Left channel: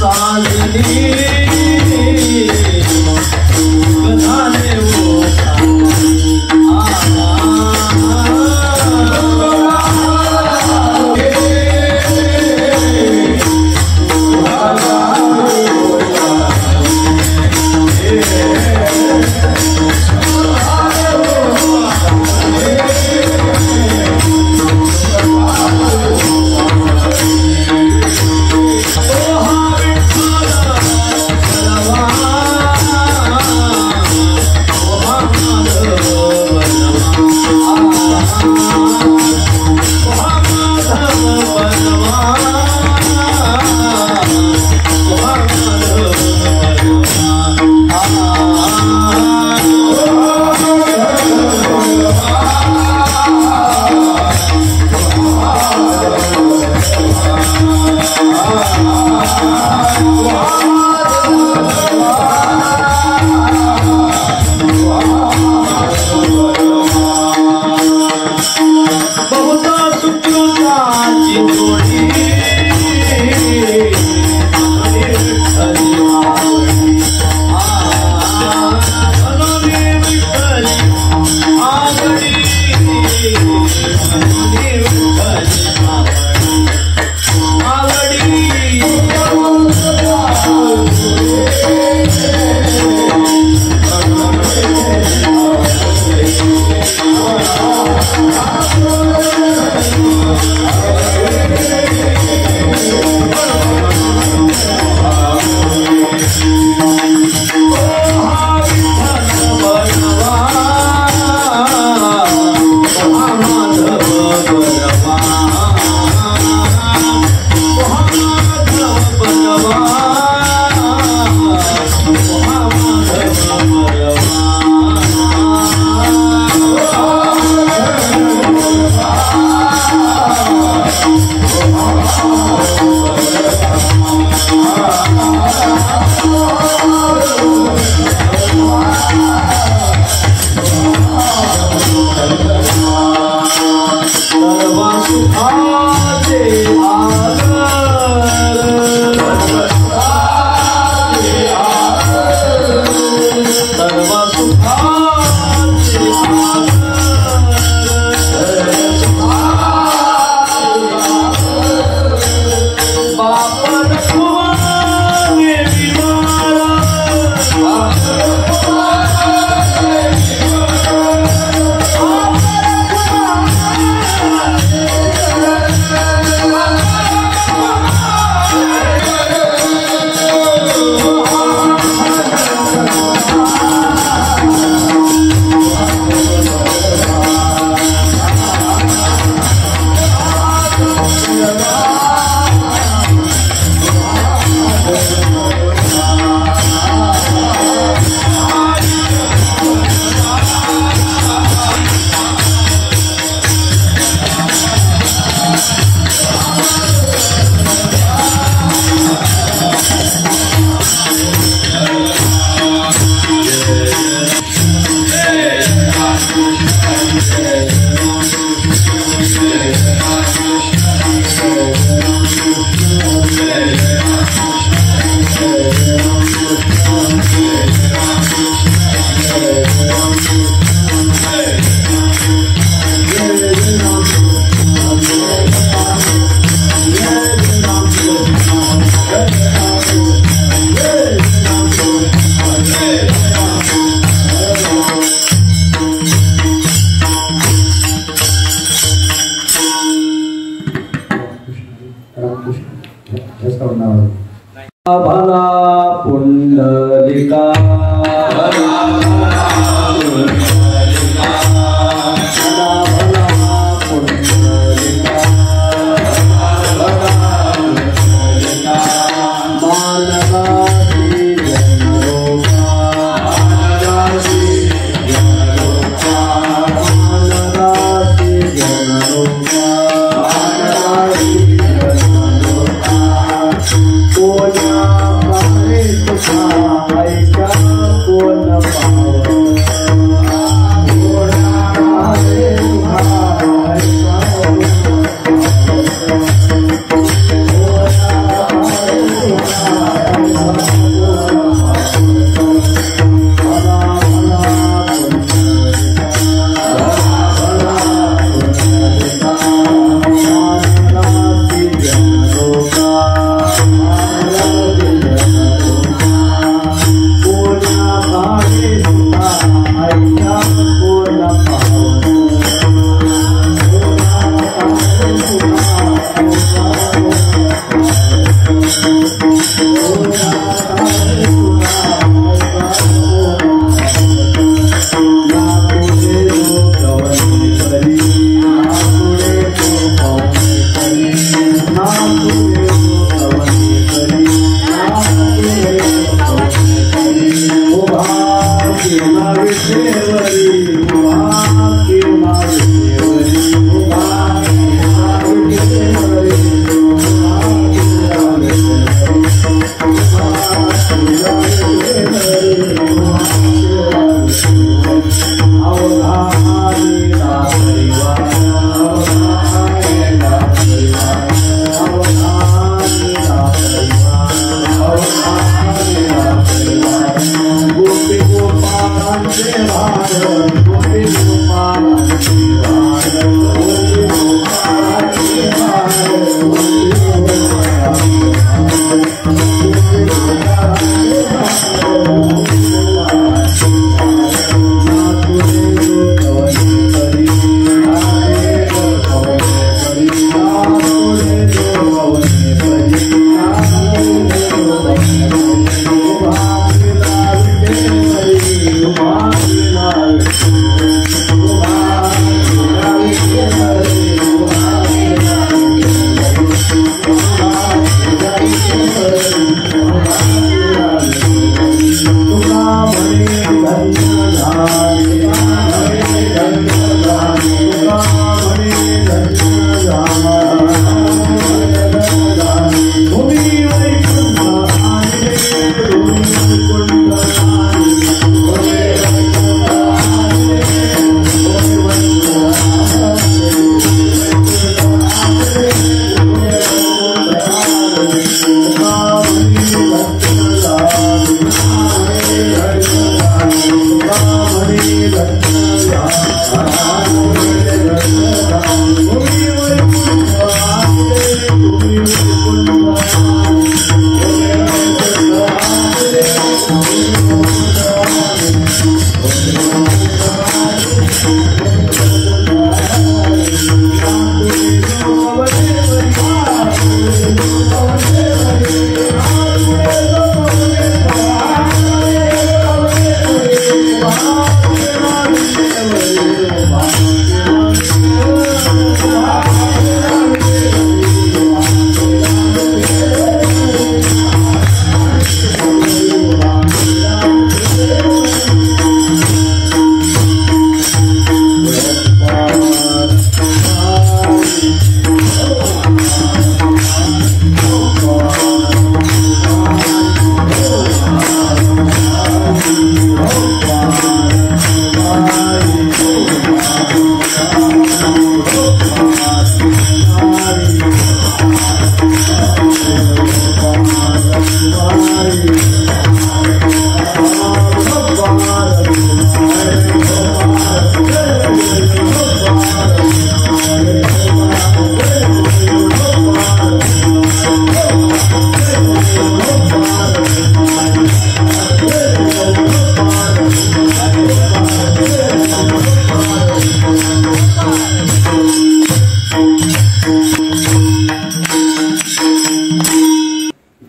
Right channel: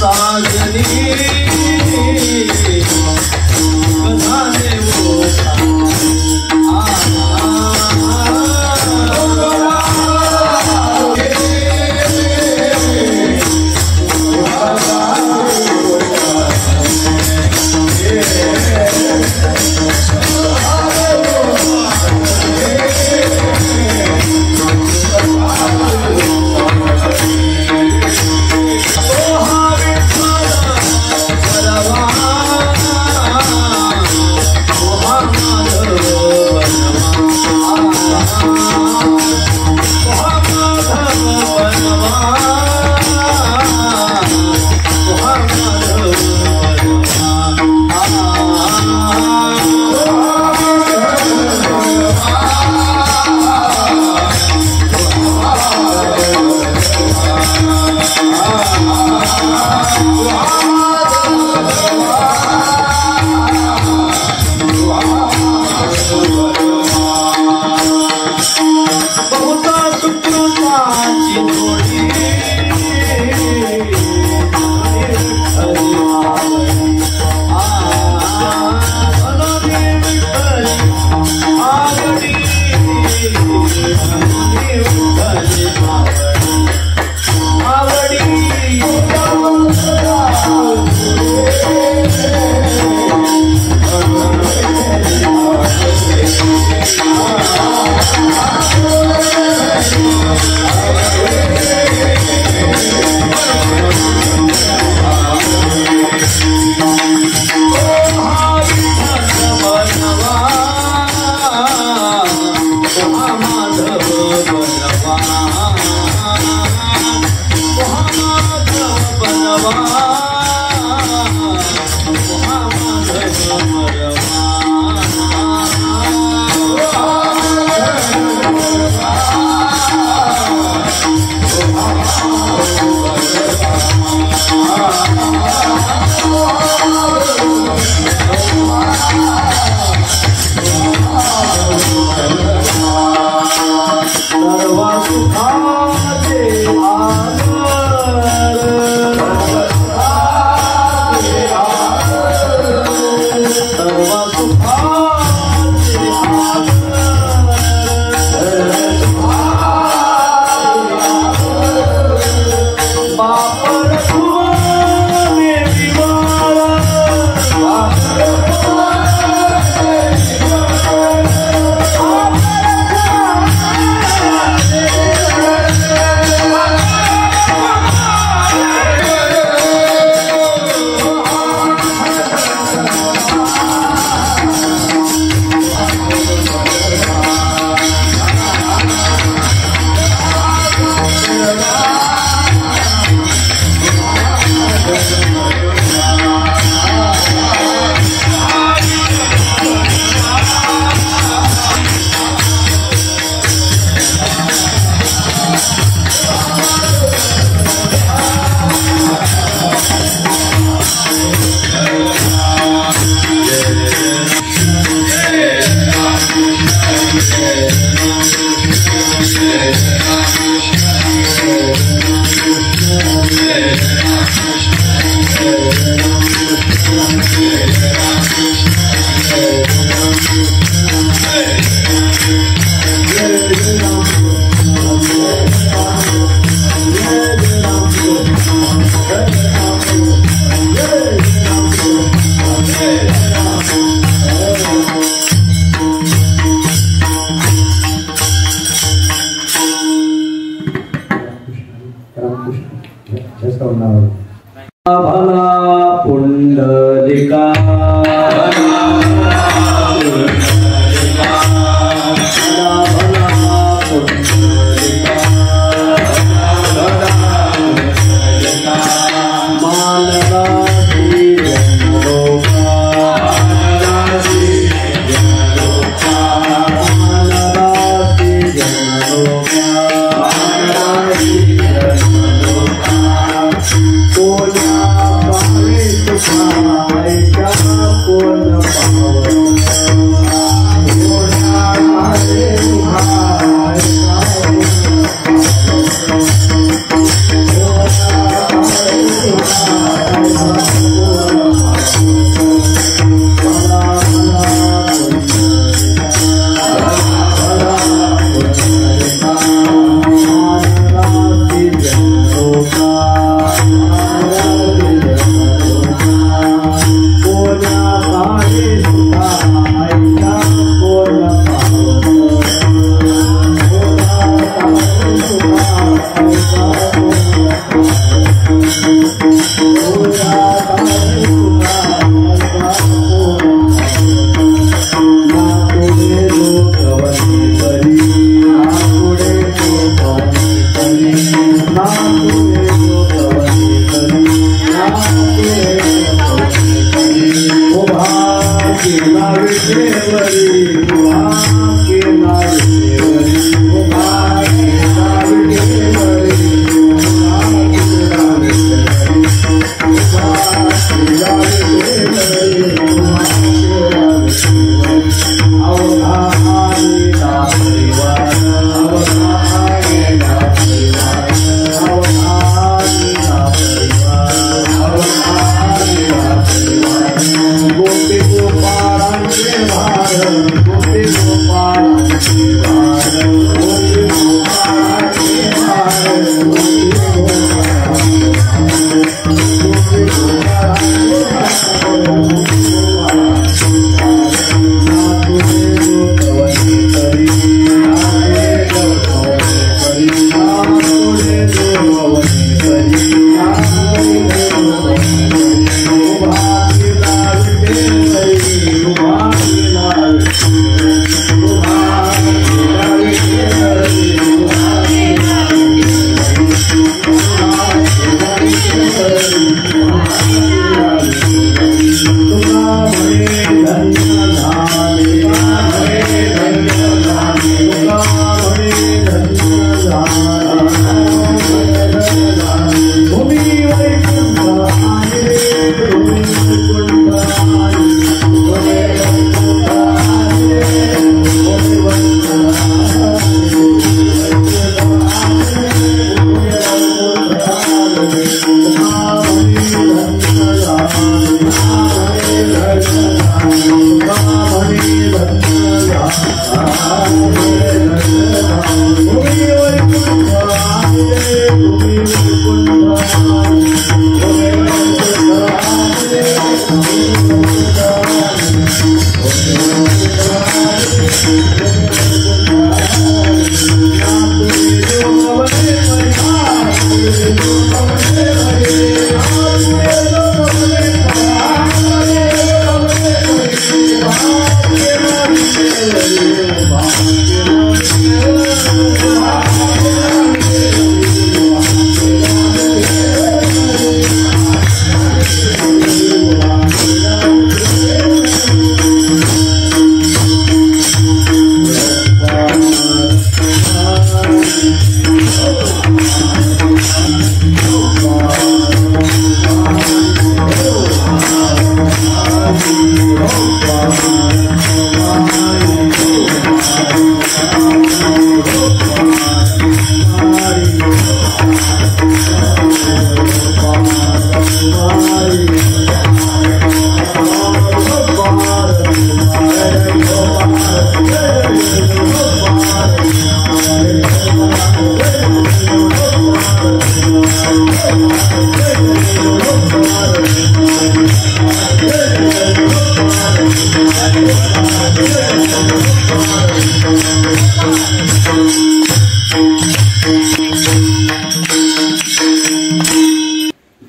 साजनी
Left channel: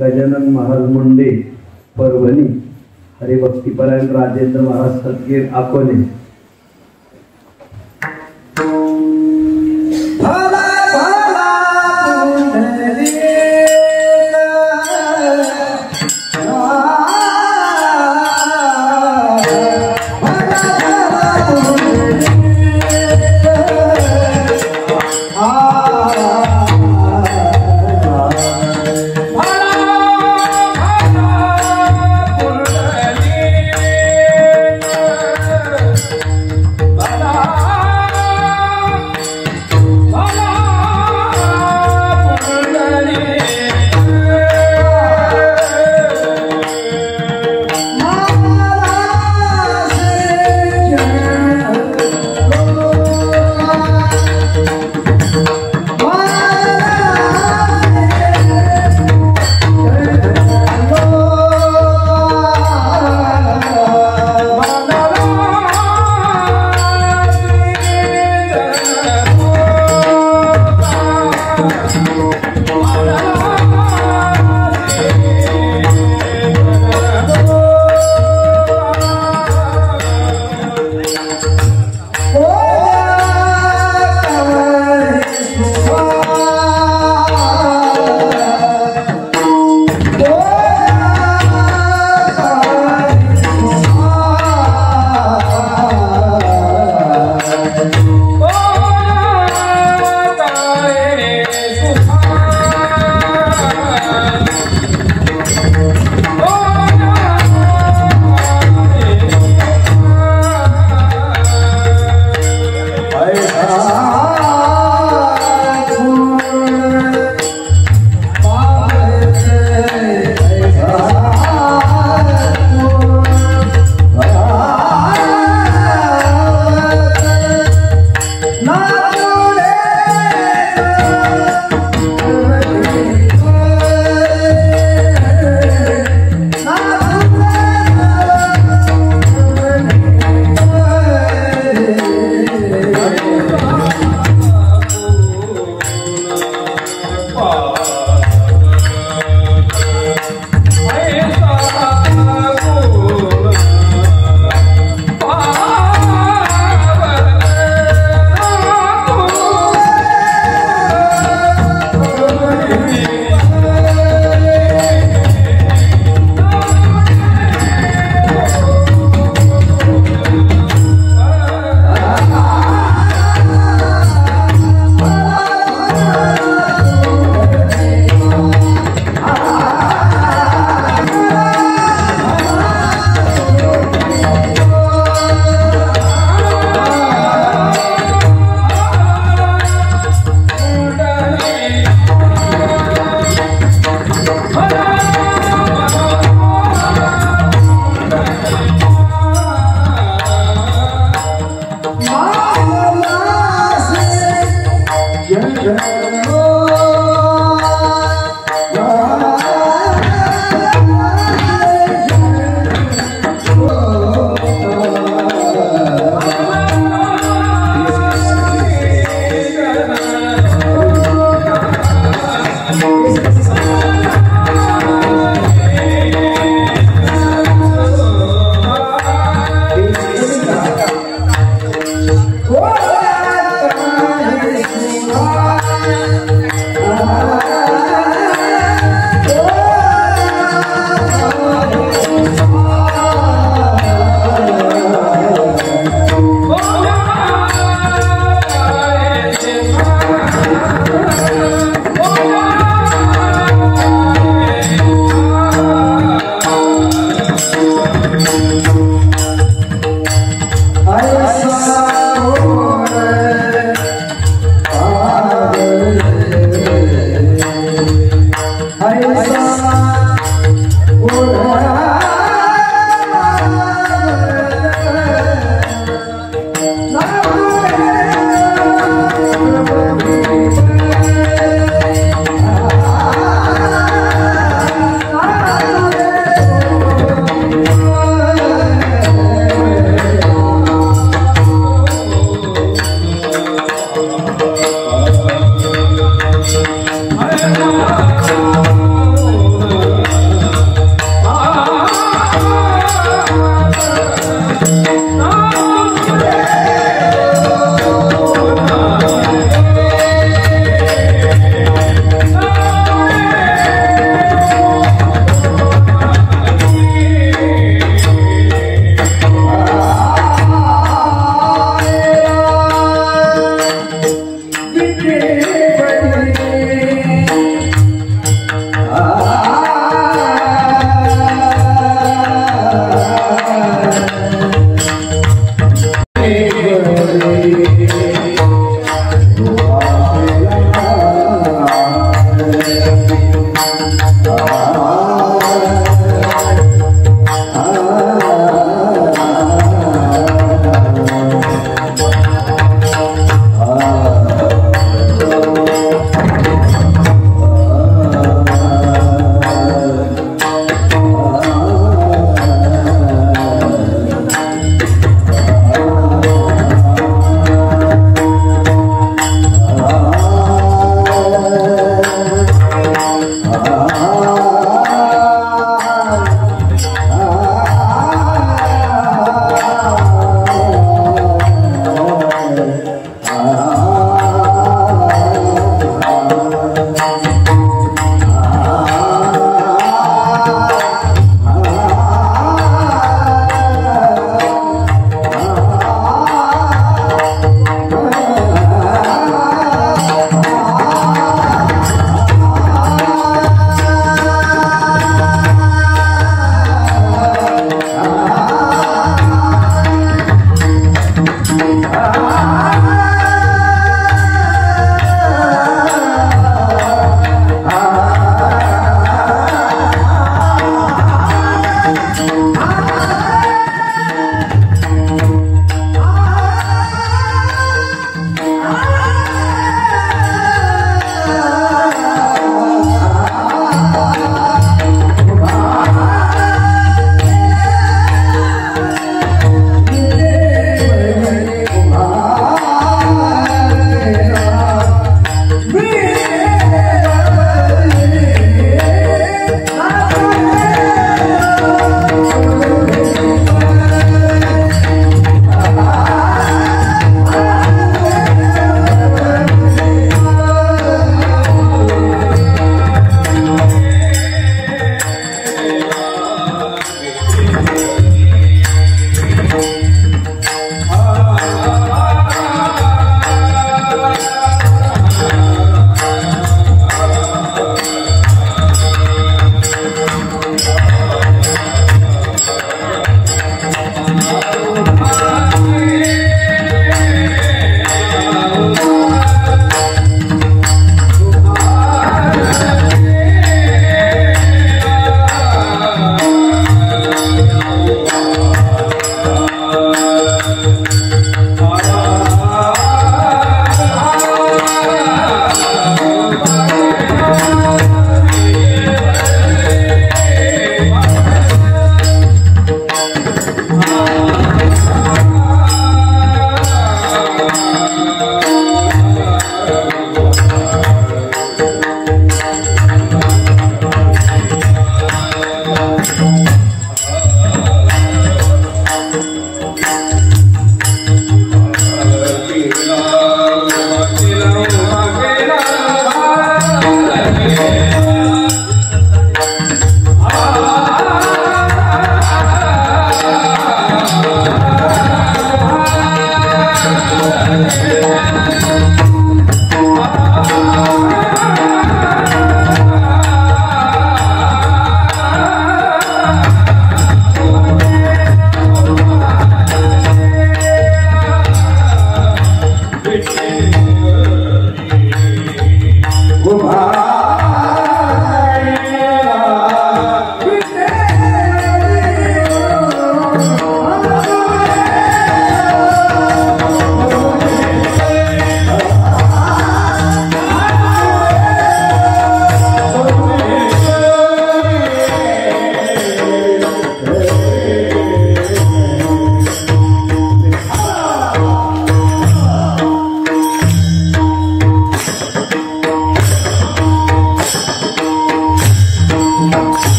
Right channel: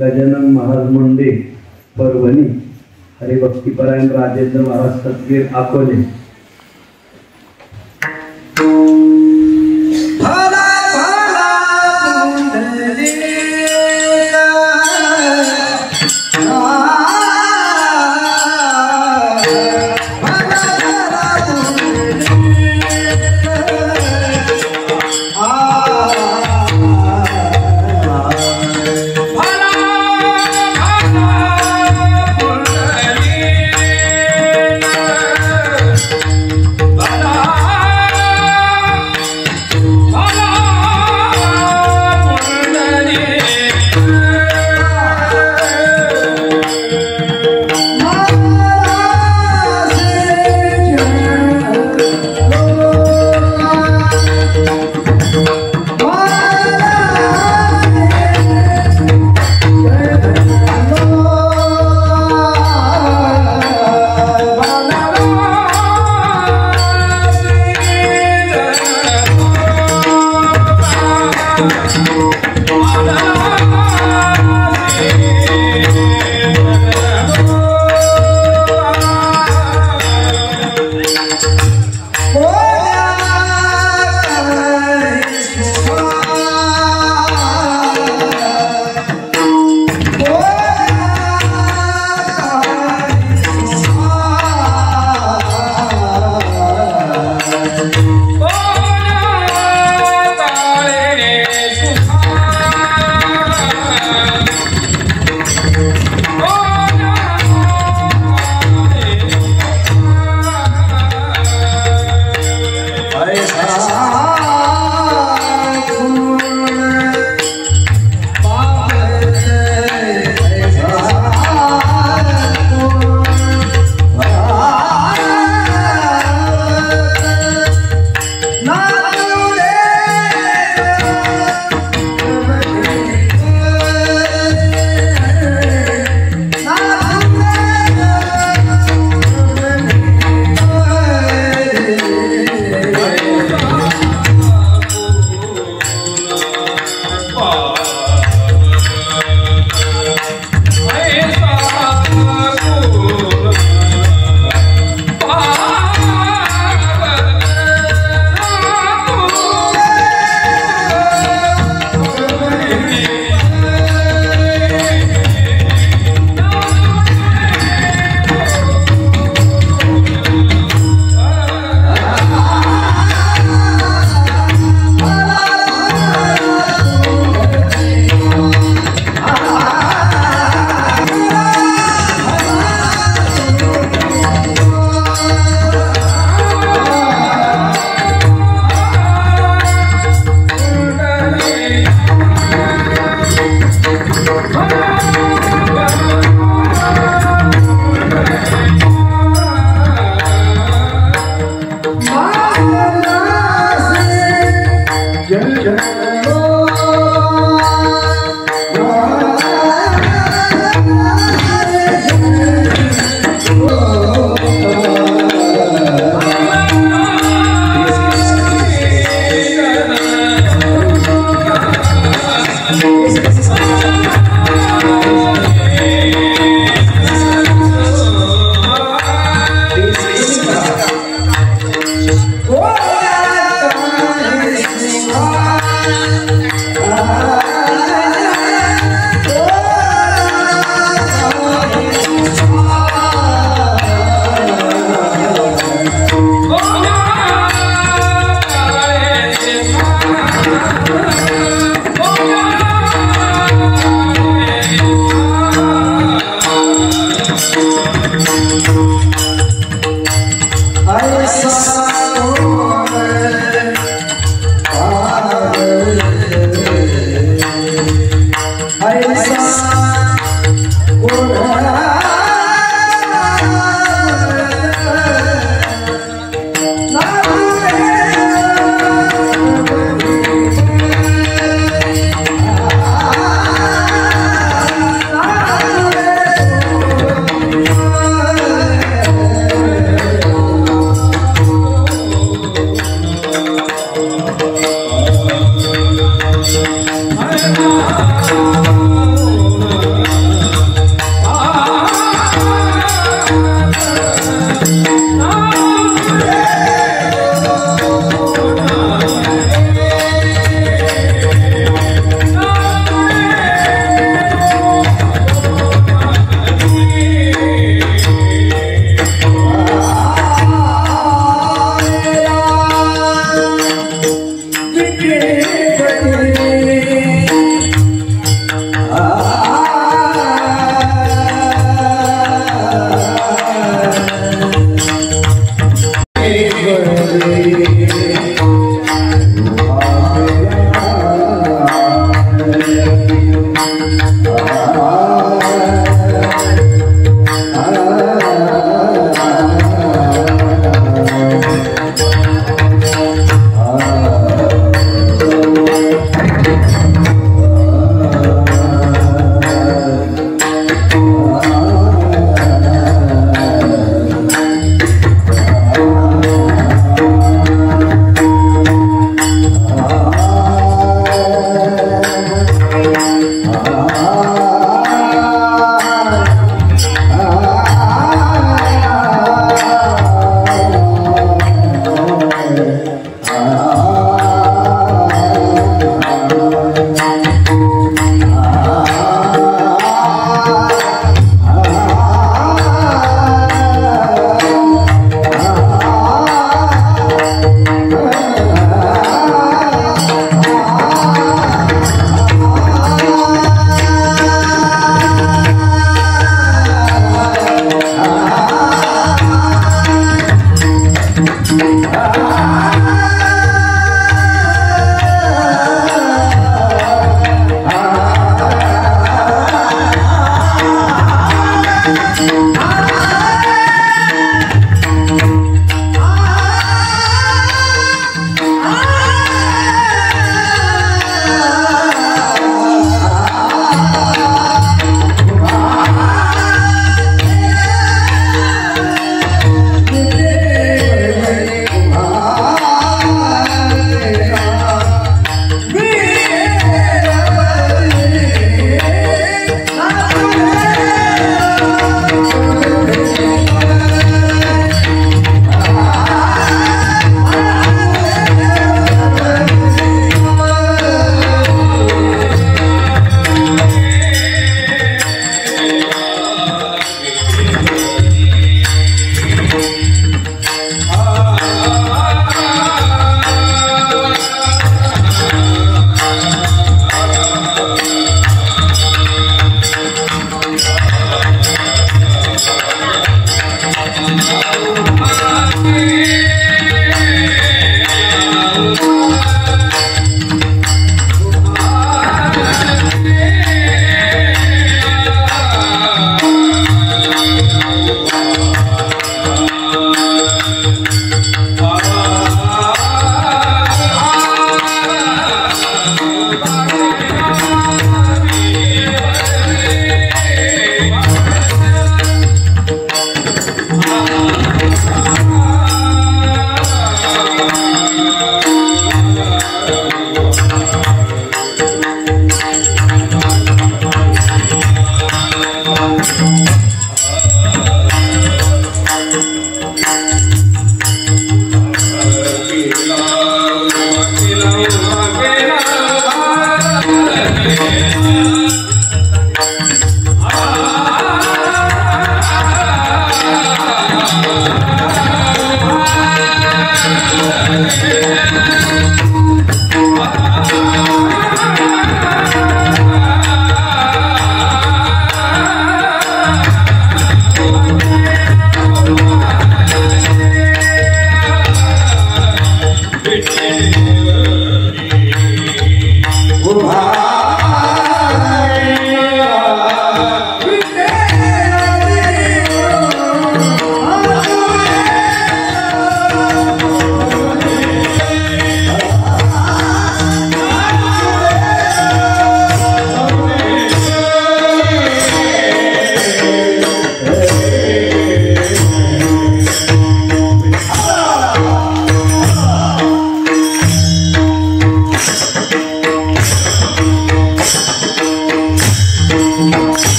गजानन महाराज मुंडे परभणी, हरिभक्तीपरायण राजेंद्र महाराज सतगीर अकोले।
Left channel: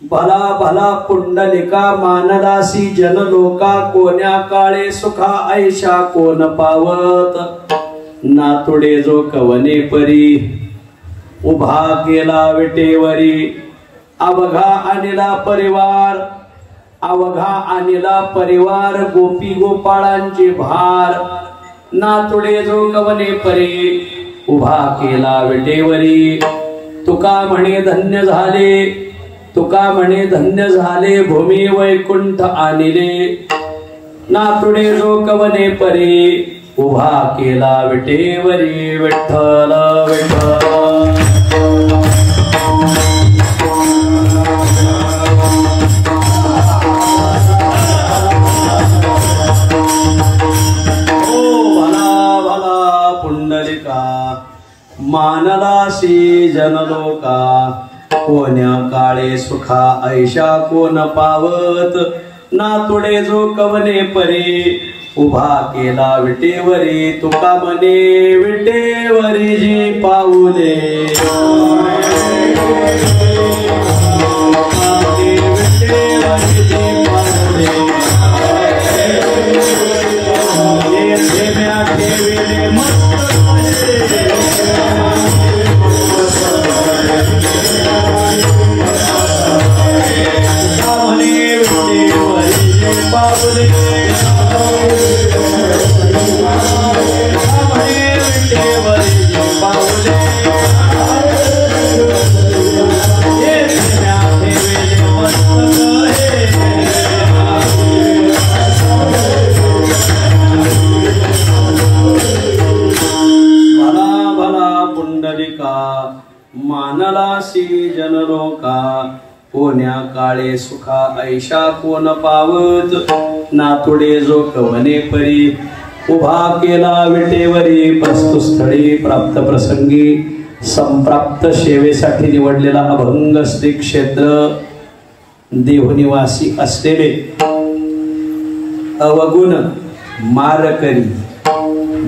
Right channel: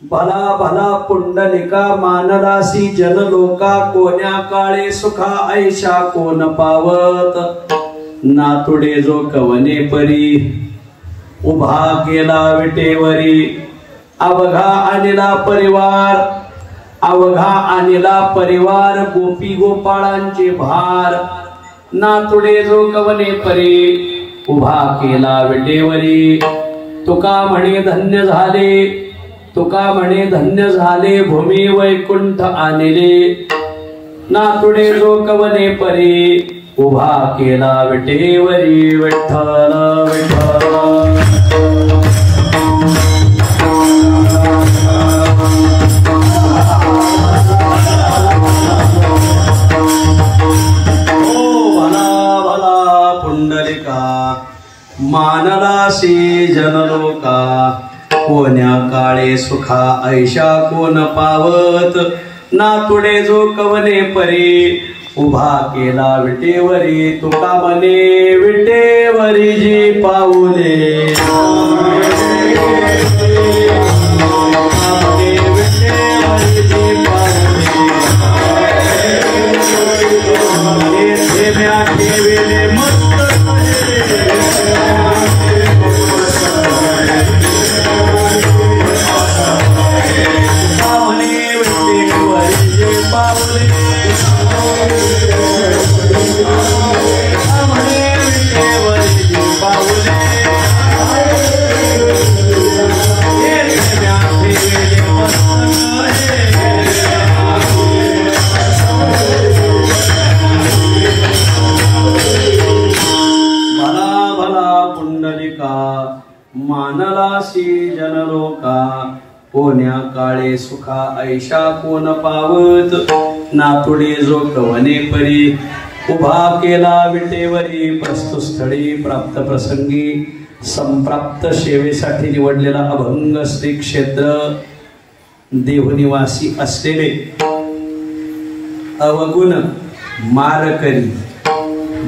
भला भला पुंडलिका मानदासी जनलोका कोण्या काळे सुखा ऐशा कोण पावत नातुडे जो कवने परी उभा केला विटेवरी अवघा आणला परिवार गोपी गोपाळांचे भार नातुडे जो कवने परी उभा केला विटेवरी तुका म्हणे धन्य झाले भूमी वैकुंठ आदिले नातुडे जो कवने परी उभा केला विटेवरी विठ्ठल विठ्ठल मानलासी जनलोका कोण्या काळे सुखा ऐशा कोण पावत नातुडे जो कवने परी उभा केला विटेवरी तुका मने विटेवरी जी पाऊले मानलासी जनलोका कोण्या काळे सुखा ऐशा कोण पावत नातुडे जो कवने परी उभा केला विटेवरी प्रस्तुस्थळी प्राप्त प्रसंगी संप्राप्त सेवेसाठी निवडलेला अभंग श्री क्षेत्र देवनिवासी असलेले अवगुण मारकरी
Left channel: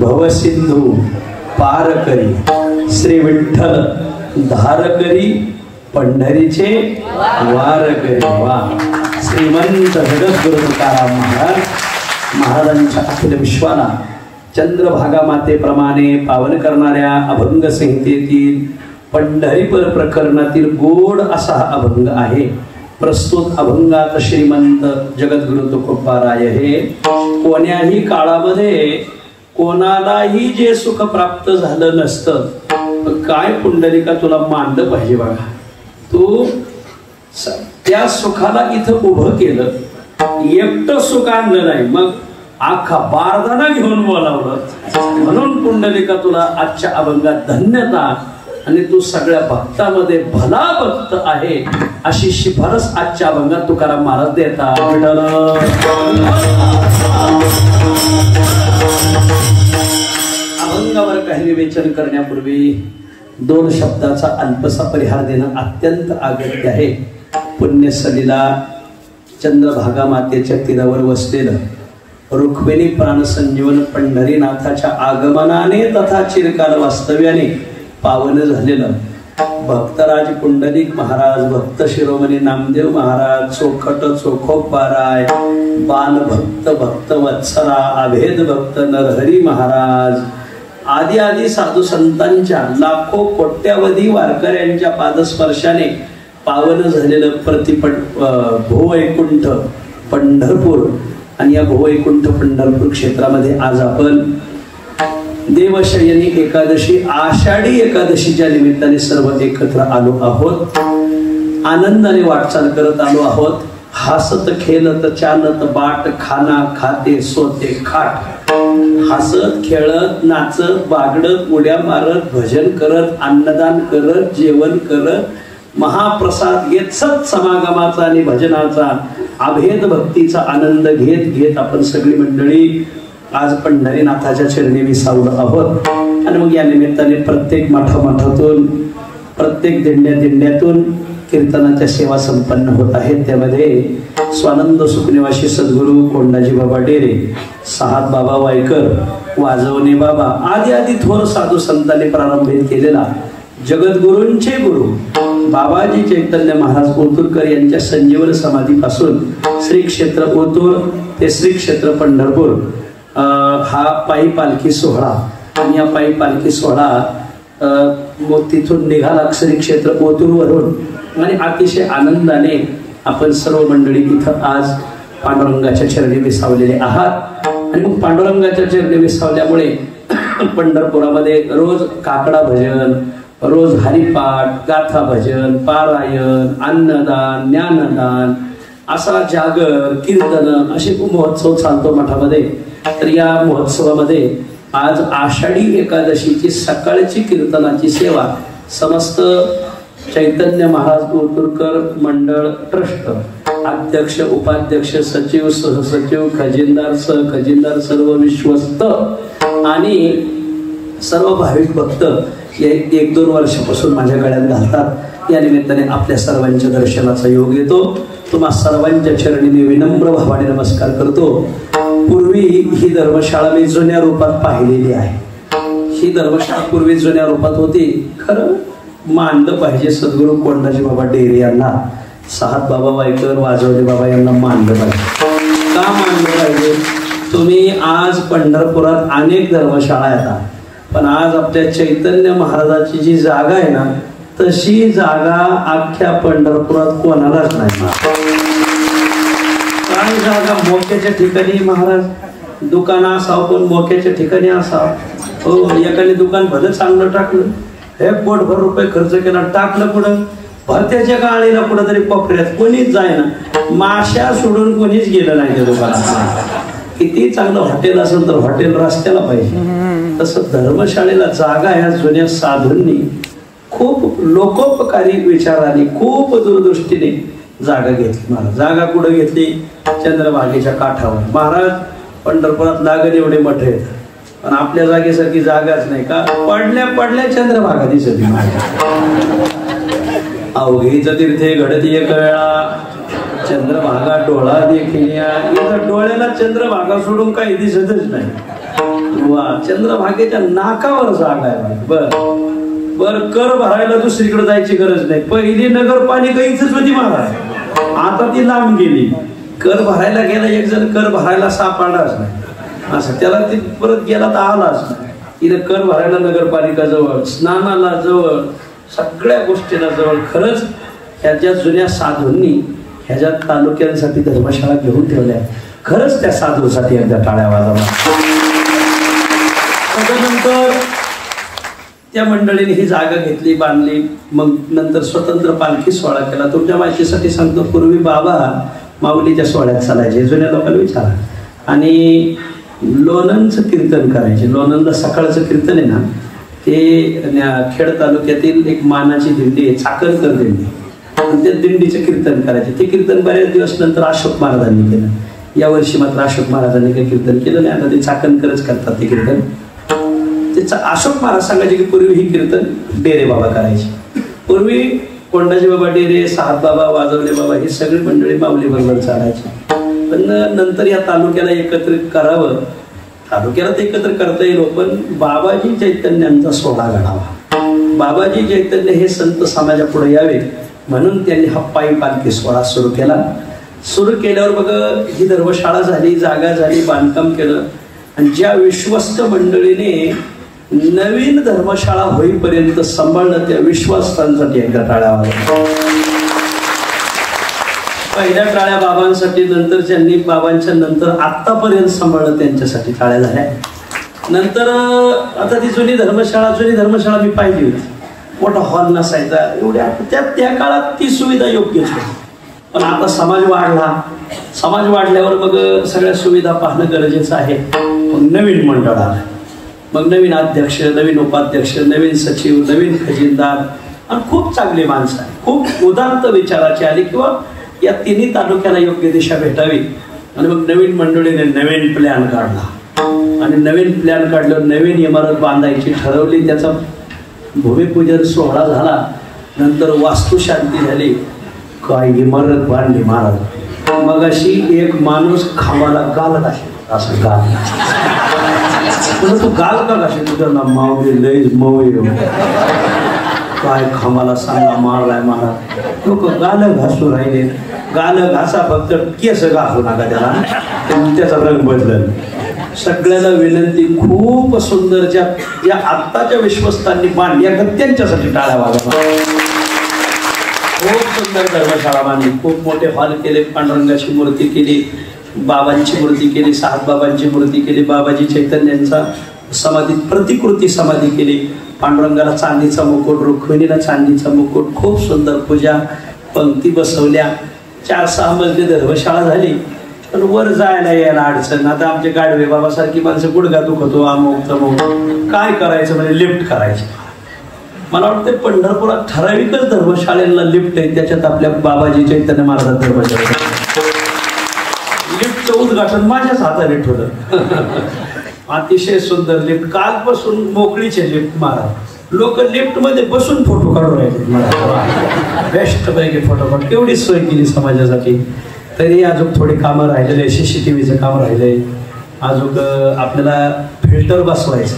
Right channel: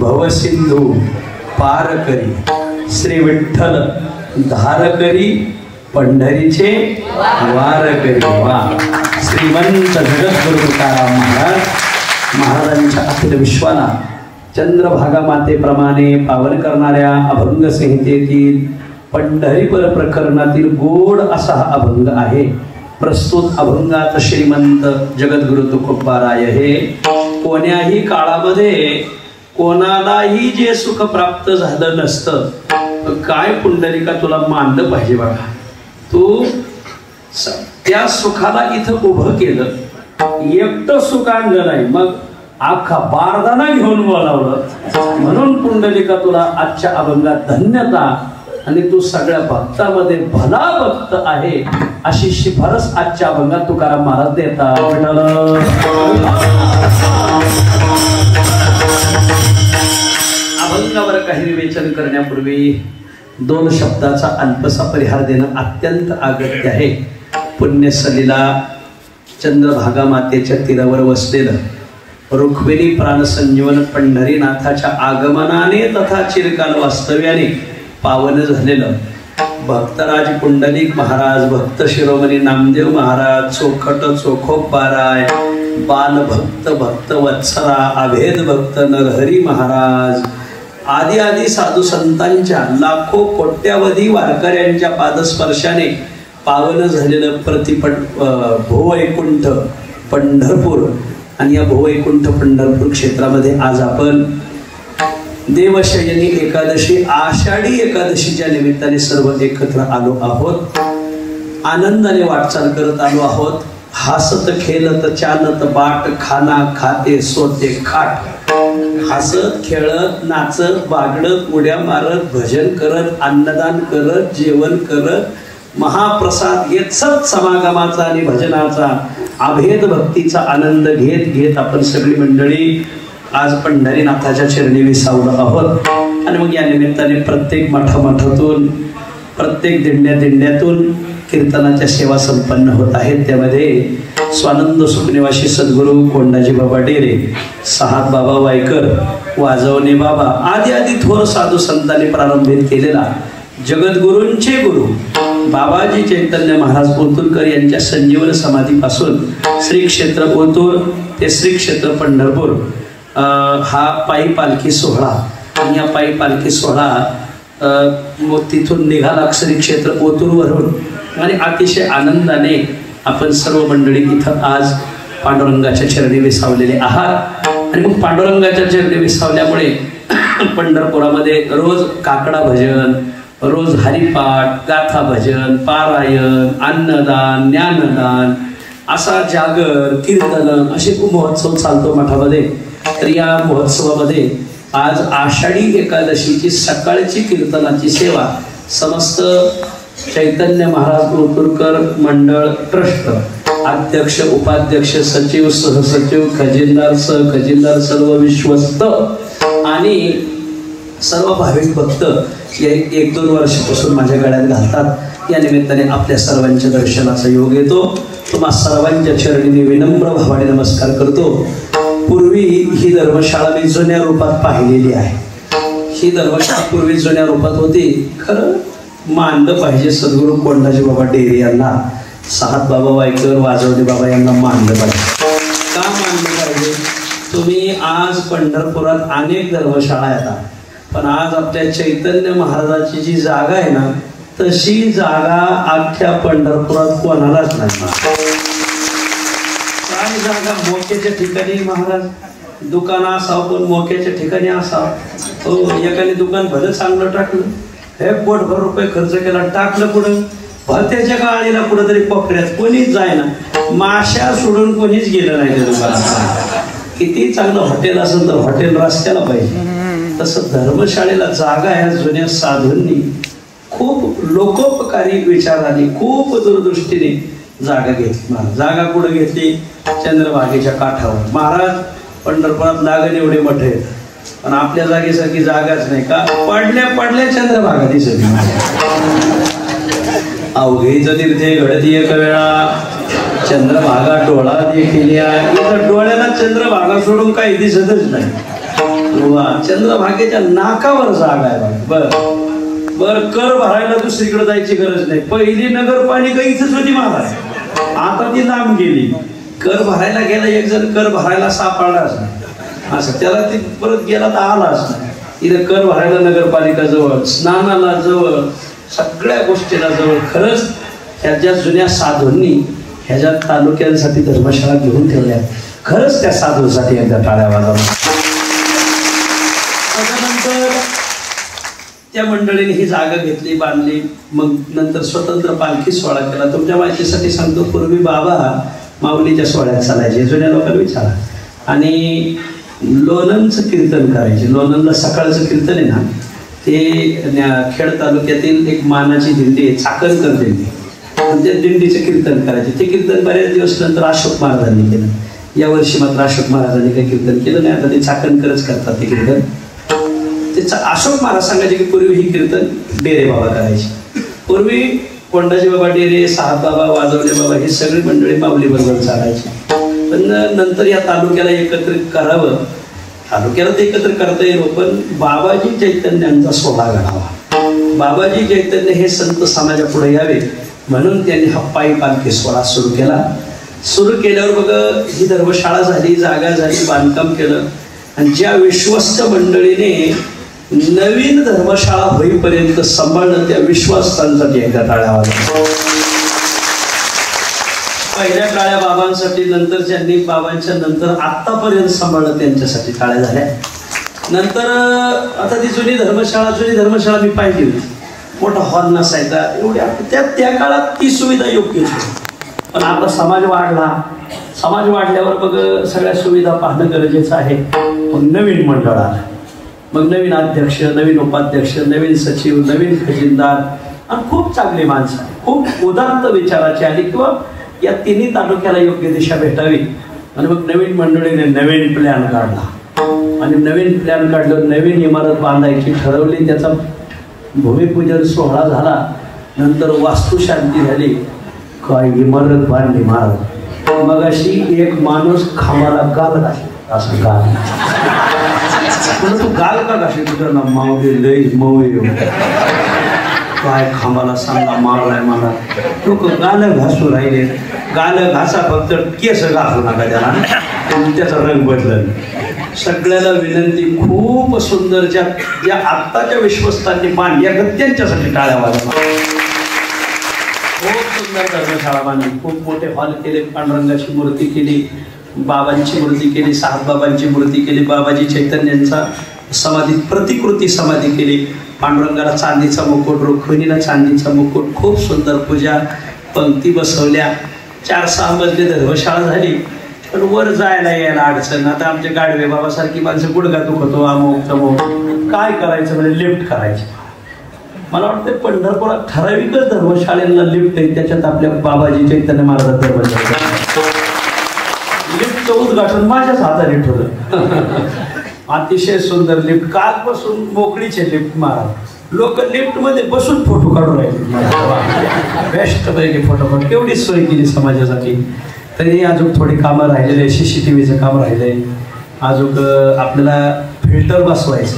भवसिंधू पारकरी श्री विठ्ठल धारकरी पंढरीचे वारकरी वा श्रीमंत जगद्गुरु तुकाराम महाराजांच्या अखिल विश्वाला चंद्रभागा मातेप्रमाणे पावन करणाऱ्या अभंग संहितेतील पंढरीपर प्रकरणातील गोड असा हा अभंग आहे. प्रस्तुत अभंगात श्रीमंत जगद्गुरु तुकोबाराय हे कोण्याही काळामध्ये कोणालाही जे सुख प्राप्त झालं नसतं, काय पुंडलिका तुला मानलं पाहिजे बघा. तू त्या सुखाला इथं उभं केलं, एकटं सुख आणलं नाही, मग आखा बारदाना घेऊन बोलावलं. म्हणून पुंडलिका तुला आजच्या अभंगात धन्यता, आणि तू सगळ्या भक्तामध्ये भला भक्त आहे अशी शिफारस आजच्या अभंगात तुकाराम महाराज देतात. अभंगावर काही विवेचन करण्यापूर्वी 2 शब्दाचा अल्पसा परिहार देणं अत्यंत अगत्य आहे. पुण्यसलीला चंद्रभागा मातेच्या तीरावर वसलेलं रुक्मिणी प्राणसंजीवन पंढरीनाथाच्या आगमनाने तथा चिरकाल वास्तव्याने पावन झालेलं भक्तराज पुंडलिक महाराज, भक्त शिरोमणी नामदेव महाराज, चोखट चोखोबाराय, बाल भक्त भक्त वत्सला, अभेद भक्त नरहरी महाराज आदी आदी साधू संतांच्या लाखो कोट्यावधी वारकऱ्यांच्या पादस्पर्शाने पावन झालेलं भूवैकुंठ पंढरपूर. आणि या भूवैकुंठ पंढरपूर क्षेत्रामध्ये आज आपण देवशयनी एकादशी, आषाढी एकादशीच्या निमित्ताने सर्व एकत्र आलो आहोत. आनंदाने वाटचाल करत आलो आहोत. हसत खेळत चालत बाट, खाना खाते सोते खाट. हसत खेळत नाचत बागडत उड्या मारत भजन करत अन्नदान करत जेवण करत महाप्रसाद घेत सत समागमाचा आणि भजनाचा अभेद भक्तीचा आनंद घेत घेत आपण सगळी मंडळी आज पंढरीनाथाच्या चरणी विसावलो आहोत. आणि मग या निमित्ताने प्रत्येक मठामठातून प्रत्येक दिंड्यातून कीर्तनाच्या सेवा संपन्न होत आहेत. त्यामध्ये स्वानंद सुखनिवासी सद्गुरू कोंडाजी बाबा डेरे, साहाब बाबा वायकर, वाजवणे बाबा आदी आदी थोर साधू संतांनी प्रारंभित केलेला जगद्गुरूंचे गुरु बाबाजी चैतन्य महाराज ओतूरकर यांच्या संजीवन समाधीपासून श्री क्षेत्र ओतूर ते श्री क्षेत्र पंढरपूर हा पायी पालखी सोहळा. आणि या पायी पालखी सोहळा मग तिथून निघाला श्री क्षेत्र ओतूरवरून आणि अतिशय आनंदाने आपण सर्व मंडळी इथं आज पांडुरंगाच्या चरणी विसावलेले आहात. आणि मग पांडुरंगाच्या चरणी विसावल्यामुळे पंढरपुरामध्ये रोज काकडा भजन, रोज हरिपाठ, गाथा भजन, पारायण, अन्नदान, ज्ञानदान असा जागर, कीर्तन असे खूप महोत्सव चालतो मठामध्ये. तर या महोत्सवामध्ये आज आषाढी एकादशीची सकाळची कीर्तनाची सेवा समस्त चैतन्य महाराज ओतूरकर मंडळ ट्रस्ट अध्यक्ष, उपाध्यक्ष, सचिव, सहसचिव, खजिनदार, सहखजिनदार, सर्व विश्वस्त आणि सर्व भाविक भक्त 1-2 वर्षापासून माझ्या गळ्यात घालतात. या निमित्ताने आपल्या सर्वांच्या दर्शनाचा योग येतो. तुम्हा सर्वांच्या चरणी मी विनम्र भावाने नमस्कार करतो. पूर्वी ही धर्मशाळा मी जुन्या रूपात पाहिलेली आहे. ही धर्मशाळा पूर्वी जुन्या रूपात होती. खरं मानलं पाहिजे सद्गुरू कोंडाजी बाबा डेरे यांना, साहाब बाबा वायकर, वाजवणे बाबा यांना मानलं पाहिजे. का मानलं पाहिजे? तुम्ही आज पंढरपुरात अनेक धर्मशाळा येतात, पण आज आपल्या चैतन्य महाराजाची जी जागा आहे ना, तशी जागा अख्ख्या पंढरपुरात कोणालाच नाही. काय जागा मोक्याच्या ठिकाणी महाराज दुकान असावं, पण मोक्याच्या ठिकाणी असावं. हो, एकाने दुकान भलं चांगलं टाकलं, हे पोटभर रुपये खर्च केला, टाकलं पुढं भरत्याच्या काळीला कुठं तरी कोपऱ्यात कोणीच जायना, माश्या सोडून कोणीच गेलं नाही त्या दुकानात. किती चांगलं हॉटेल असेल तर हॉटेल रस्त्याला पाहिजे. तसं धर्मशाळेला जागा ह्या जुन्या साधूंनी खूप लोकोपकारी विचाराने खूप दूरदृष्टीने जागा घेतली. मला जागा कुठं घेतली? चंद्रभागेच्या काठावर. महाराज पंढरपुरात लागण एवढे मठ आहेत, पण आपल्या जागेसाठी जागाच नाही. का? पडल्या चंद्रभागा दिसत. अवघेच तीर्थे घडती एक वेळा, चंद्रभागा डोळा देखील. इथं डोळ्याला चंद्रभागा सोडून काही दिसतच नाही. चंद्रभागेच्या नाकावर जागा आहे. बर कर भरायला दुसरीकडे जायची गरज नाही. पहिली नगरपालिका इथंच होती महाराज, आता ती लांब गेली. कर भरायला गेला एक जण, कर भरायला सापडलाच नाही. असं त्याला ती परत गेला तर आलाच नाही. इथं कर भरायला नगरपालिका जवळ, स्नानाला जवळ, सगळ्या गोष्टींना जवळ. खरंच ह्या जुन्या साधूंनी ह्याच्या तालुक्यांसाठी धर्मशाळा घेऊन ठेवल्या. खरंच त्या साधूसाठी एकदा टाळ्या वाजवा. त्याच्यानंतर त्या मंडळीने ही जागा घेतली, बांधली. मग नंतर स्वतंत्र पालखी सोहळा केला. तुमच्या माहितीसाठी सांगतो, पूर्वी बाबा माऊलीच्या सोहळ्यात चालायचे. जुन्या लोकांना विचारा. आणि लोणंदचं कीर्तन करायचे. लोणंदला सकाळचं कीर्तन आहे ना, ते खेड तालुक्यातील एक मानाची दिंडी आहे, चाकणकर दिंडी. त्या दिंडीचं कीर्तन करायचे. ते कीर्तन बऱ्याच दिवस नंतर अशोक महाराजांनी केलं. यावर्षी मात्र अशोक महाराजांनी काही कीर्तन केलं नाही. आता ते चाकणकरच करतात ते कीर्तन. अशोक महाराज सांगायचे की पूर्वी ही कीर्तन डेरे बाबा करायचे. पूर्वी कोंडाजी बाबा डेरे, साहब बाबा, वाजवले बाबा ही सगळी मंडळी माऊली बरोबर चालायची. पण नंतर या तालुक्याला एकत्रित करावं, तालुक्याला ते एकत्र करता येईल, पण बाबाजी चैतन्यांचा सोहळा घडावा. बाबाजी चैतन्य हे संत समाजापुढे यावे म्हणून त्यांनी हा पायी पालखी सोहळा सुरू केला. सुरू केल्यावर बघा ही धर्मशाळा झाली, जागा झाली, बांधकाम केलं. आणि ज्या विश्वस्त मंडळीने नवीन धर्मशाळा होईपर्यंत सांभाळणं, त्या विश्वासांसाठी एकदा टाळ्या वाजवा. पहिल्या काळ्या बाबांसाठी, नंतर ज्यांनी बाबांच्या नंतर आतापर्यंत सांभाळलं त्यांच्यासाठी टाळ्या झाल्या. नंतर आता ती जुनी धर्मशाळा मी पाहिली होती. मोठा हॉल नसायचा, एवढ्या त्या काळात ती सुविधा योग्य होती. पण आता समाज वाढला. समाज वाढल्यावर मग सगळ्या सुविधा पाहणं गरजेचं आहे. मग नवीन मंडळ आलं, मग नवीन अध्यक्ष, नवीन उपाध्यक्ष, नवीन सचिव, नवीन खजिनदार आणि खूप चांगली माणसं आली, खूप उदात्त विचाराची आली, किंवा या तिन्ही तालुक्याला योग्य दिशा भेटावी. आणि मग नवीन मंडळीने नवीन प्लॅन काढला. आणि नवीन प्लॅन काढलं, नवीन इमारत बांधायची ठरवली. त्याचा भूमिपूजन सोहळा झाला. नंतर वास्तुशांती झाली. काय इमारत बांधली महाराज. मग अशी एक माणूस खामाला गाल घाशी, असं गाल तू गाल का घाशी तुझं ना मावली लई मऊ काय खामाला सांगा मारलाय मला. लोक गाल घासू राहिले. गाल घासा, फक्त केस घासू नका त्याला, त्याचा रंग बदलल. सगळ्याला विनंती, खूप सुंदर ज्या आत्ताच्या विश्वस्तांनी बांधल्या त्यांच्यासाठी टाळ्या वाजवा. खूप सुंदर धर्मशाळा बांधली, खूप मोठे हॉल केले, पांडुरंगाची मूर्ती केली, बाबांची मूर्ती केली, साहेबबाबांची मूर्ती केली, बाबाजी चैतन्यांचा समाधी, प्रतिकृती समाधी केली. पांडुरंगाला चांदीचा मुकुट, रुक्मिणीला चांदीचा मुकुट, खूप सुंदर पूजा, पंक्ती बसवल्या. 4-6 मजली धर्मशाळा झाली. पण वर जायला यायला अडचण. आता आमचे गाडवे बाबासारखी माणसं गुडघा दुखतो, अमुक तमुक, काय करायचं म्हणजे लिफ्ट करायची. मला वाटतं पंढरपुरात ठराविकच धर्मशाळेला लिफ्ट आहे, त्याच्यात आपल्या बाबाजी चैतन्य महाराज धर्मशाळा लिफ्टचं उद्घाटन माझ्याच हाताने ठेवलं. अतिशय सुंदर लिफ्ट, कालपासून मोकळीचे लिफ्ट महाराज. लोक लिफ्ट मध्ये बसून फोटो काढून राहिले. बेस्ट पैकी फोटो काढून केवढी सोय केली समाजासाठी. तरी अजून थोडी कामं राहिलेले, CCTVचं काम राहिले. अजून आपल्याला फिल्टर बसवायचं.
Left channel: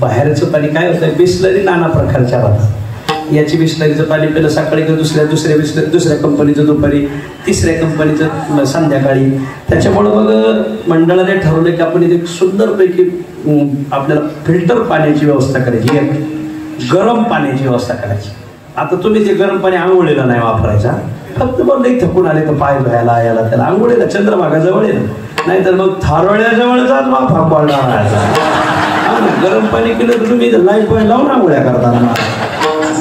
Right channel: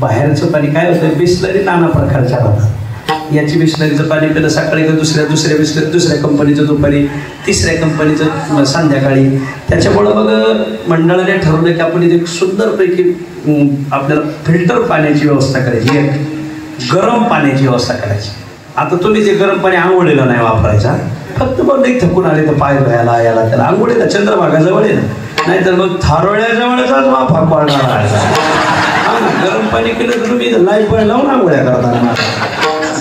बाहेरचं पाणी काय होतं, बिस्लरी नाना प्रकारच्या राहतात. याची बिस्लरीचं पाणी पिलं सकाळी, दुसऱ्या बिस्लरी, दुसऱ्या कंपनीचं दुपारी, तिसऱ्या कंपनीचं संध्याकाळी. त्याच्यामुळं मग मंडळाने ठरवलं की आपण एक सुंदरपैकी आपल्याला फिल्टर पाण्याची व्यवस्था करायची, एक गरम पाण्याची व्यवस्था करायची. आता तुम्ही जे गरम पाणी आंघोळीला नाही वापरायचा, फक्त मग नाही थकून आले तर पाय धुवायला याला त्याला आंघोळीला चंद्रभागाजवळ आहे ना, नाहीतर मग थारोळ्याजवळचाच वाफा पडणार आहे. गरम पाणी केलं तर तुम्ही लाईफ बॉय लावून आंघोळ्या करताना.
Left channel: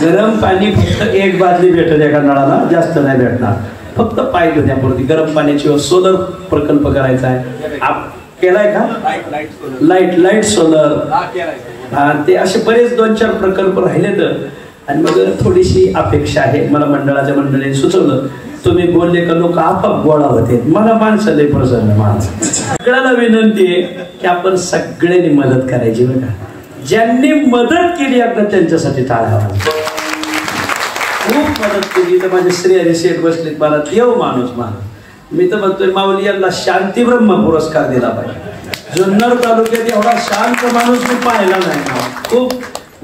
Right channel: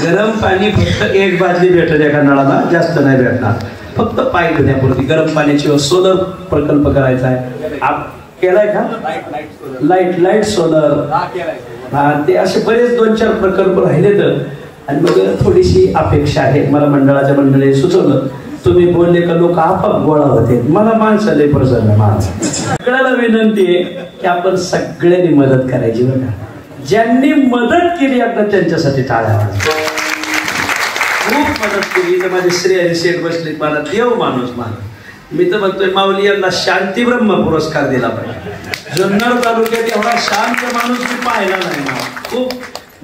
गरम पाणी फक्त 1 बादली भेटेल एका नळाला, जास्त नाही भेटणार. फक्त पाय धुण्यापुरती गरम पाण्याची सोलर प्रकल्प करायचा आहे. केलाय का? लाईट सोलर, ते असे बरेच 2-4 प्रकल्प राहिले. तर आणि मग थोडीशी अपेक्षा आहे. मला मंडळाने सुचवलं, तुम्ही बोलले का लोक आपोआप गोळा होते. मला माणसं लय प्रसन्न. सगळ्याला विनंती आहे की आपण सगळ्यांनी मदत करायची बघा. ज्यांनी मदत केली आता त्यांच्यासाठी टाळ्या. खूप मदत केली तर माझे श्रेय शेठ बसले, मला देव माणूस मान. मी तर म्हणतोय माऊली यांना शांती ब्रह्म पुरस्कार दिला पाहिजे. जुन्नर तालुक्यात एवढा शांत माणूस मी पाहिला नाही. खूप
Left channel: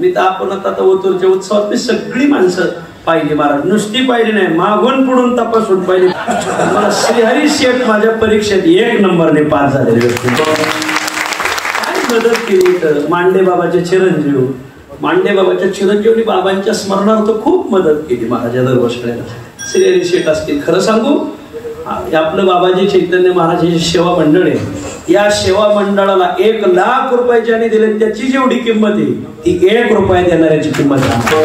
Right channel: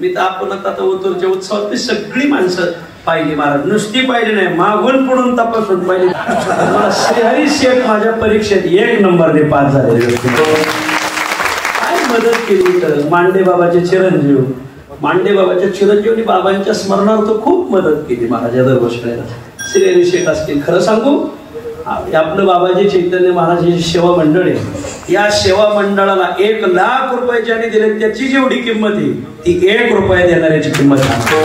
मी तर आपण आता ओतूरच्या उत्सवात मी सगळी माणसं पाहिली महाराज, नुसती पाहिली नाही, मागून पुढून तपासून पाहिली. मला श्रीहरी शेठ माझ्या परीक्षेत 1 नंबरने पास झालेले. काय मदत केली तर मांडे बाबाचे चिरंजीव मांडे बाबाच्या चिरंजीवनी बाबांच्या स्मरणार्थ खूप मदत केली महाराजा दरवर्षाला. श्री शेठ असतील. खरं सांगू, आपलं बाबाजी चैतन्य महाराजांची सेवा मंडळ आहे. या सेवा मंडळाला 1,00,000 रुपये ज्यांनी दिले त्याची जेवढी किंमत आहे ती 1 रुपया देणाऱ्याची किंमत आहे.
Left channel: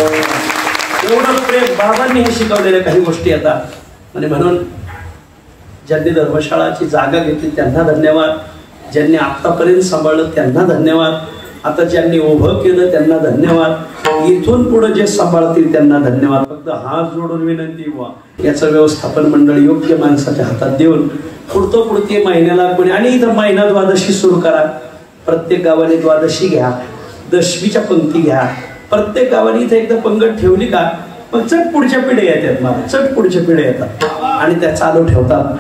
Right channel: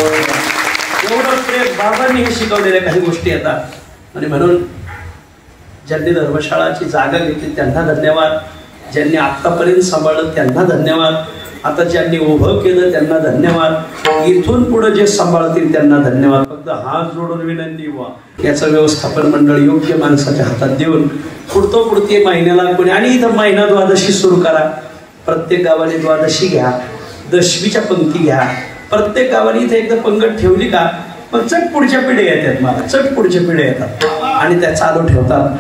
एवढं प्रेम बाबांनी हे शिकवलेल्या काही गोष्टी येतात. आणि म्हणून ज्यांनी धर्मशाळाची जागा घेतली त्यांना धन्यवाद. ज्यांनी आतापर्यंत सांभाळलं त्यांना धन्यवाद. आता ज्यांनी उभं केलं त्यांना धन्यवाद. इथून पुढे जे सांभाळतील त्यांना धन्यवाद. फक्त हात जोडून विनंती व्हा, याचं व्यवस्थापन मंडळ योग्य माणसाच्या हातात देऊन पुढती महिन्याला कोणी. आणि इथं महिना द्वादशी सुरू करा. प्रत्येक गावाने द्वादशी घ्या, दशमीच्या पंक्ती घ्या. प्रत्येक गावाने इथे एकदा पंगत ठेवली का मग चट पुढच्या पिढ्या येतात. मला चट पुढच्या पिढ्या येतात आणि त्या चालू ठेवतात.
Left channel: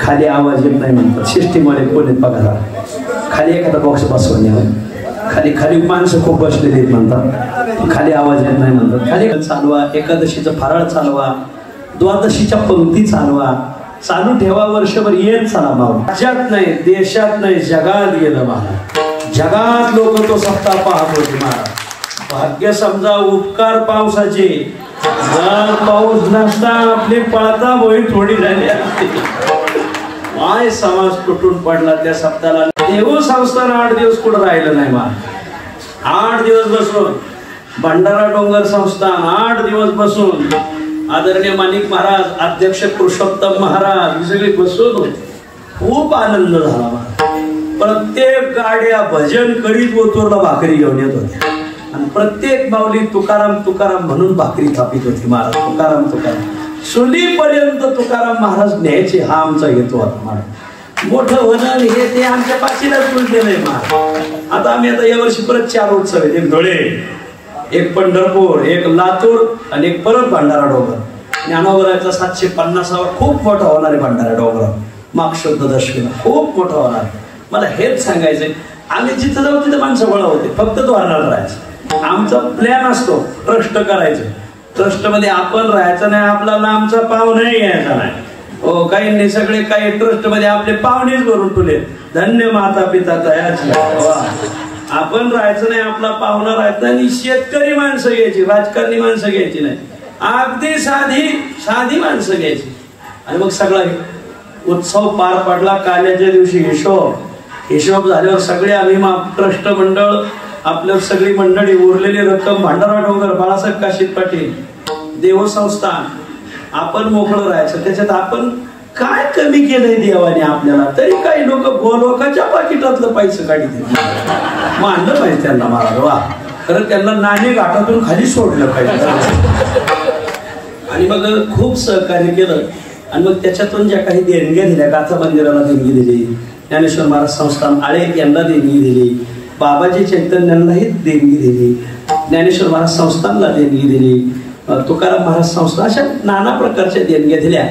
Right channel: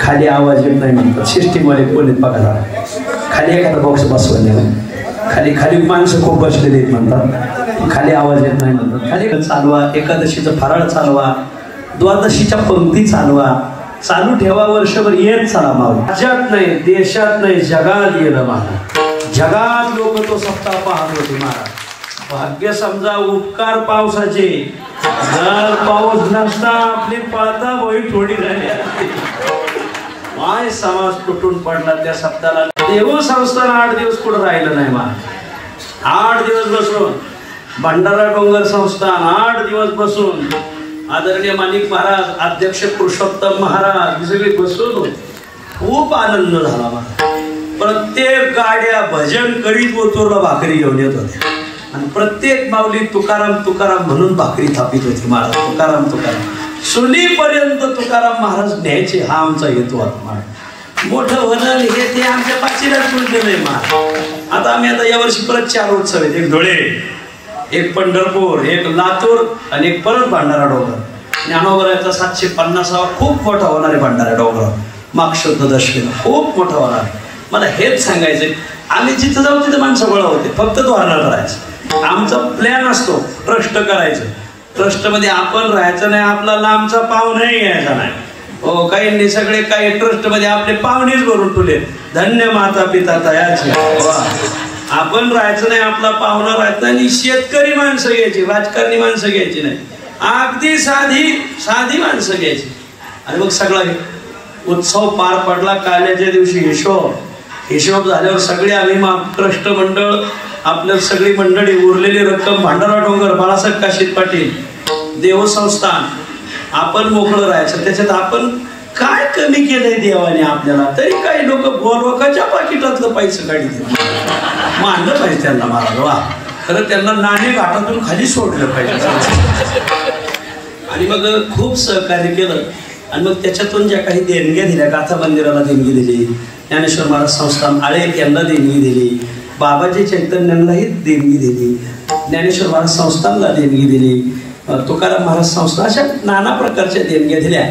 खाली आवाज येत नाही म्हणतात. सिस्टीममध्ये कोणी बघा, खाली एखादा बॉक्स बसवले, खाली खाली माणसं खूप बसलेली म्हणतात, खाली आवाज येत नाही म्हणतात. खाली चालवा, एकादशीचं फराळ चालवा, द्वादशीच्या पंक्ती चालवा, चालू ठेवा. वर्षभर येत चाला. माव राज्यात नाही, देशात नाही, जगात गेलं महाराज. जगात लोक तो सप्ताह पाहत होते महाराज. भाग्य समजा उपकार पावसाचे, जर पाऊस नसता आपली पळता होई थोडी झाली असते. माय समाज तुटून पडला त्या सप्ताहाला. देऊ संस्थान 8 दिवस कुठं राहिलं नाही मा. 8 दिवस बसून भंडारा डोंगर संस्थान 8 दिवस बसून आदरणीय माणिक महाराज, अध्यक्ष पुरुषोत्तम महाराज हे सगळे बसून खूप आनंद झाला. प्रत्येक गाड्या भजन करीत ओतूरला भाकरी घेऊन येत होत्या आणि प्रत्येक माऊली तुकाराम तुकाराम म्हणून भाकरी थापित होती महाराज. तुकाराम तुकाराम सुनीपर्यंत तुकाराम महाराज न्यायचे हा आमचा हेतू होता महाराज. मोठं होणं हे ते आमच्या पाचीलाच दिलंय महाराज. आता आम्ही आता यावर्षी परत 4 उत्सव आहेत. एक धुळे, एक पंढरपूर, एक लातूर आणि एक परत भंडारा डोंगर. ज्ञानोबराचा 750वा खूप मोठा होणार आहे भंडारा डोंगर. मागशुद्ध दशमीला खूप मोठा होणार. मला हेच सांगायचंय, आम्ही जिथं जाऊ तिथं माणसं गोळा होते. फक्त तो आनंद राहायचा. आमचा प्लॅन असतो ट्रस्ट करायचं. ट्रस्ट मध्ये आपण राहायचं नाही, आपला लांबचा पाव नाही घ्यायचा नाही. हो, काही सगळे काही ट्रस्ट मध्ये आपले पाहुणेच भरून ठेवले. धन्य माता पिता तयाची. आपण राहायचं नाही, आपला पाहुणा राहायचा. आणि शेतकरी माणसं घ्यायची, राजकारणी माणसं घ्यायची नाही. अगदी साधी माणसं घ्यायची. आणि मग सगळा उत्सव पार पडला. काल्याच्या दिवशी हिशोब झाल्यावर सगळे आम्ही ट्रस्ट मंडळ, आपल्या सगळी मंडळी, उरलेली रक्कम भंडारा डोंगर, बाळासाहेब काशीद पाटील, देवसंस्थान, आपण मोकळं राहायचं. त्याच्यात आपण काय कमी केलंय देवाने आपल्याला. तरी काही लोक लोकांच्या पाकिटातलं पैसे काढित मानलं पाहिजे त्यांना महाराज. वा, खरं त्यांना नाणे घाटातून खाली सोडलं पाहिजे. आणि मग खूप सहकार्य केलं. आणि मग त्याच्यातून ज्या काही देणग्या दिल्या, गाथा मंदिराला देणगी दिली, ज्ञानेश्वर महाराज संस्थान आळे यांना देणगी दिली, बाबाजी चैतन्यांनाही देणगी दिली, ज्ञानेश्वर महाराज संस्थानला देणगी दिली, तुकाराम महाराज संस्था, अशा नाना प्रकारच्या देणग्या दिल्या.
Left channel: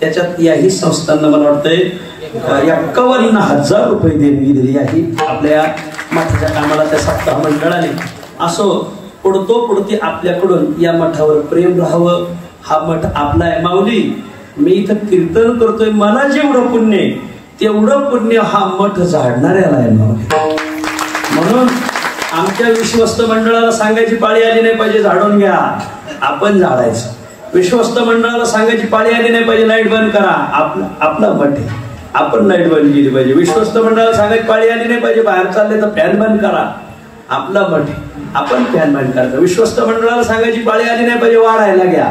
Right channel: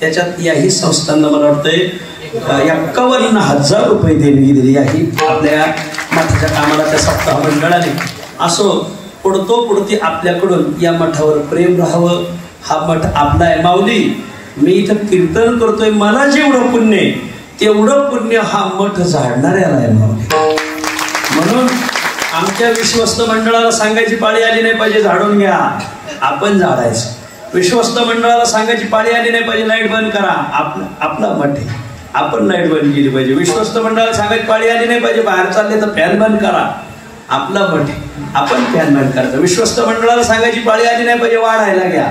त्याच्यात याही संस्थांना मला वाटतंय 51,000 रुपये देणगी दिली. याही आपल्या मठाच्या कामाला त्या सप्ताह मंडळाने. असो पुढती आपल्याकडून या मठावर प्रेम राहावं. हा मठ आपला आहे. माऊली, मी इथं कीर्तन करतोय, मला जेवढं पुण्य आहे तेवढं पुण्य हा मठ झाडणाऱ्याला आहे माऊली. म्हणून आमच्या विश्वस्त मंडळाला सांगायची पाळी आली नाही पाहिजे झाडून घ्या, आपण झाडायचं. विश्वस्त मंडळाला सांगायची पाळी आली नाही पाहिजे लाईट बंद करा, आपला मठ आहे, आपण लाईट बंद केली पाहिजे. विश्वस्त मंडळाला सांगायची पाळी आली नाही पाहिजे बाहेर चालले तर फॅन बंद करा, आपला मठ आहे, आपण फॅन बंद करायचं. विश्वस्त मंडळाला सांगायची पाळी आली नाही पाहिजे वाढायला घ्या,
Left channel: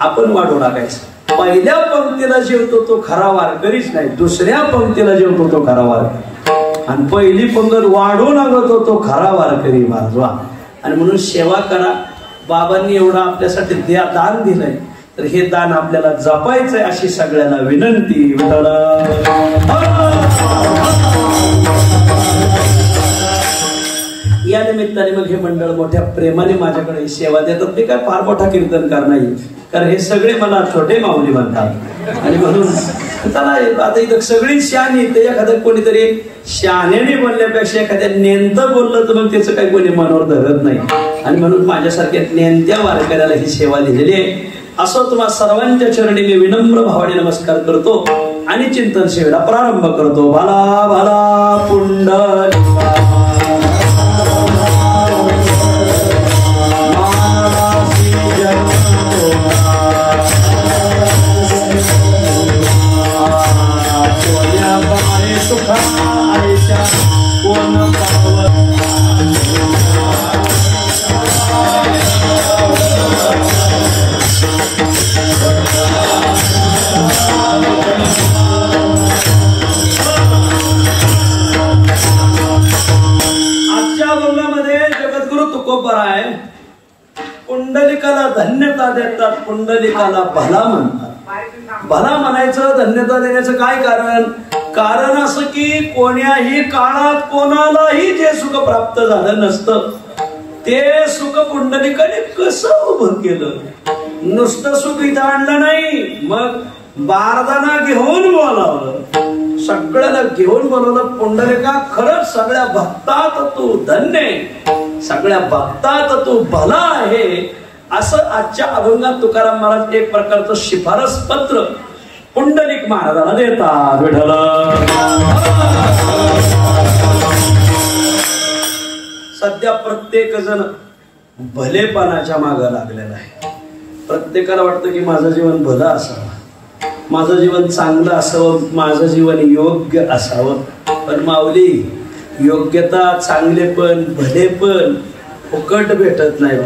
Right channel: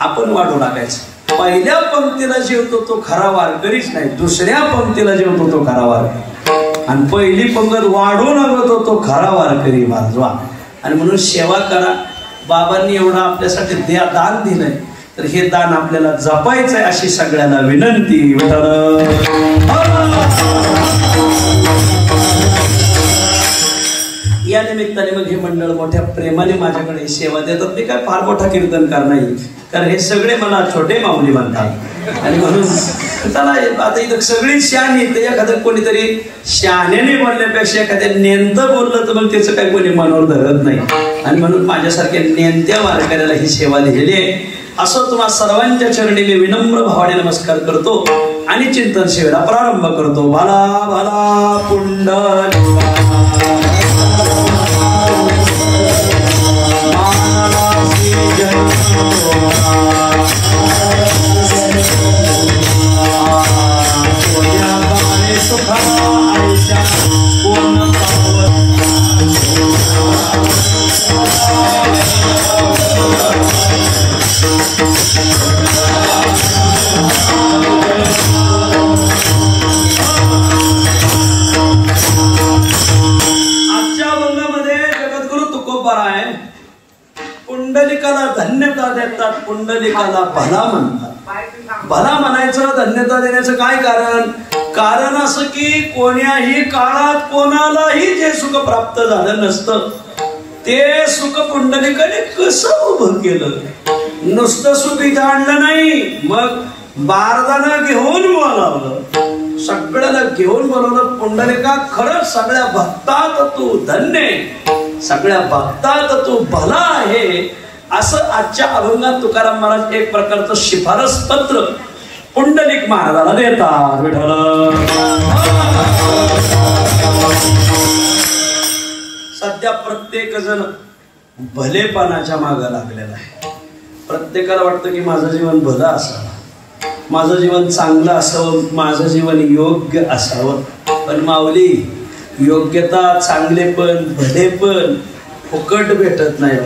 आपण वाढू लागायचं. पहिल्या पंक्तीला जेवतो तो खरा वारकरीच नाही, दुसऱ्या पंक्तीला जेवतो तो खरा वारकरी. आणि पहिली पंगत वाढू लागतो तो खरा वारकरी वाजवा. आणि म्हणून सेवा करा. बाबांनी एवढं आपल्यासाठी दान दिलंय, तर हे दान आपल्याला जपायचंय अशी सगळ्यांना विनंती. या निमित्ताने मग हे मंडळ मोठ्या प्रेमाने माझ्याकडे सेवा देतात. ते काय फार मोठा कीर्तनकार नाही, कारण हे सगळे मला छोटे माऊली म्हणतात. आणि म्हणून त्याला आता इथं सगळी शहाणी, ते एखादं कोणीतरी शहाण्याने बोलण्यापेक्षा एखाद्या नेंतं बोललं तर मग त्याचं काही कोणी मनावर धरत नाही. आणि म्हणून माझ्यासारख्या नेंत्या वारकऱ्याला ही सेवा दिलेली आहे. असो तुम्हा सर्वांच्या चरणी मी विनम्र भावाने नमस्कार करतो आणि चिंतन सेवेला प्रारंभ करतो. भाला भाला पुंडलिका. धन्यता देतात, पुंडलिकाला भला म्हणतात. भला म्हणायचं, धन्यता देण्याचं काय कारण? कारण असं की कोण्याही काळात कोणालाही जे सुख प्राप्त झालं नसतं ते सुख पुंडलिकाने कसं उभं केलं. नुसतं सुख इथं आणलं नाही, मग बारदाना घेऊन बोलावलं, सगळ्याला घेऊन बोलवलं. पुंडलिका खरंच सगळ्या भक्तात तू धन्य, सगळ्या भक्तात तू भला आहे, असं आजच्या अभंगात तुकाराम महाराज एक प्रकारचं शिफारस पत्र पुंडलिक महाराजाला देतात. विठ्ठल सध्या प्रत्येक जण भलेपणाच्या मागे लागलेला आहे. प्रत्येकाला वाटतं की माझं जीवन भलं असावं, माझं जीवन चांगलं असावं, माझं जीवन योग्य असावं. पण माऊली, योग्यता, चांगलेपण, भलेपण फुकट भेटत नाही.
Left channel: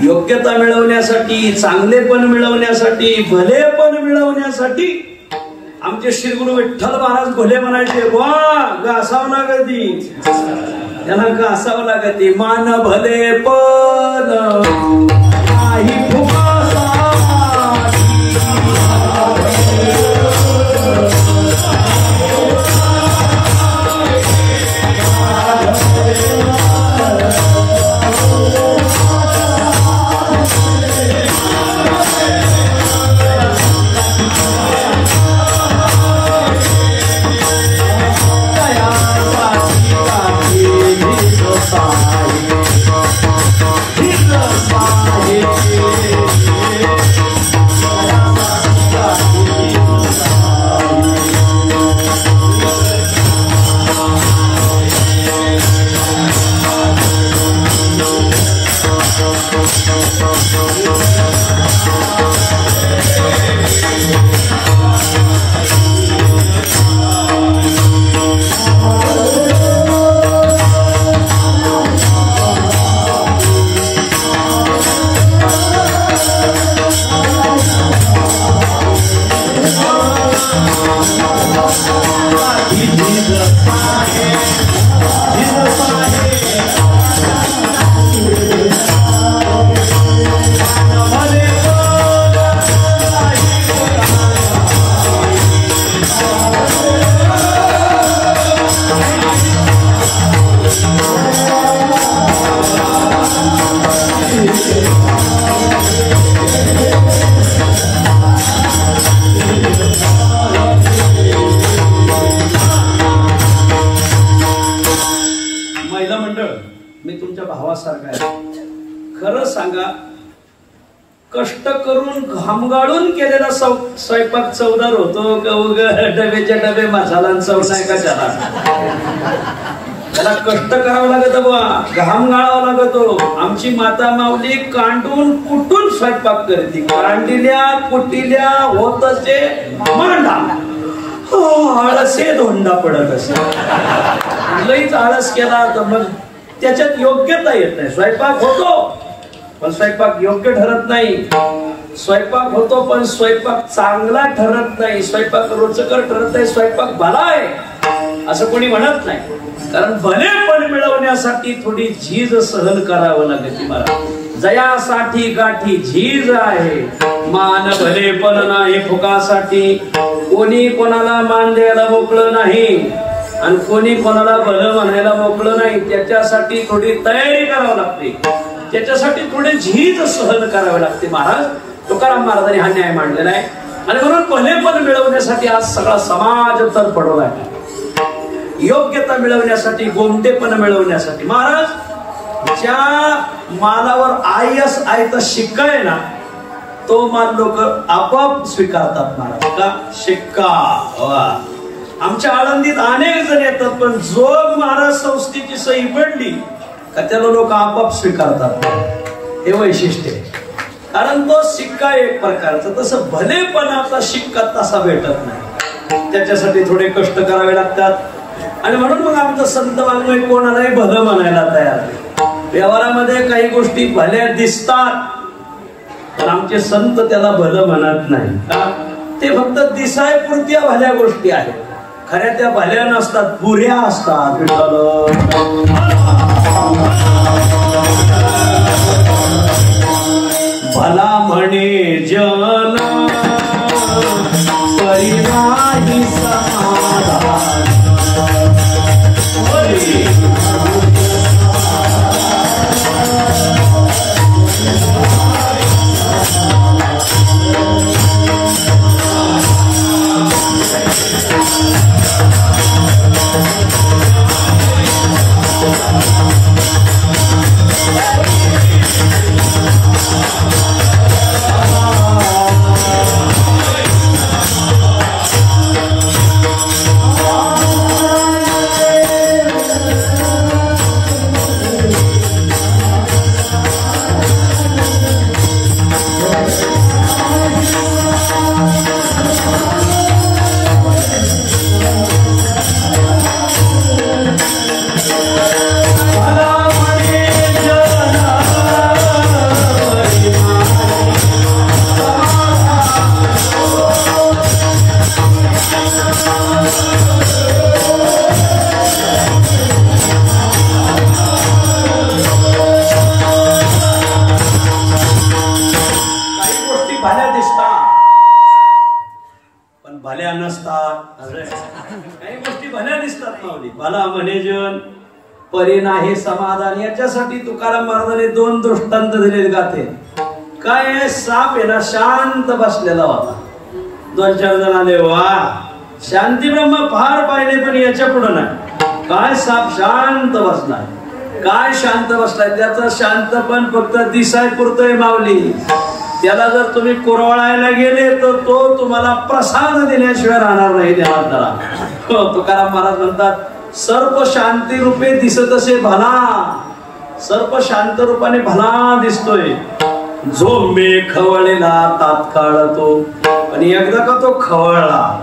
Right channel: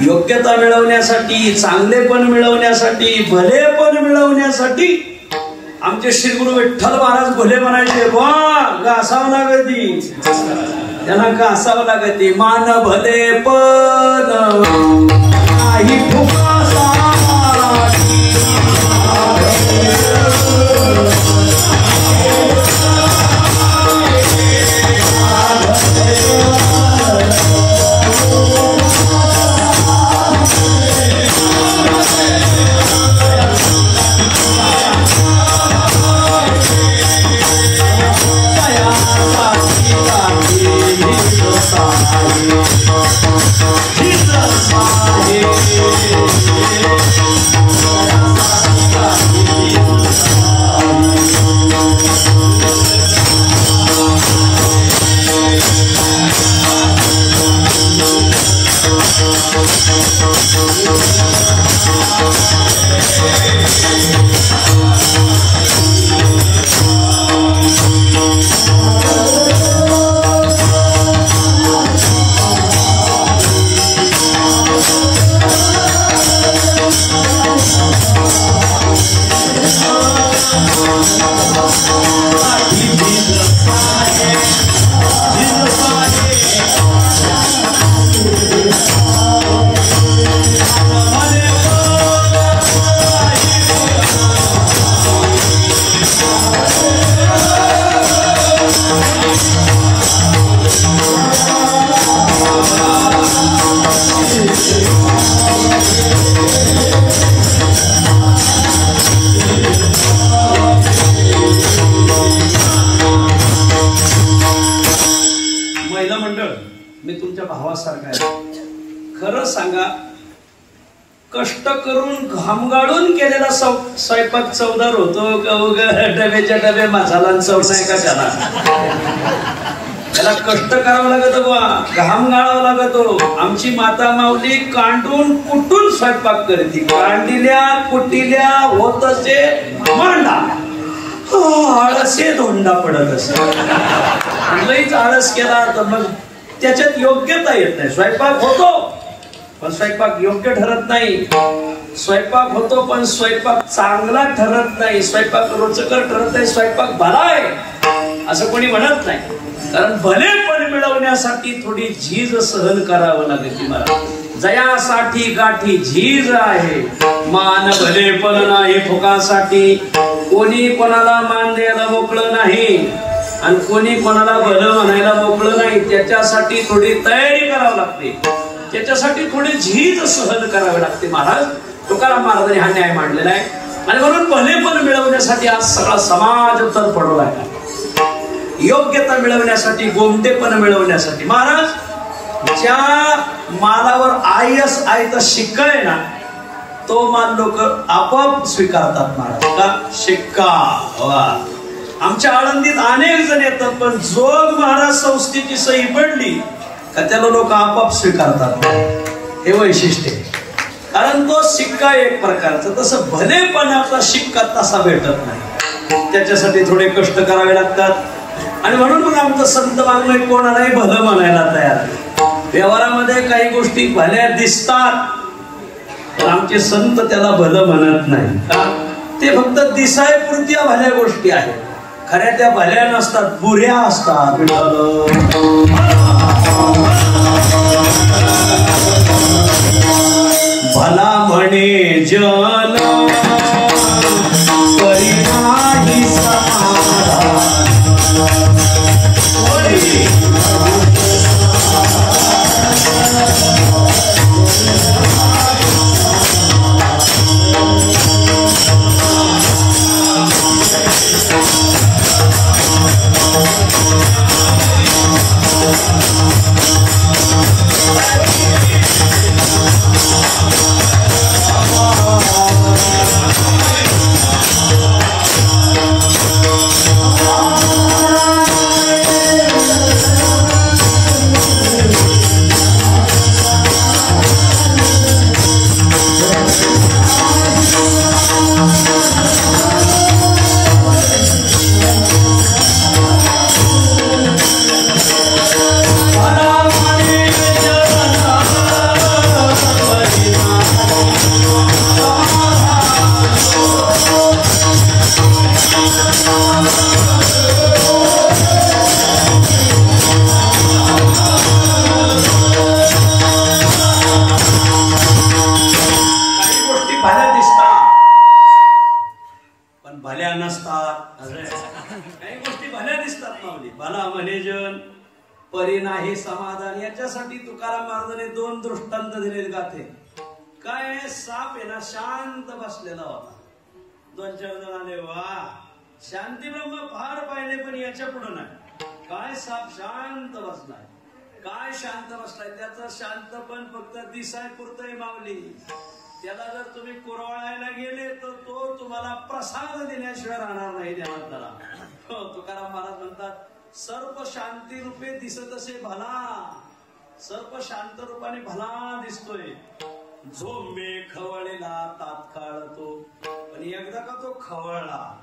योग्यता मिळवण्यासाठी, चांगलेपण मिळवण्यासाठी, भलेपण मिळवण्यासाठी आमचे श्री गुरु विठ्ठल महाराज भले म्हणायचे, घासावं लागती, त्यांना घासावं लागते. मान भलेपण नाही कष्ट करून घाम गाळून केलेला स्वयंपाक चवदार होतो. डबेच्या डबे मसाला चव नाही का त्याला? त्याला कष्ट करावं लागत बुवा, घाम गाळावा लागतो. आमची माता माऊली कांडून कुटून स्वयंपाक करते. कांडिल्या कुटिल्या होत असे मांडा, आळसे धोंडा पडत असे. लईच आळस केला तर मग त्याच्यात योग्यता येत नाही. स्वयंपाक होतो पण स्वयंपाक योग्य ठरत नाही. स्वयंपाक होतो पण स्वयंपाक चांगला ठरत नाही. स्वयंपाक रुचकर ठरत नाही. स्वयंपाक भला आहे असं कोणी म्हणत नाही. कारण भलेपण मिळवण्यासाठी थोडी झीज सहन करावं लागते. मला जयासाठी गाठी झीज आहे, मान भलेपण नाही फुकासाठी. कोणी कोणाला मान द्यायला मोकळं नाही आणि कोणी कोणाला भलं म्हणायला मोकळं नाही. त्याच्यासाठी थोडी तयारी करावी लागते, त्याच्यासाठी थोडी झीज सहन करावी लागते. महाराज तुकाराम महाराजांनी हा न्याय मांडलेला आहे. आणि म्हणून भलेपण मिळवण्यासाठी आज सगळा समाज तर पडवला आहे. योग्यता मिळवण्यासाठी, गोमटेपण मिळवण्यासाठी. महाराज ज्या मालावर आयस आयता शिक्का आहे ना, तो माल लोक आपोआप स्वीकारतात. महाराज का शिक्का? आमच्या आळंदीत अनेक जण येतात, पण जोग महाराज संस्थेची सही पडली का त्याला लोक आपोआप स्वीकारतात. हे वैशिष्ट्य आहे. कारण तो शिक्का एक प्रकारचा, तसं भलेपणाचा शिक्का तसा भेटत नाही. त्याच्यासाठी थोडे कष्ट करावे लागतात. आणि म्हणून मग आमचं संत वाङ्मय कोणालाही भलं म्हणायला तयार आहे. व्यवहारामध्ये काही गोष्टी भल्या दिसतात पण आमचे संत त्याला भलं म्हणत नाही. ते फक्त दिसायपुरत्या भल्या गोष्टी आहेत. खऱ्या त्या भल्या नसतात, बुऱ्या असतात. भला म्हणे जन परी नाही समाधान. भल्या नसतात. काही गोष्टी भल्या दिसतात माऊली. भला म्हणे जन परी नाही समाधान. याच्यासाठी तुकाराम महाराजांनी 2 दृष्टांत दिले गाते. काय साप आहे ना शांत बसलेला होता. 2-4 जण आले, वा शांती ब्रह्म फार पाहिले पण याच्या पुढे नाही. काय साप शांत बसलाय. काय शांत बसलाय. त्याचं शांतपण फक्त दिसाय पुरतोय माऊली. त्याला जर तुम्ही कुरवळायला गेले तर तो तुम्हाला प्रसाद देण्याशिवाय राहणार नाही. त्याला तुकाराम महाराज म्हणतात सर्प शांती रूपे दिसत असे भला. सर्प शांत रूपाने भला दिसतोय. झोंबे खवळलेला तात्काळ तो. आणि एकदा का तो खवळला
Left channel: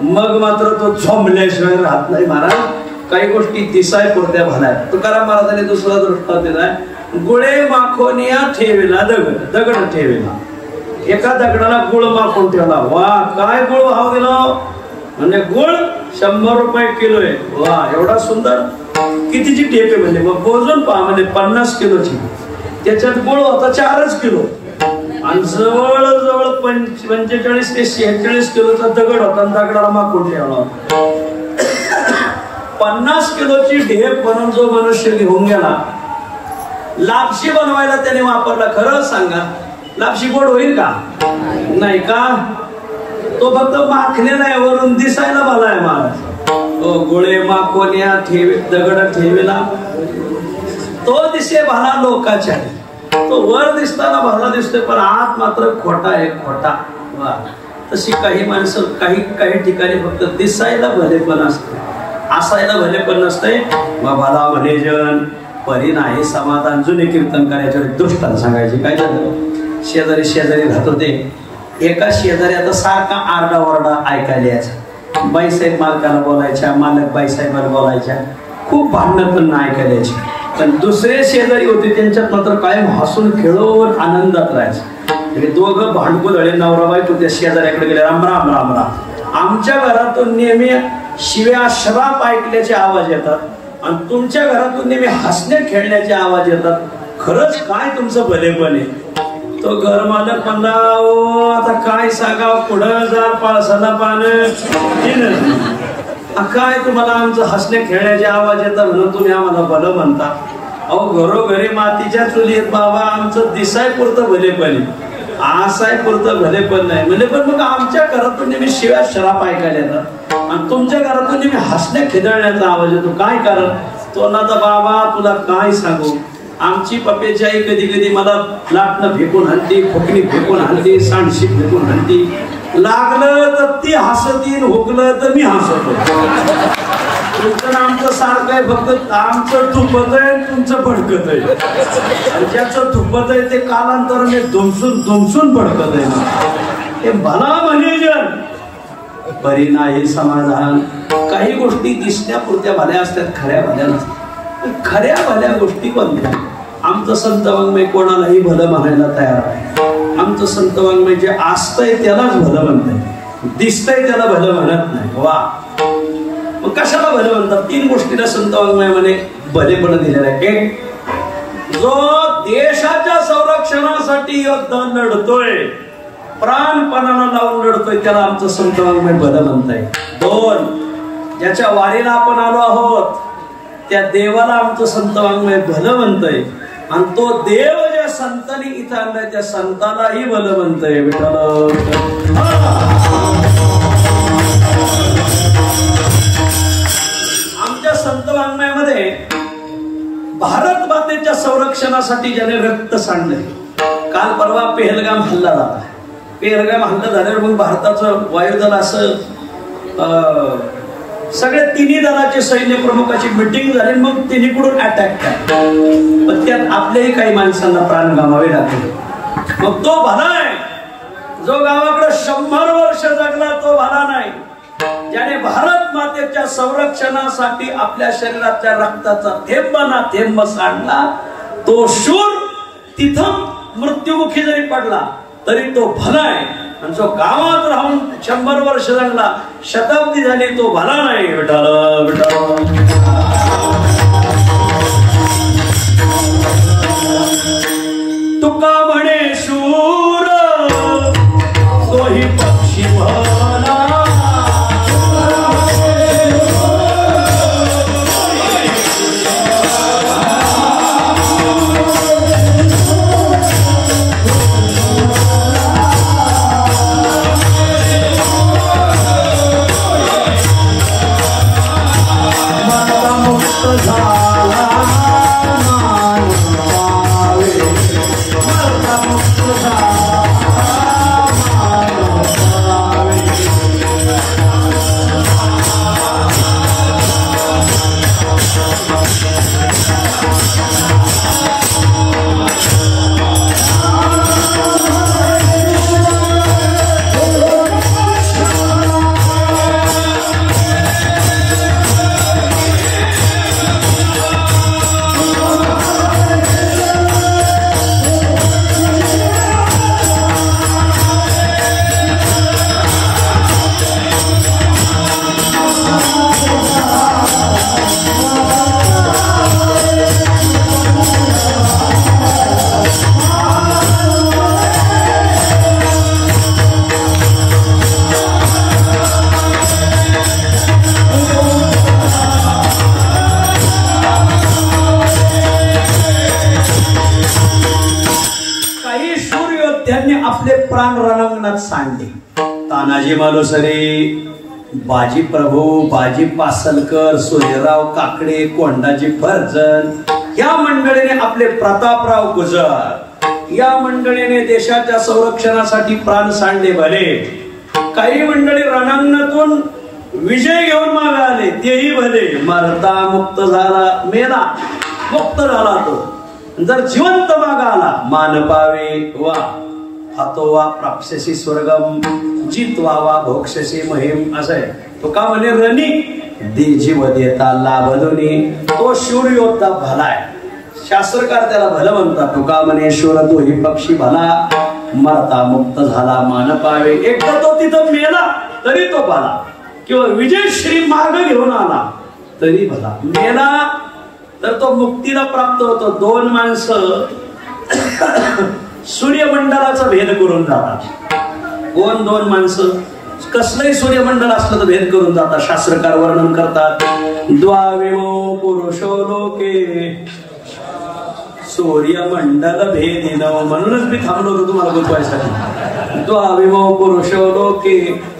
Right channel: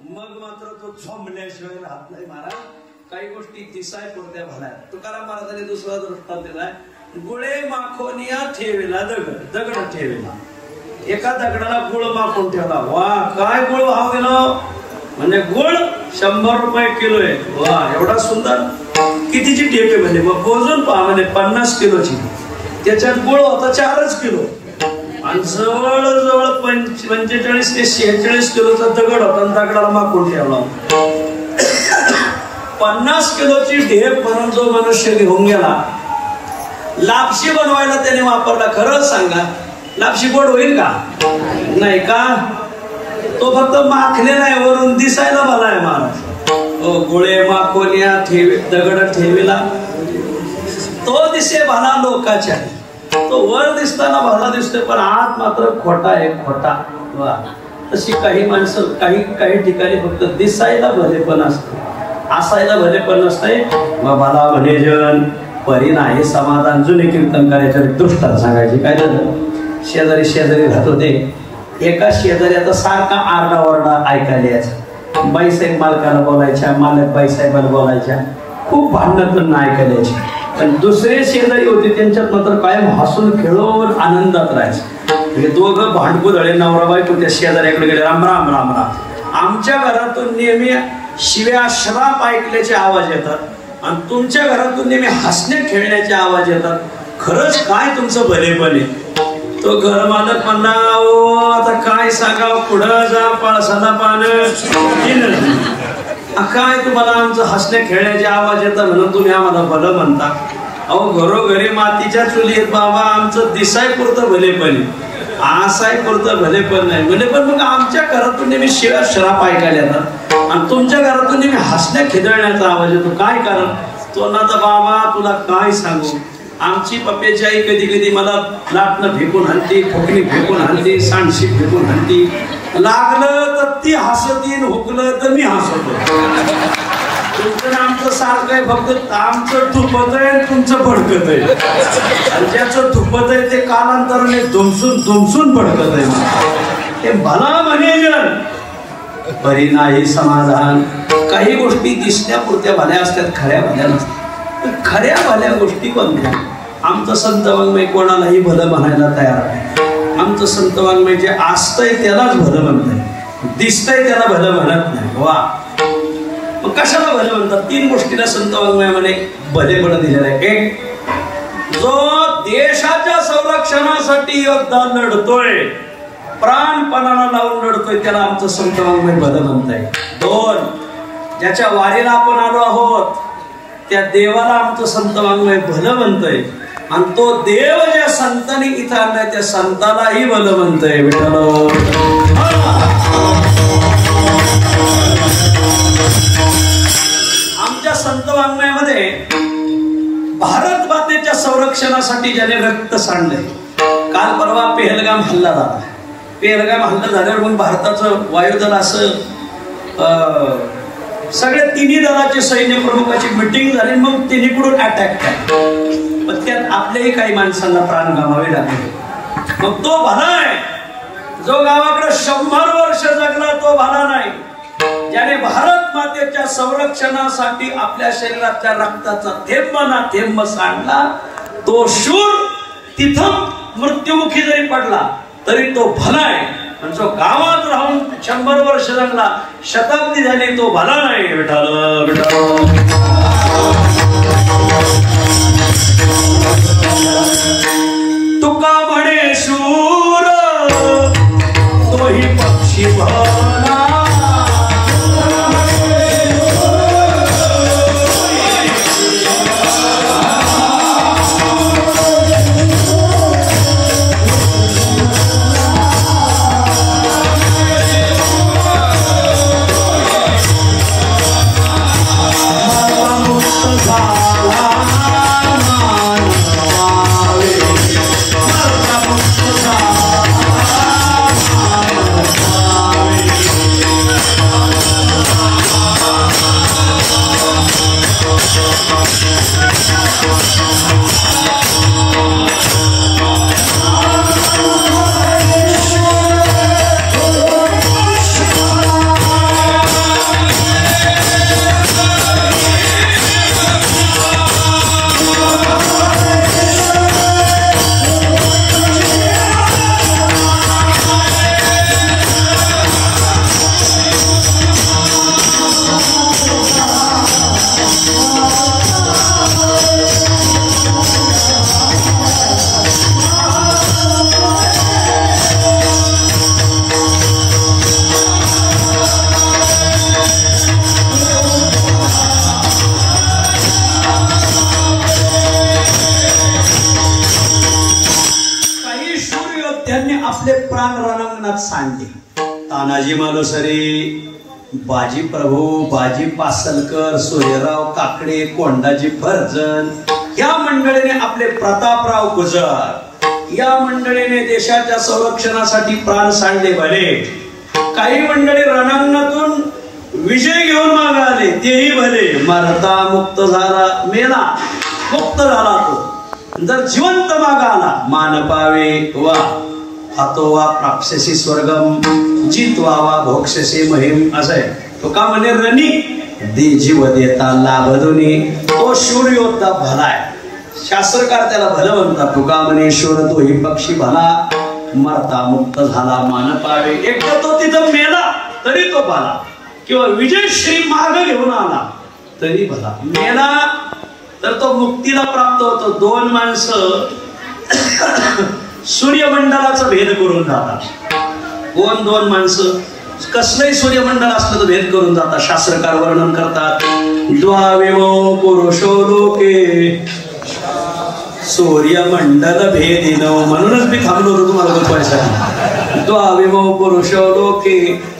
मग मात्र तो झोंबल्याशिवाय राहत नाही. महाराज काही गोष्टी दिसाय पुरत्या भला. तुकाराम महाराजांनी दुसरा दृष्टांत दिलाय. गुळे माखोनिया ठेविला दगड. दगड ठेविला. एका दगडाला गुळ माखून ठेवला. वा काय गुळ भाव गेलो. म्हणजे गुळ 100 रुपये किलो आहे. वा एवढा सुंदर. कितीची टेप आहे म्हणजे मग मोजून पहा. म्हणजे 50 किलोची. त्याच्यात गुळ होता 4 किलो. आणि जवळजवळ 45 ते 46 किलोचा दगड होता. दगडाला माखून ठेवला. 50 किलोची ढेप बनवून जो मनुष्य घेऊन गेला. लापशी बनवायला त्याने वापरला. खरं सांगा लापशी गोड होईल का. नाही का. तो फक्त माखलेला आहे. वरून दिसायला भला आहे महाराज. गोळे माखोनिया दगड ठेविला. तो दिसे भला लोकाच्या. तो वर दिसताना भला दिसतोय पण आत मात्र खोटा आहे. खोटा. वा तशी काही माणसं काही ठिकाणी फक्त दिसायला भले पण असते. असायला भले पण नसते. भला म्हणे जन परी नाही समाधान. जुने कीर्तन करायचे दृष्टांत सांगायचे. काय झालं शेजारी राहत होते. एका शेजाऱ्याचा सारखा आरडाओरडा ऐकायला यायचा. बाईसाहेब मालकाला बोलायच्या. मालक बाईसाहेबाला बोलायच्या. खूप भांडणं करून ऐकायला यायची. पण दुसरे शेजारी होते त्यांच्यात मात्र कायम हसून खेळून आनंदात राहायचे. दोघं भांडकुदळे नवरा बायको त्या शेजाऱ्याकडे गेले. राम राम राम राम. आमच्या घरातून नेहमी शिव्या श्राप ऐकल्याचे आवाज येतात आणि तुमच्या घरातून नेहमी हसणे खेळण्याचे आवाज येतात. खरंच काय तुमचं भलेपण आहे. तो घरमालक म्हणला आता काय सांगावं. पुढं जा पळसाला पानं. काय तुम्हाला आमचं हसणे खेळण्याचे आवाज येतात म्हणून तुम्ही आम्हाला भलं म्हणता. अहो घरोघरी मातीच्या चुलीत बाबा आमचं दिसाय पुरतं भलेपण आहे. आसाय पुरतं भलेपण नाही. भलेपण मग आमच्या घरातून नेहमी शिव्या श्राप ऐकायला येतात आणि तुमच्या घरातून नेहमी हसण्या खिदळण्याचा आवाज येतो. काय कारण. तो ना तर बाबा तुला काय सांगू. आमची पप्प्याची आई कधी कधी मला लाटणं फेकून आणते. फुकणी फेकून आणते. सांडशी फेकून आणते. लागलं तर ती हसती. हुकलं तर मी हसतो. तुमचं आमचं सारखं आहे. फक्त आमचं थुपत आहे तुमचं भडकत आहे. आणि ज्याचं थुपत आहे ते कालांतराने दुमसून भडकत आहे. ते भला म्हणे जन परी नाही समाधान. काही गोष्टी दिसण्यापुरत्या भल्या असतात. खऱ्या भल्या नसतात. खऱ्या भल्या गोष्टी कोणत्या. आमचं संत वाङ्मय कोणालाही भलं म्हणायला तयार आहे. आमचं संत वाङ्मय जे असतंय त्यालाच भलं म्हणतंय. दिसतंय त्याला भलं म्हणत नाही. वा मग कशाला भलं म्हणतात. 3 गोष्टीला संत वाङ्मय म्हणे भलेपण दिलेलं आहे. एक जो देशाच्या संरक्षणासाठी योद्धा लढतोय, प्राणपणाला लावून लढतोय, त्याला आमचं संत वाङ्मय भलं म्हणताय. 2, ज्याच्या वारीला आपण आलो आहोत त्या देवाला आमचं संत वाङ्मय भलं म्हणतंय. आणि तो देव ज्या संतांनी इथं आणलाय त्या संतालाही भलं म्हणतंय. आमच्या संत वाङ्मयामध्ये भारत मातेच्या संरक्षणासाठी ज्याने रक्त सांडलंय. काल परवा पेहलगाम हल्ला झाला. पेहलगाम हल्ला झाल्यावर मग भारताचं वायुदल असं सगळ्या तिन्ही दलाचे सैन्य प्रमुखाची मिटिंग झाली. मग तिन्हीकडून अटॅक केला. पण त्यात आपल्याही काही माणसांना प्राण गमावे लागले. मग तो भला आहे जो गावाकडे 100 वर्ष जगला, तो भला नाही ज्याने भारत मातेच्या संरक्षणासाठी आपल्या शरीरातल्या रक्ताचा थेंब ना थेंब सांडला. तो शूर तिथं मृत्युमुखी जरी पडला तरी तो भला आहे. आणि जो गावात राहून 100 वर्ष जगला, शताब्दी झाली, तो भला नाही. तुका म्हणे शूर तोही पक्षी भला. तानाजी मालुसरे, बाजी प्रभू, बाजी पासलकर, सूर्यराव काकडे, कोंडाजी फर्जन या मंडळीने आपले प्रतापराव गुजर या मंडळीने देशाच्या संरक्षणासाठी प्राण सांडले. भले काही मंडळी रणांगणातून विजय घेऊन मागे आले, तेही भले. मरता मुक्त झाला, मेला मुक्त झाला तो. जर जिवंत मागे आला, मान पावे वा हातोवा प्राप्स्यसी स्वर्गम जितवावा भोक्षसी महिम. असं आहे. तो का म्हणे रणी दे जीव देता लाभ दोन्ही. तो शूर योद्धा भला आहे. शास्त्रकार त्याला भलं म्हणतात. तुका म्हणे शूर तोही पक्षी भला, मरता मुक्त झाला मान पावे. एकदा तो तिथं मेला तरी तो भला, किंवा विजयश्री मार्ग घेऊन आला तरी भला. मेला तर तो मुक्तीला प्राप्त होतो. 2 माणसं सूर्यमंडलाचा भेद करून जातात. 2 माणसं कसलंही सूर्यमंडल असलं तर भेद करून जातात. शास्त्रकार वर्णन करतात. द्वाविमो पुरुषो लोके सूर्यमंडल भेदिन. म्हणूनच मी थांबलो होतो तुम्हाला बोलवायसाठी. द्वाविमो पुरुषो लोके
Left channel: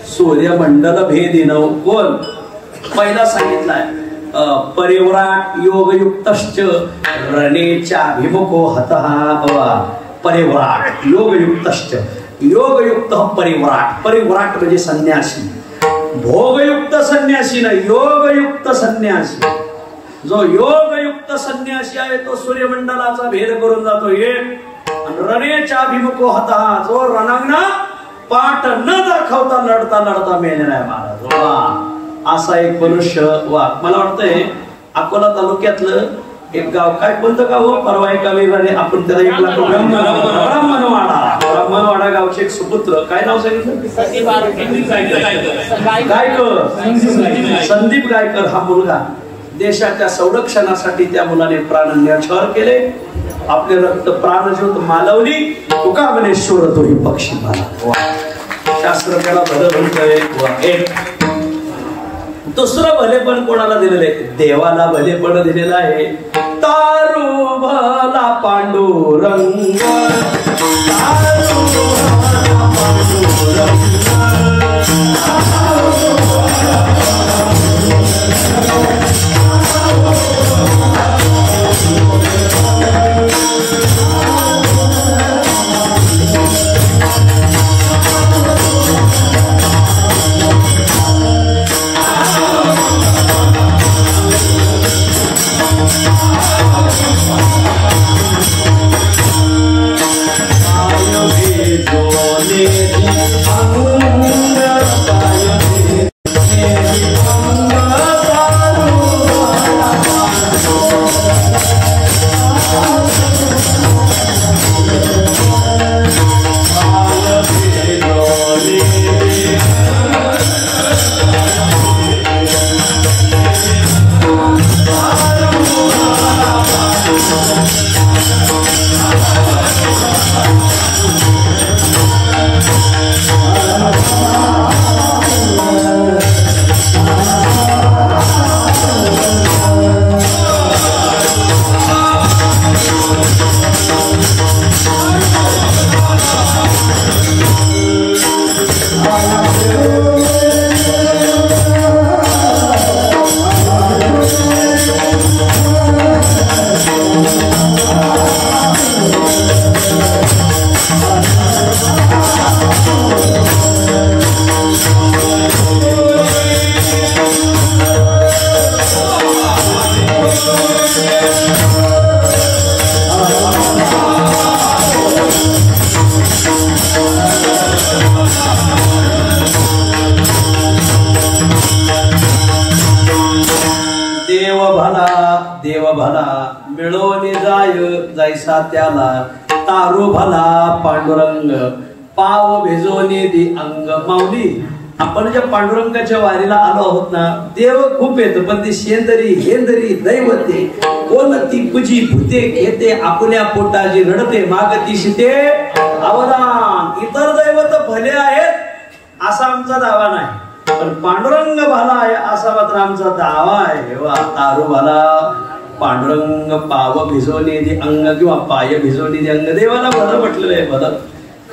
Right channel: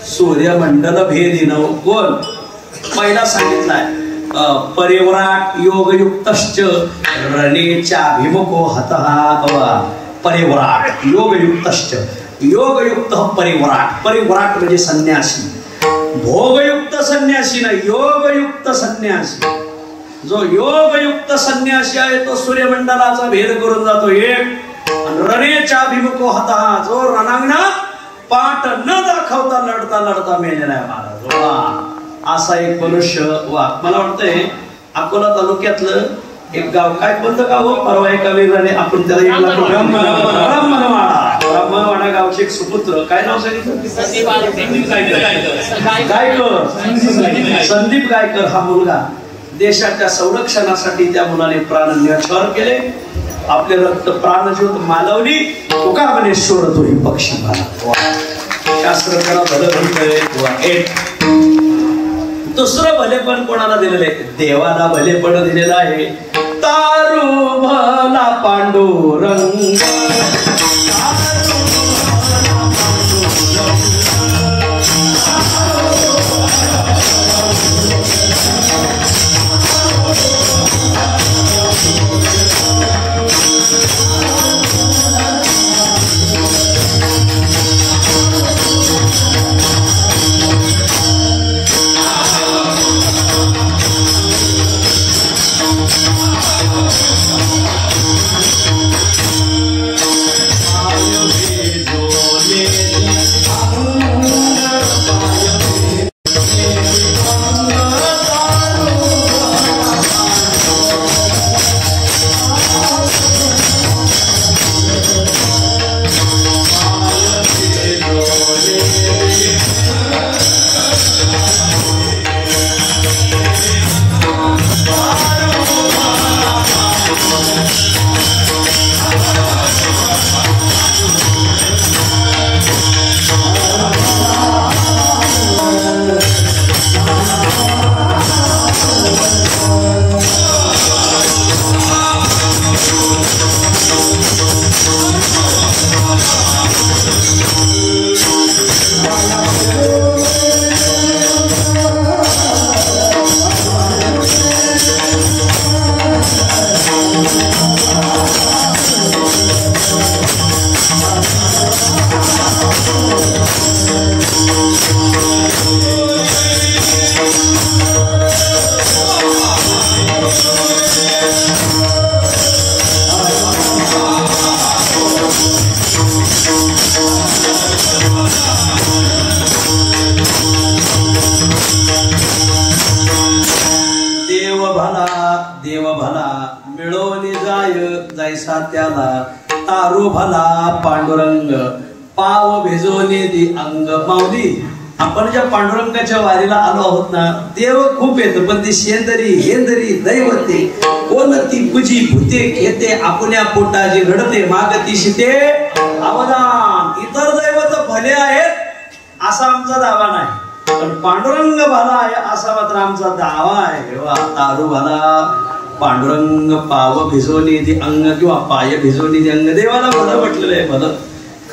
सूर्यमंडल भेदिन. कोण पहिला सांगितलाय परिव्राट योगयुक्तश्च रणेचाभिमुखो हतः. परिव्राट योगयुक्तश्च. योगयुक्त परिव्राट. परिव्राट म्हणजे संन्यासी. भोगयुक्त संन्यासी नाही, योगयुक्त संन्यासी. जो योगयुक्त संन्यासी आहे तो सूर्यमंडलाचा भेद करून जातो. एक रणेच्या अभिमुखो हतः. जो रणांगणात पाठ न दाखवता लढता लढता मेलेला आहे महाराज. असा एक मनुष्य. वा मला वाटतंय अकोला तालुक्यातलं एक गाव, काय कोणतं गाव परवा एका वेगळ्याने आपण त्याला एक ब्राह्मणवाडा. ब्राह्मणवाडा गावचे एक सुपुत्र, काय नाव सांगितलं? संदीप गायकर हा मुलगा देशाच्या संरक्षणासाठी त्या मुलाने प्राण न्यौछावर केले. आपले रक्त प्राणज्योत मालवली तुका म्हणे शोर तो ही पक्षी मला. शास्त्र त्याला भलं म्हणतंय. एक दुसरं भलेपण कोणाला दिलेलं आहे? देवाला भलेपण दिलेलं आहे. तारू भला पांडुरंग देव भला मिळवले जायसा त्याला. तारू भला पांडुरंग पाव भिजवणे दी अंग. माऊली आपण ज्या पांडुरंगाच्या वारीला आलो आहोत ना, देव खूप येत पण ती शेंदरी हेंदरी दैवते कोण ती पूजी भूते घेते आपल्या पोटाची घडते मागती शिते अवदान. इतर दैवत भले आहेत असा आमचा दावा नाही, पण पांडुरंग भला आहे असा मात्र आमचा दावा आहे. वा तारू भला पांडुरंग पाव भिजवणे दे अंग किंवा पाय भिजवणे दे अंग. देवाला भलं म्हटलेलं आहे. भलं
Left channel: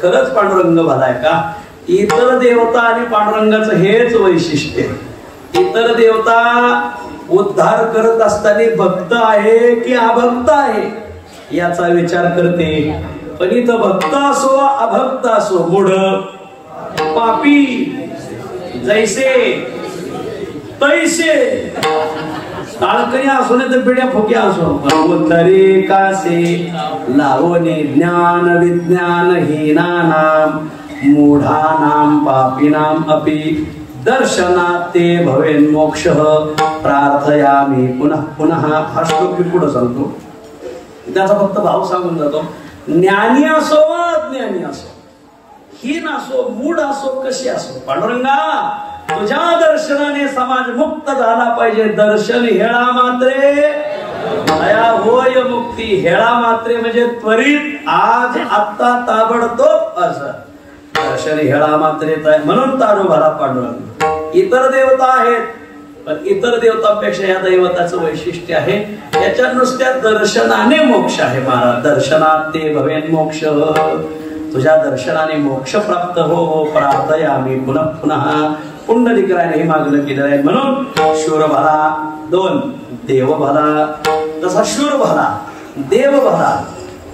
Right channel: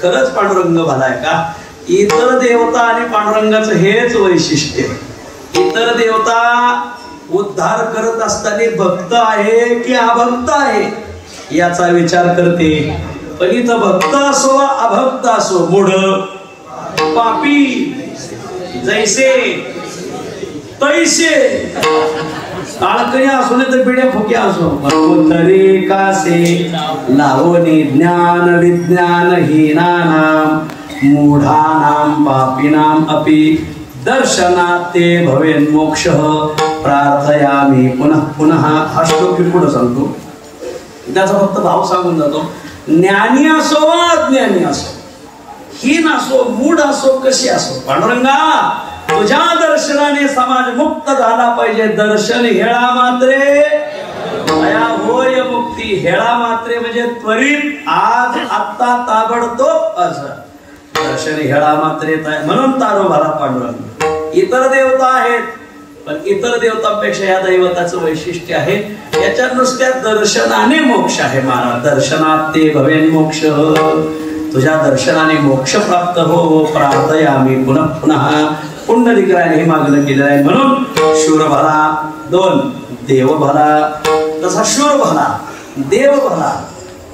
खरंच पांडुरंग भला आहे का? इतर देवता आणि पांडुरंगाचं हेच वैशिष्ट्य. इतर देवता उद्धार करत असताना भक्त आहे की अभक्त आहे याचा विचार करते, पण इथं भक्त असो अभक्त असो मूढ पापी जैसे तैसे काळकरी असो नाही तर पिढ्या फुक्या असो तरी कासे लावणी ज्ञान विज्ञान हीनानाम मूढानाम पापिनाम अपि दर्शनात ते भवेन मोक्ष प्रार्थयामी पुनः पुनः. हा श्लोक मी पुढे सांगतो, त्याचा फक्त भाव सांगून जातो. ज्ञानी असो अज्ञानी असो, हीन असो मूढ असो कशी असो, पांडुरंगा तुझ्या दर्शनाने समाज मुक्त झाला पाहिजे. दर्शन हेळा मात्रे दया होय मुक्ती. हेळा मात्रे म्हणजे त्वरित आज आत्ता ताबडतोब असं. दर्शन हेळा मात्रे म्हणून तारो भला पांडुरंग. इतर देवता आहेत पण इतर देवतांपेक्षा या दैवताचं वैशिष्ट्य आहे याच्या नुसत्या दर्शनाने मोक्ष आहे. महाराज दर्शनात ते भवेन मोक्ष. तुझ्या दर्शनाने मोक्ष प्राप्त हो प्रार्थयामी पुनः पुनः. पुंडलिकाने हे मागणं केलेलं आहे. म्हणून शूर भला दोन देव भला. तसा शूर भला देव भला,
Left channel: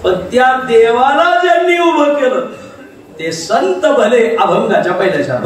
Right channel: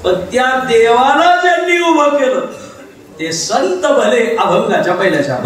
पण त्या देवाला ज्यांनी उभं केलं ते संत भले अभंगाच्या पहिल्याच्या.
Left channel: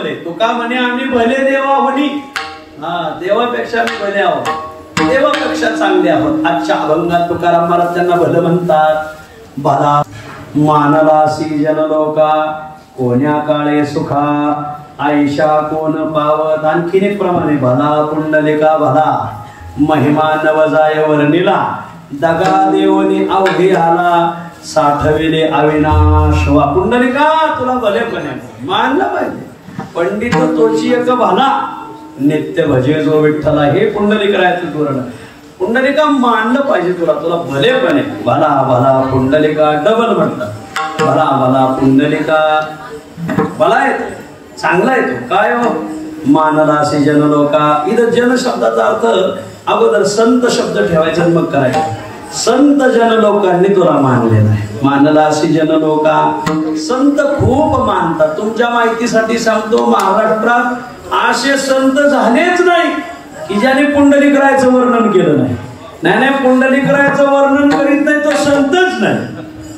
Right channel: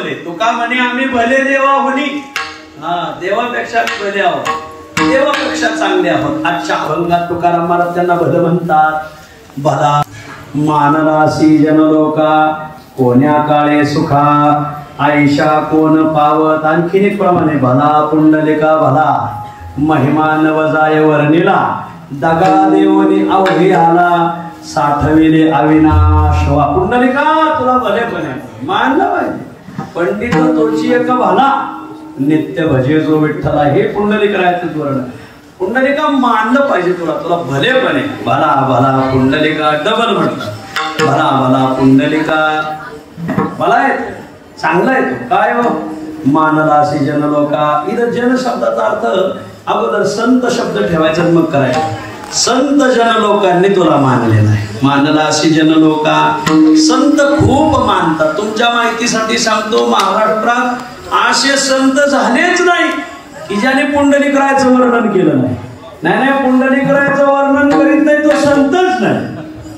भले. तुका म्हणे आम्ही भले देवा होणी. देवापेक्षा आम्ही भले आहोत, देवापेक्षा चांगले आहोत. आजच्या अभंगात तुकाराम महाराज त्यांना भलं म्हणतात. भला मानलासी जनलोका कोण्या काळे सुखा आयशा कोण पावत. आणखीन एक प्रमाणे भला पुंडलिका भला महिमा नवजाय वर्णिला दगा देवनी अवघी आला साठविले अविनाश. वा पुंडलिका तुला भलेपणे मानलं पाहिजे. पंडित तोची एक भला नित्य भजे जो विठ्ठला. हे पुंडलिक राहायचं धोरण. पुंडलिका मानलं पाहिजे तुला, तुला भलेपणे. भला भला पुंडलिका डबल म्हणतात. भला भला पुंडलिका भला येतो, चांगला येतो. काय हो मानलासी जनलोका. इथं जन शब्दाचा अर्थ अगोदर संत शब्द ठेवायचा मग करायचा. संत जनलोकांनी तुला मानले नाही. मानलासी जनलोका. संत खूप मानतात. तुमच्या माहितीसाठी सांगतो, महाराष्ट्रात असे संत झालेच नाही की ज्याने पुंडलिकरायचं वर्णन केलं नाही. नाही पुंडलिकरायचं वर्णन करीत नाही तो संतच नाही.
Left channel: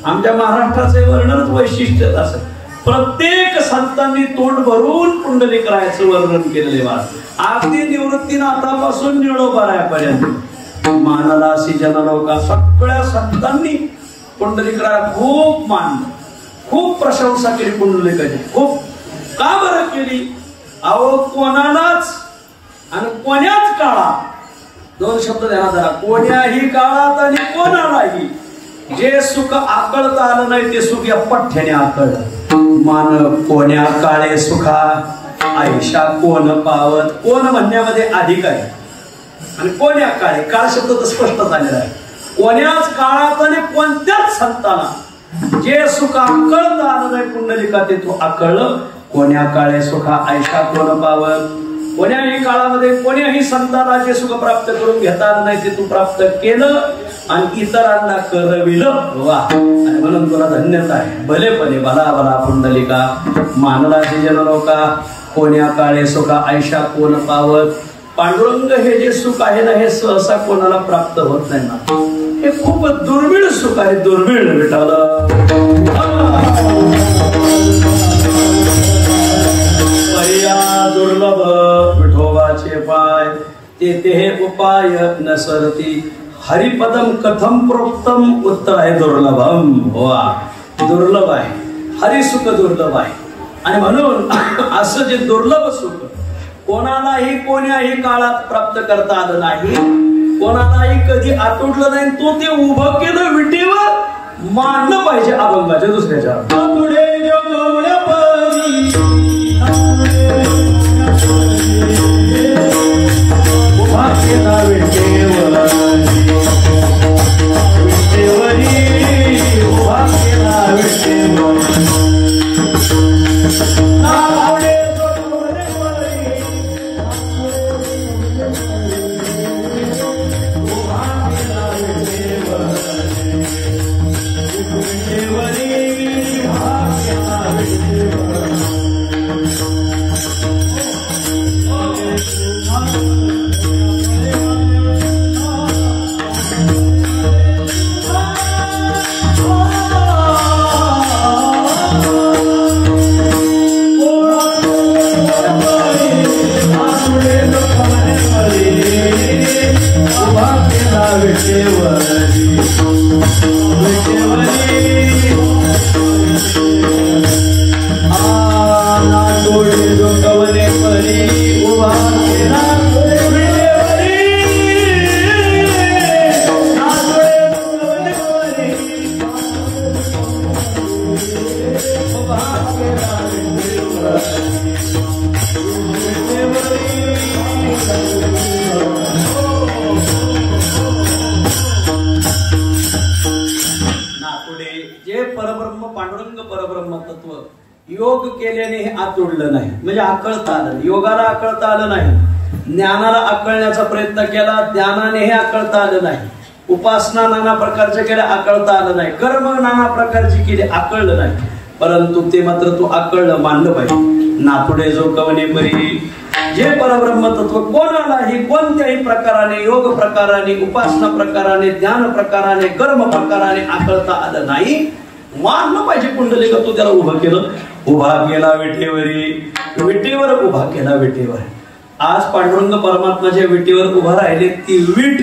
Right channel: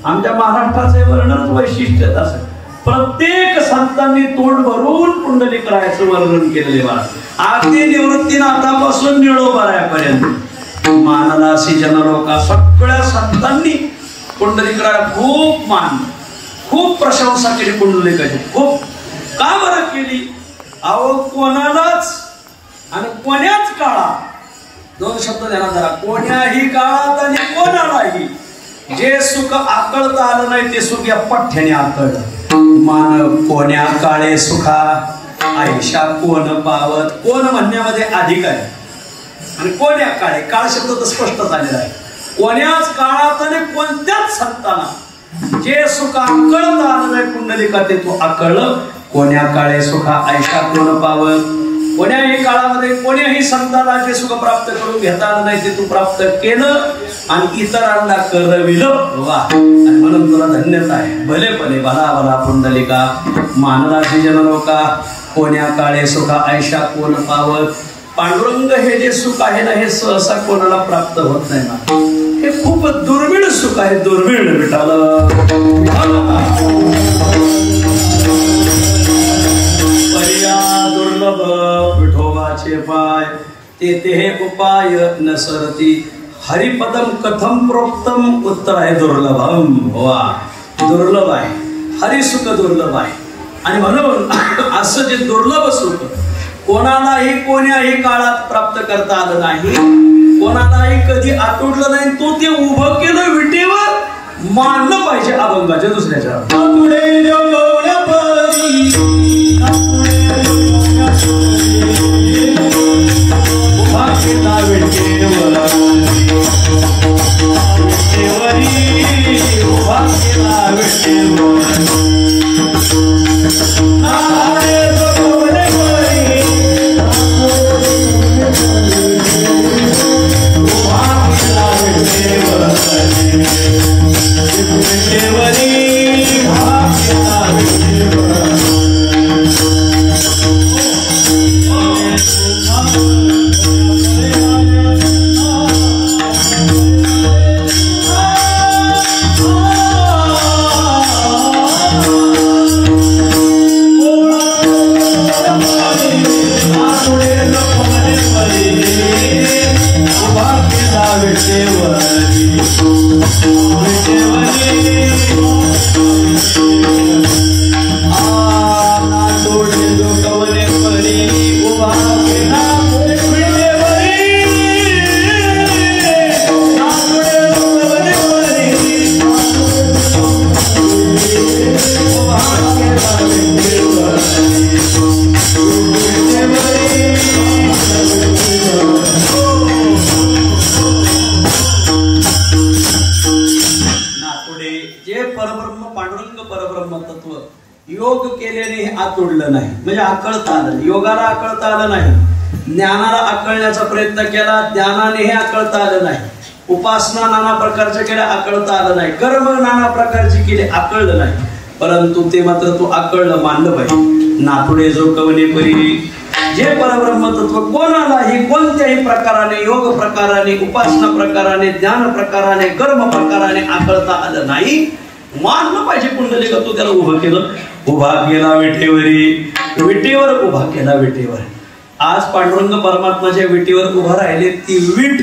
आमच्या महाराष्ट्राचे वर्णनच वैशिष्ट्य असं. प्रत्येक संतांनी तोंड भरून पुंडलिकरायचं वर्णन केलेले बा. अगदी निवृत्तीनाथापासून निळोबारायापर्यंत मानलासी जनलोका. सगळ्या संतांनी पुंडलिकराय खूप मानलं, खूप प्रशंसा केली पुंडलिकाची. खूप का बरं केली? अहो कोणालाच आणि कोण्याच काळात, दोन शब्द ध्यानात धरा, कोण्याही काळात आणि कोणालाही जे सुख आकळता आलं नाही ते सुख या पठ्ठ्याने आकळलं. मान कोण्या काळे सुखा आयशा कोण पावत. कोण म्हणण्यामध्ये अधिक आहे आणि कोण्या काळे. काळ शब्द तर स्पष्ट झालेला आहे. कोण्याच काळात आणि कोणत्याच संताला जे सुख आकळत आलं नाही पुंडलिका ते तू आकळलं. कोण्या काळे सुखा आयशा कोण पावत. कोण्याही काळामध्ये कोण्याही संताला जे सुख प्राप्त करून घेता आलं नाही ते तू प्राप्त केलं आणि इतरांना करविलं. वा. आणि म्हणून तुला धन्यता आहे. भलेपणे भला भला पुंडलिका मानलासी जनलोका कोण्या काळे सुखा आयशा कोण पावत. पांडुरंग हे जे सुख आहे ना हे सहसा कोणाला प्राप्त होत नाही ना. हे खूप दुर्मिळ सुख आहे. दुर्मिळ विठाला दुर्लभ विठोबाचे पाय ते हे उपाय नसरती. हरिपदम कथम प्रोक्तम. उत्तर आहे दुर्लभम. वा. दुर्लभ आहे. हरिसुख दुर्लभ आहे. आणि म्हणून असं जे दुर्लभ सुख कोणालाही कोण्याही काळात प्राप्त करता आलं नाही, कोणालाही कधी आटोटलं नाही, तो ते उभं केलं विटेवर. मानलं पाहिजे अभंगाच्या दुसऱ्याच्या. योग केल्याने हे आतुडलं नाही, म्हणजे आकळता आलं. योगाला आकळता आलं नाही, ज्ञानाला आकळण्याचा प्रयत्न केला, ज्ञानाने हे आकळता आलं नाही. उपासना नाना प्रकारचे केल्या, आकळता आलं नाही. कर्म नाना प्रकारची केली, आकळलं नाही. परंतु ते मात्र तू आकळलं, मानलं पाहिजे. नाथुडे जो कवने परी जे परब्रह्म तत्व कोणालाही कोणत्याही प्रकाराने, योग प्रकाराने, उपासना प्रकाराने, ज्ञान प्रकाराने, कर्म प्रकाराने आकळता आलं नाही. मानलं पाहिजे पुंडलिका. तो त्याला उभं केलं, उभा केला विटेवरी, विटेवर उभा केला विटेवर. आज पांडुरंग परमात्माच्या विटेवर उभा राहिले. ती विट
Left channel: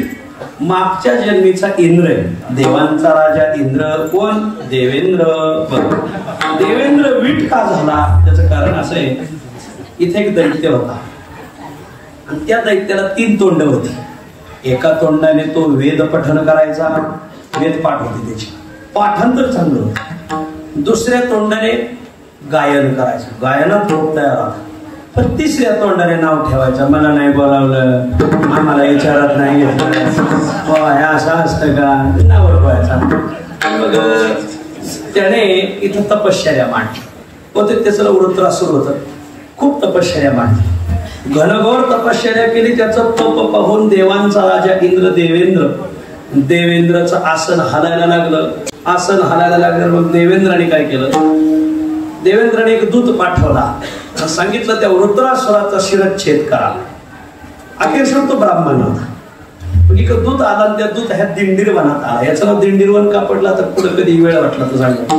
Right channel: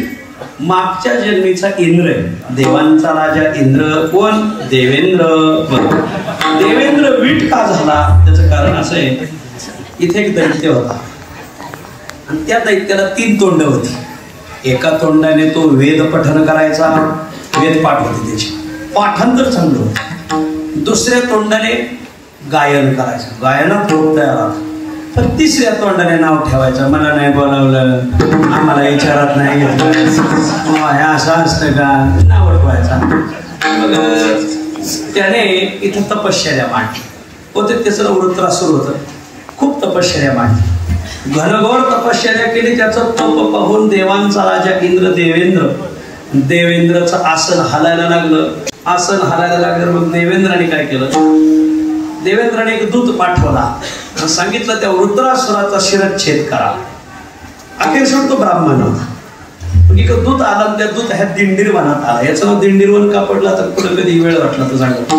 मागच्या जन्मीचा इंद्र आहे, देवांचा राजा इंद्र. कोण? देवेंद्र. देवेंद्र विट का झाला त्याचं कारण असं आहे, इथे एक दैत्य होता आणि त्या दैत्याला 3 तोंड होती. एका तोंडाने तो वेद पठन करायचा, वेद पाठ होते त्याची, पाठांतर चांगलं होतं. दुसऱ्या तोंडाने गायन करायचं, गायनात होत तयार. तर तिसऱ्या तोंडाने नाव ठेवायचं, मला नाही बोलावलं, आम्हाला विचारत नाही, हे असं असतं का, नाव ठेवायचा. मग त्याने इथं तपश्चर्या मांडली होते. त्याचं वृत्रासुर होतं, खूप तपश्चर्या मांडली, घनघोर तपश्चर्या केली. त्याचं तप पाहून देवांचा राजा इंद्र देवेंद्रचं आसन हलायला लागलं. आसन हलायला लागलं. मग देवेंद्राने काय केलं, देवेंद्राने एक दूत पाठवला, सांगितलं त्या वृत्रासुराचा शिरच्छेद करा. अखेर तो ब्राह्मण होता. एक दूत आला, त्या दूत ह्या दिंडीरवनात आला. याचं नाव दिंडीरवन का पडला तर पुढे कधी वेळ वाटला तर सांगा.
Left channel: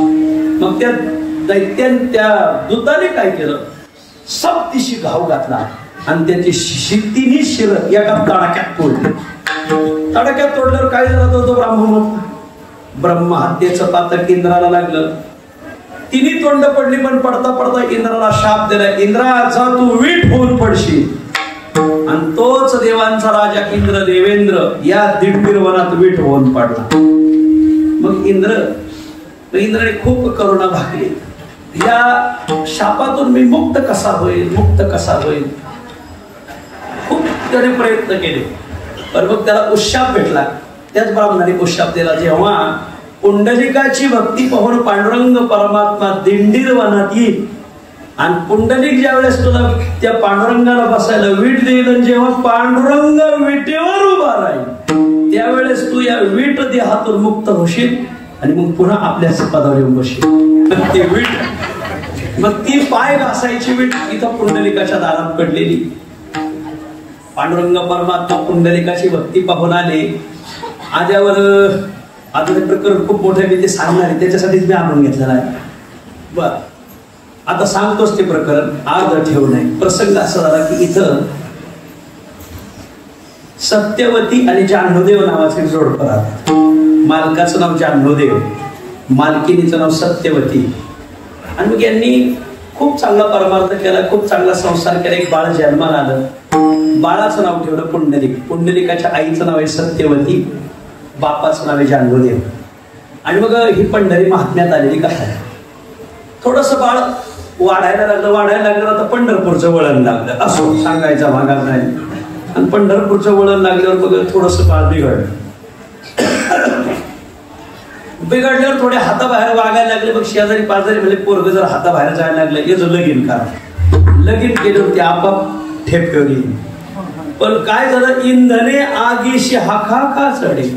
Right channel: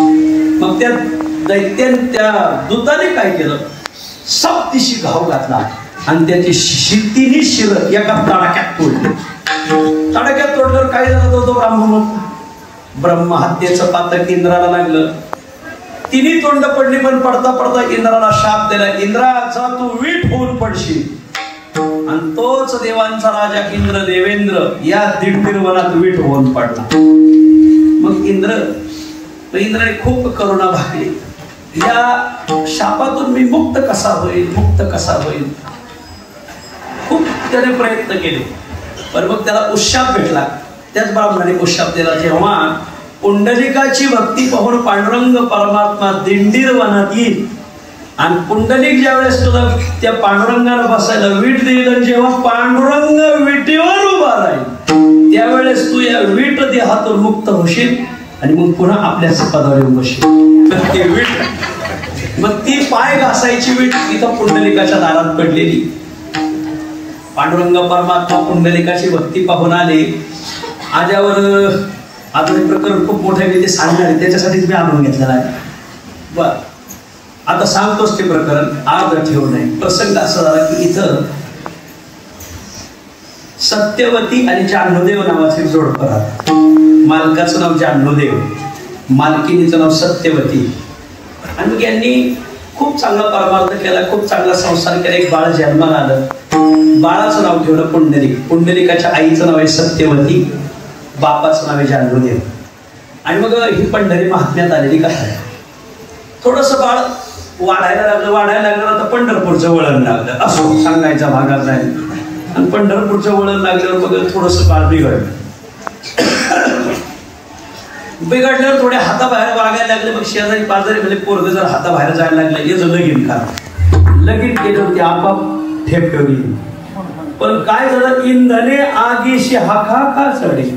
मग त्या दैत्याने, त्या दूताने काय केलं, सप्तिशी घाव घातला आणि त्याची 3 शिर एका तडाक्यात तोडली. तडाक्यात तोडल्यावर काय झालं होतं, ब्राह्मण ब्रह्महत्येचं पातक इंद्राला लागलं. 3 तोंड पडली, पण पडता पडता इंद्राला शाप दिला, इंद्राचा तू वीट होऊन पडशील. आणि तोच देवांचा राजा इंद्र देवेंद्र या दिंडीरवनात वीट होऊन पडला. मग इंद्राने खूप करुणा भागली, या शापातून मी मुक्त कसा होईल, मुक्त कसा होईल. खूप त्याने प्रयत्न केले, पण मग त्याला उशाप भेटला. त्याच ब्राह्मणाने उशाप दिला, जेव्हा पुंडलिकाची भक्ती पाहून पांडुरंग परमात्मा दिंडीरवनात येईल आणि पुंडलिक ज्या वेळेस तुला त्या पांडुरंगाला बसायला वीट देईल, जेव्हा पांडुरंग विटेवर उभा राहील त्यावेळेस तू या वीट देहातून मुक्त होशील आणि मग पुन्हा आपल्याच पदावर येऊन बसशील. मग ती पाय घासायची वीट इथं पुंडलिकाच्या दारात पडलेली. पांडुरंग परमात्मा पुंडलिकाची भक्ती पाहून आले. आल्यावर आता ते प्रकरण खूप मोठे मी ते सांगणार आहे, त्याच्यासाठीच मी आणून घेतलेला आहे. बर, आता सांगतोच ते प्रकरण, आज ठेवू नये. प्रसंग असा झाला की इथं सत्यवती आणि जान्हवदेव नावाचे जोडपं राहतात. मालकाचं नाव जान्हवदेव, मालकिनीचं नाव सत्यवती. आणि मग यांनी खूप चांगला परमार्थ केला, खूप चांगला संसार केला. एक बाळ जन्माला आलं, बाळाचं नाव ठेवलं पुंडलिक. पुंडलिकाच्या आईचं नाव आहे सत्यवती, बापाचं नाव आहे जान्हवदेव. आणि मग ही पंढरी महात्म्यात आलेली कथा आहे. थोडस बाळ वाढायला लागलं आता पंढरपूरचं वळण लागलं, असो सांगायचा भागात नाही. आणि पंढरपूरचं वळण लागल्यावर मग थोडस बाळ बिघडल्यावर थोडे हाताबाहेर वागायला लागले. मग शेजारी पाजारी म्हणजे पोरग जर हाताबाहेर जायला लागले, याचं लगीन करा. लगीन केल्यावर ते आपाप ठेप गेली. पण काय झालं, इंधने आगीशी हाका चढे.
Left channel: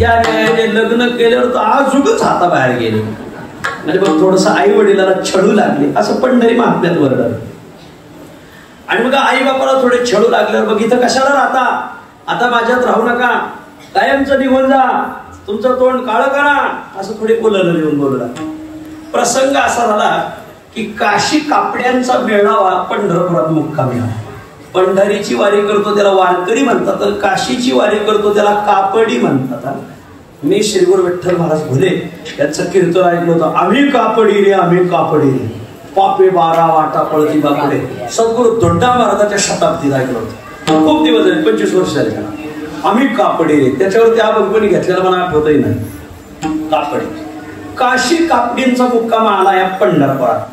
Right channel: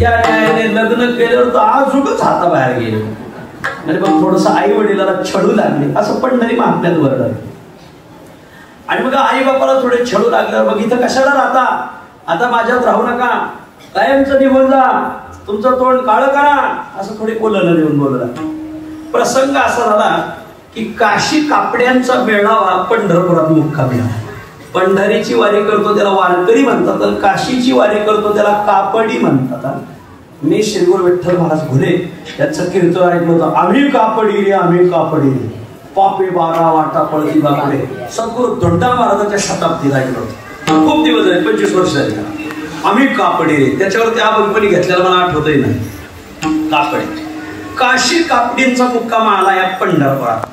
या न्यायाने लग्न केल्यावर तर आजूकच हाताबाहेर गेले. म्हणजे मग थोडस आई वडिलाला छळू लागले, असं पंढरी महात्म्यात वर्णन. आणि मग आई बापाला थोडे छळू लागल्यावर, मग इथं कशाला राहता, आता माझ्यात राहू नका, कायमचं निघून जा, तुमचं तोंड काळं करा, असं थोडी बोलायला नेऊन बोलला. प्रसंग असा झाला की काशी कापड्यांचा मेळावा पंढरपुरात मुक्कामी. पंढरीची वारी करतो त्याला वारकरी म्हणतात, तर काशीची वारी करतो त्याला कापडी म्हणतात. मी श्रीगुर विठ्ठल महाराज घुले याचं कीर्तन ऐकलं होतं, आम्ही कापडी रे, आम्ही कापडी रे, पापे 12 वाटा पळती बापुडे. सद्गुरू धोंडा महाराजाच्या शताब्दीत ऐकलं होतं, खूप दिवस झाले, 25 वर्ष झाले. आम्ही कापडी रे, त्याच्यावरती अभंगपणी घेतलेला मला आठवतही नाही. कापडी, काशी कापडींचा मुक्काम आला या पंढरपुरात.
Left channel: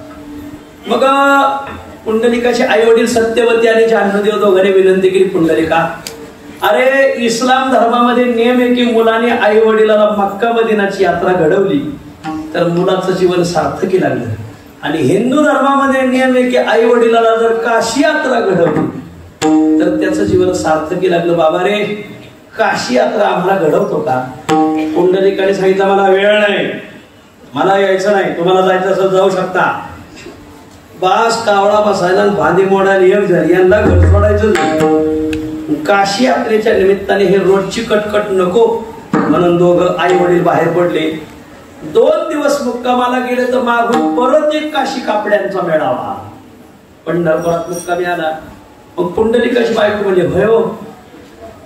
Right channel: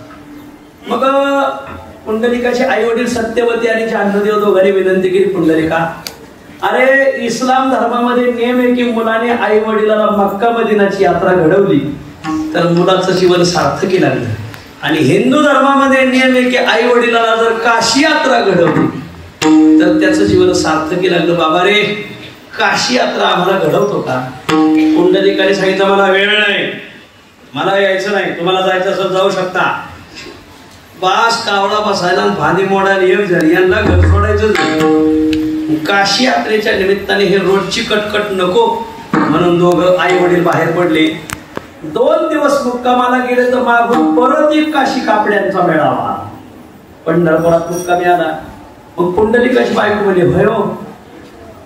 मग पुंडलिकाचे आई वडील सत्यवती आणि जान्हवदेव दोघांनी विनंती केली, पुंडलिका अरे इस्लाम धर्मामध्ये नियम आहे की मुलाने आई वडिलाला मक्का मदिनाची यात्रा घडवली तर मुलाचं जीवन सार्थकी लागलं. आणि हिंदू धर्मामध्ये नियम आहे की आई वडिलाला जर काशी यात्रा घडवली तर त्याचं जीवन सार्थकी लागलं. बाबा रे, काशी यात्रा आम्हाला घडवतो का? पुंडलिकाने सांगितलं, मला वेळ नाही, मला यायचं नाही, तुम्हाला जायचं असं जाऊ शकता. बास कावळा बसायला भांडी मोडायला एक झाली, यांना घर सोडायचं. काशी यात्रेच्या निमित्ताने हे रोजची कटकट नको म्हणून दोघं आई वडील बाहेर पडले. 2 दिवस मुक्कामाला गेले तर मागून परत एक काशी कापड्यांचा मेळावा. पंढरपुरात मुक्कामी आला. मग पुंडलिकाची बायको म्हणजे भयो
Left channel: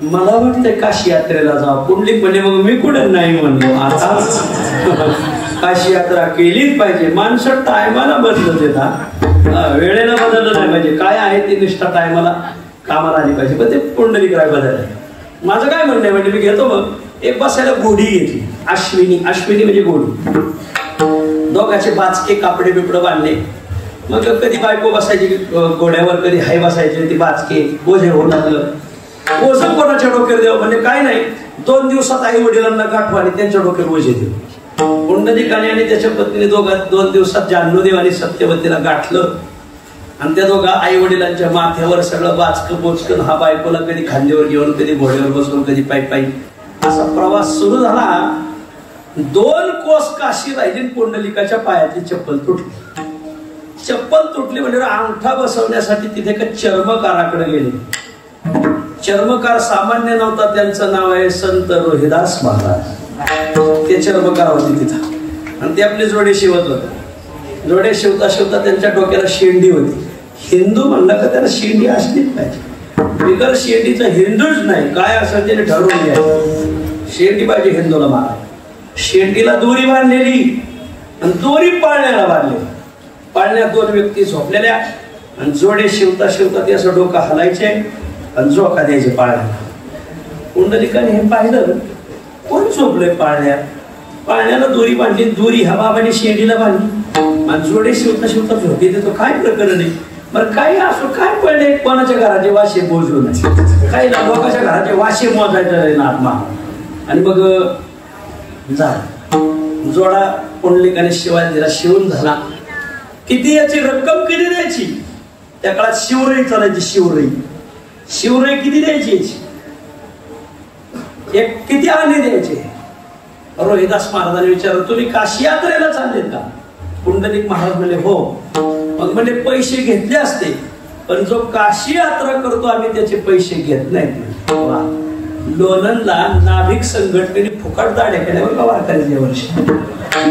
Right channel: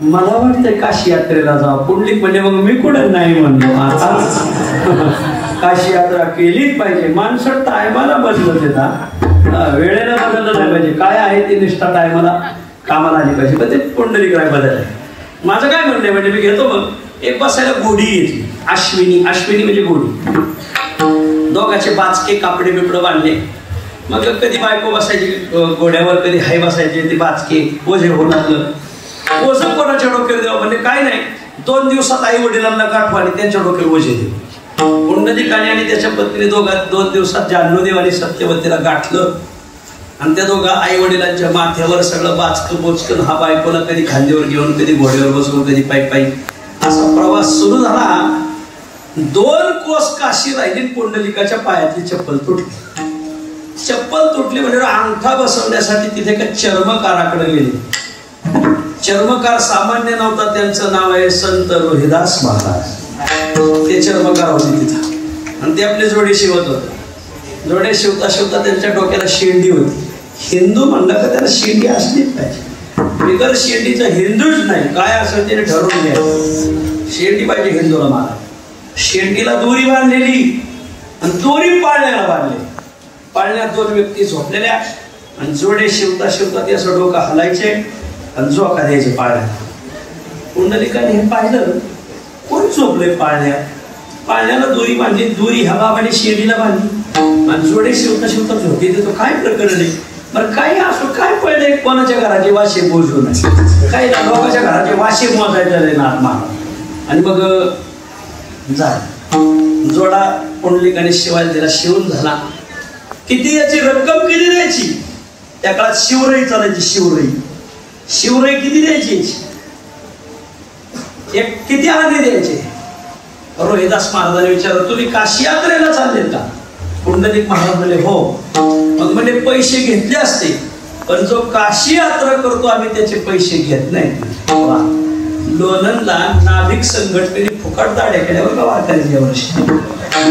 मला वाटतंय काशी यात्रेला जा. पुंडलिक म्हणजे मग मी कुठे नाही म्हणलो. आता काशी यात्रा केलीच पाहिजे. माणसं टायमाला बदलत येतात, वेळेला बदललं नाही पाहिजे. काय आहे ती निष्ठा टायमाला कामाला आली पाहिजे. पण ते पुंडलिक राय बदल आहे. माझं काय म्हणणं म्हणजे मी घेतो मग एक बसायला घोडी येते अश्विनी. अश्विनी म्हणजे घोडी. दोघाचे बाचके कापडे बिपडे बांधले. मग कधी बायको बसायची घोड्यावर, कधी हाय बसायचे. ते बाचके ओझे होऊ लागलं. ओझं कोणाच्या डोक्यावर द्यावं म्हणजे काय नाही. 2 दिवसात आई वडिलांना गाठवा आणि त्यांच्या डोक्यावर ओझे देऊ. पुंडलिकाने आणि त्याच्या पत्नी 2 दिवसात जान्हवीदेव आणि सत्यवतीला गाठलं. आणि त्या दोघा आई वडिलांच्या माथ्यावर सगळं बाचकं बोचकन हा बायकोला कधी खांद्यावर घेऊन, कधी घोड्यावर बसवून, कधी पायी पायी असा प्रवास सुरू झाला. 2 कोस काशी राहिली. पुंडलिकाच्या पायातली चप्पल तुटली. चप्पल तुटली म्हणजे अंगठा बसवण्यासाठी तिथे का चर्मकाराकडे गेले. चर्मकार सामान्य नव्हता. त्यांचं नाव आहे संत रोहिदास महाराज. ते चर्मकार होते तिथं आणि ते आपले जोडे शिवत होते. जोडे शिवता शिवता त्यांच्या डोक्याला शेंडी होती. हिंदू म्हणलं का त्याला शेंडी असलीच पाहिजे. बिगर शेंडीचं हिंदूच नाही. काय असं त्याने ठरवून घ्यायचं. शेंडी पाहिजे हिंदूला महाराज. शेंडीला दोरी बांधलेली आणि दोरी पाळण्याला बांधलेली. पाळण्यात 2 व्यक्ती झोपलेल्या आणि जोडे शिवता शिवता ते असं डोकं हलायचे आणि झोका द्यायचे पाळण्यात. पुंडलिकाने हे पाहिलं. कोण झोपलंय पाळण्यात. पाळण्याला दोरी बांधली. दोरी हवा आणि शेंडीला बांधली आणि जोडे शिवता शिवता झोपे देतो. काय प्रकरण आहे. बरं काही असो काय पहिले कोणाच्या घराचे वाशे मोजू नये. काही लोकांच्या घराचे वाशे मोजायचं नाही ना आत्मा. आणि मग जोडा पुंडलिकाने शिवाय दिला. शिवून झाला. किती याची रक्कम किती द्यायची. त्या काळात शिवराई चालायची. शिवराई किती द्यायची. एक किती आणे द्यायचे. रोहिदास महाराजांनी विचारलं तुम्ही काशी यात्रेला चाललेत का. पुंडलिक महाराज म्हणले हो. मग म्हणजे पैसे घेतले असते पण जो काशी यात्रा करतो आम्ही त्याचे पैसे घेत नाही. लोणंदला नाभिक संघटनेने फुकट दाड्या केल्या बघा वारकऱ्याच्या वर्षी.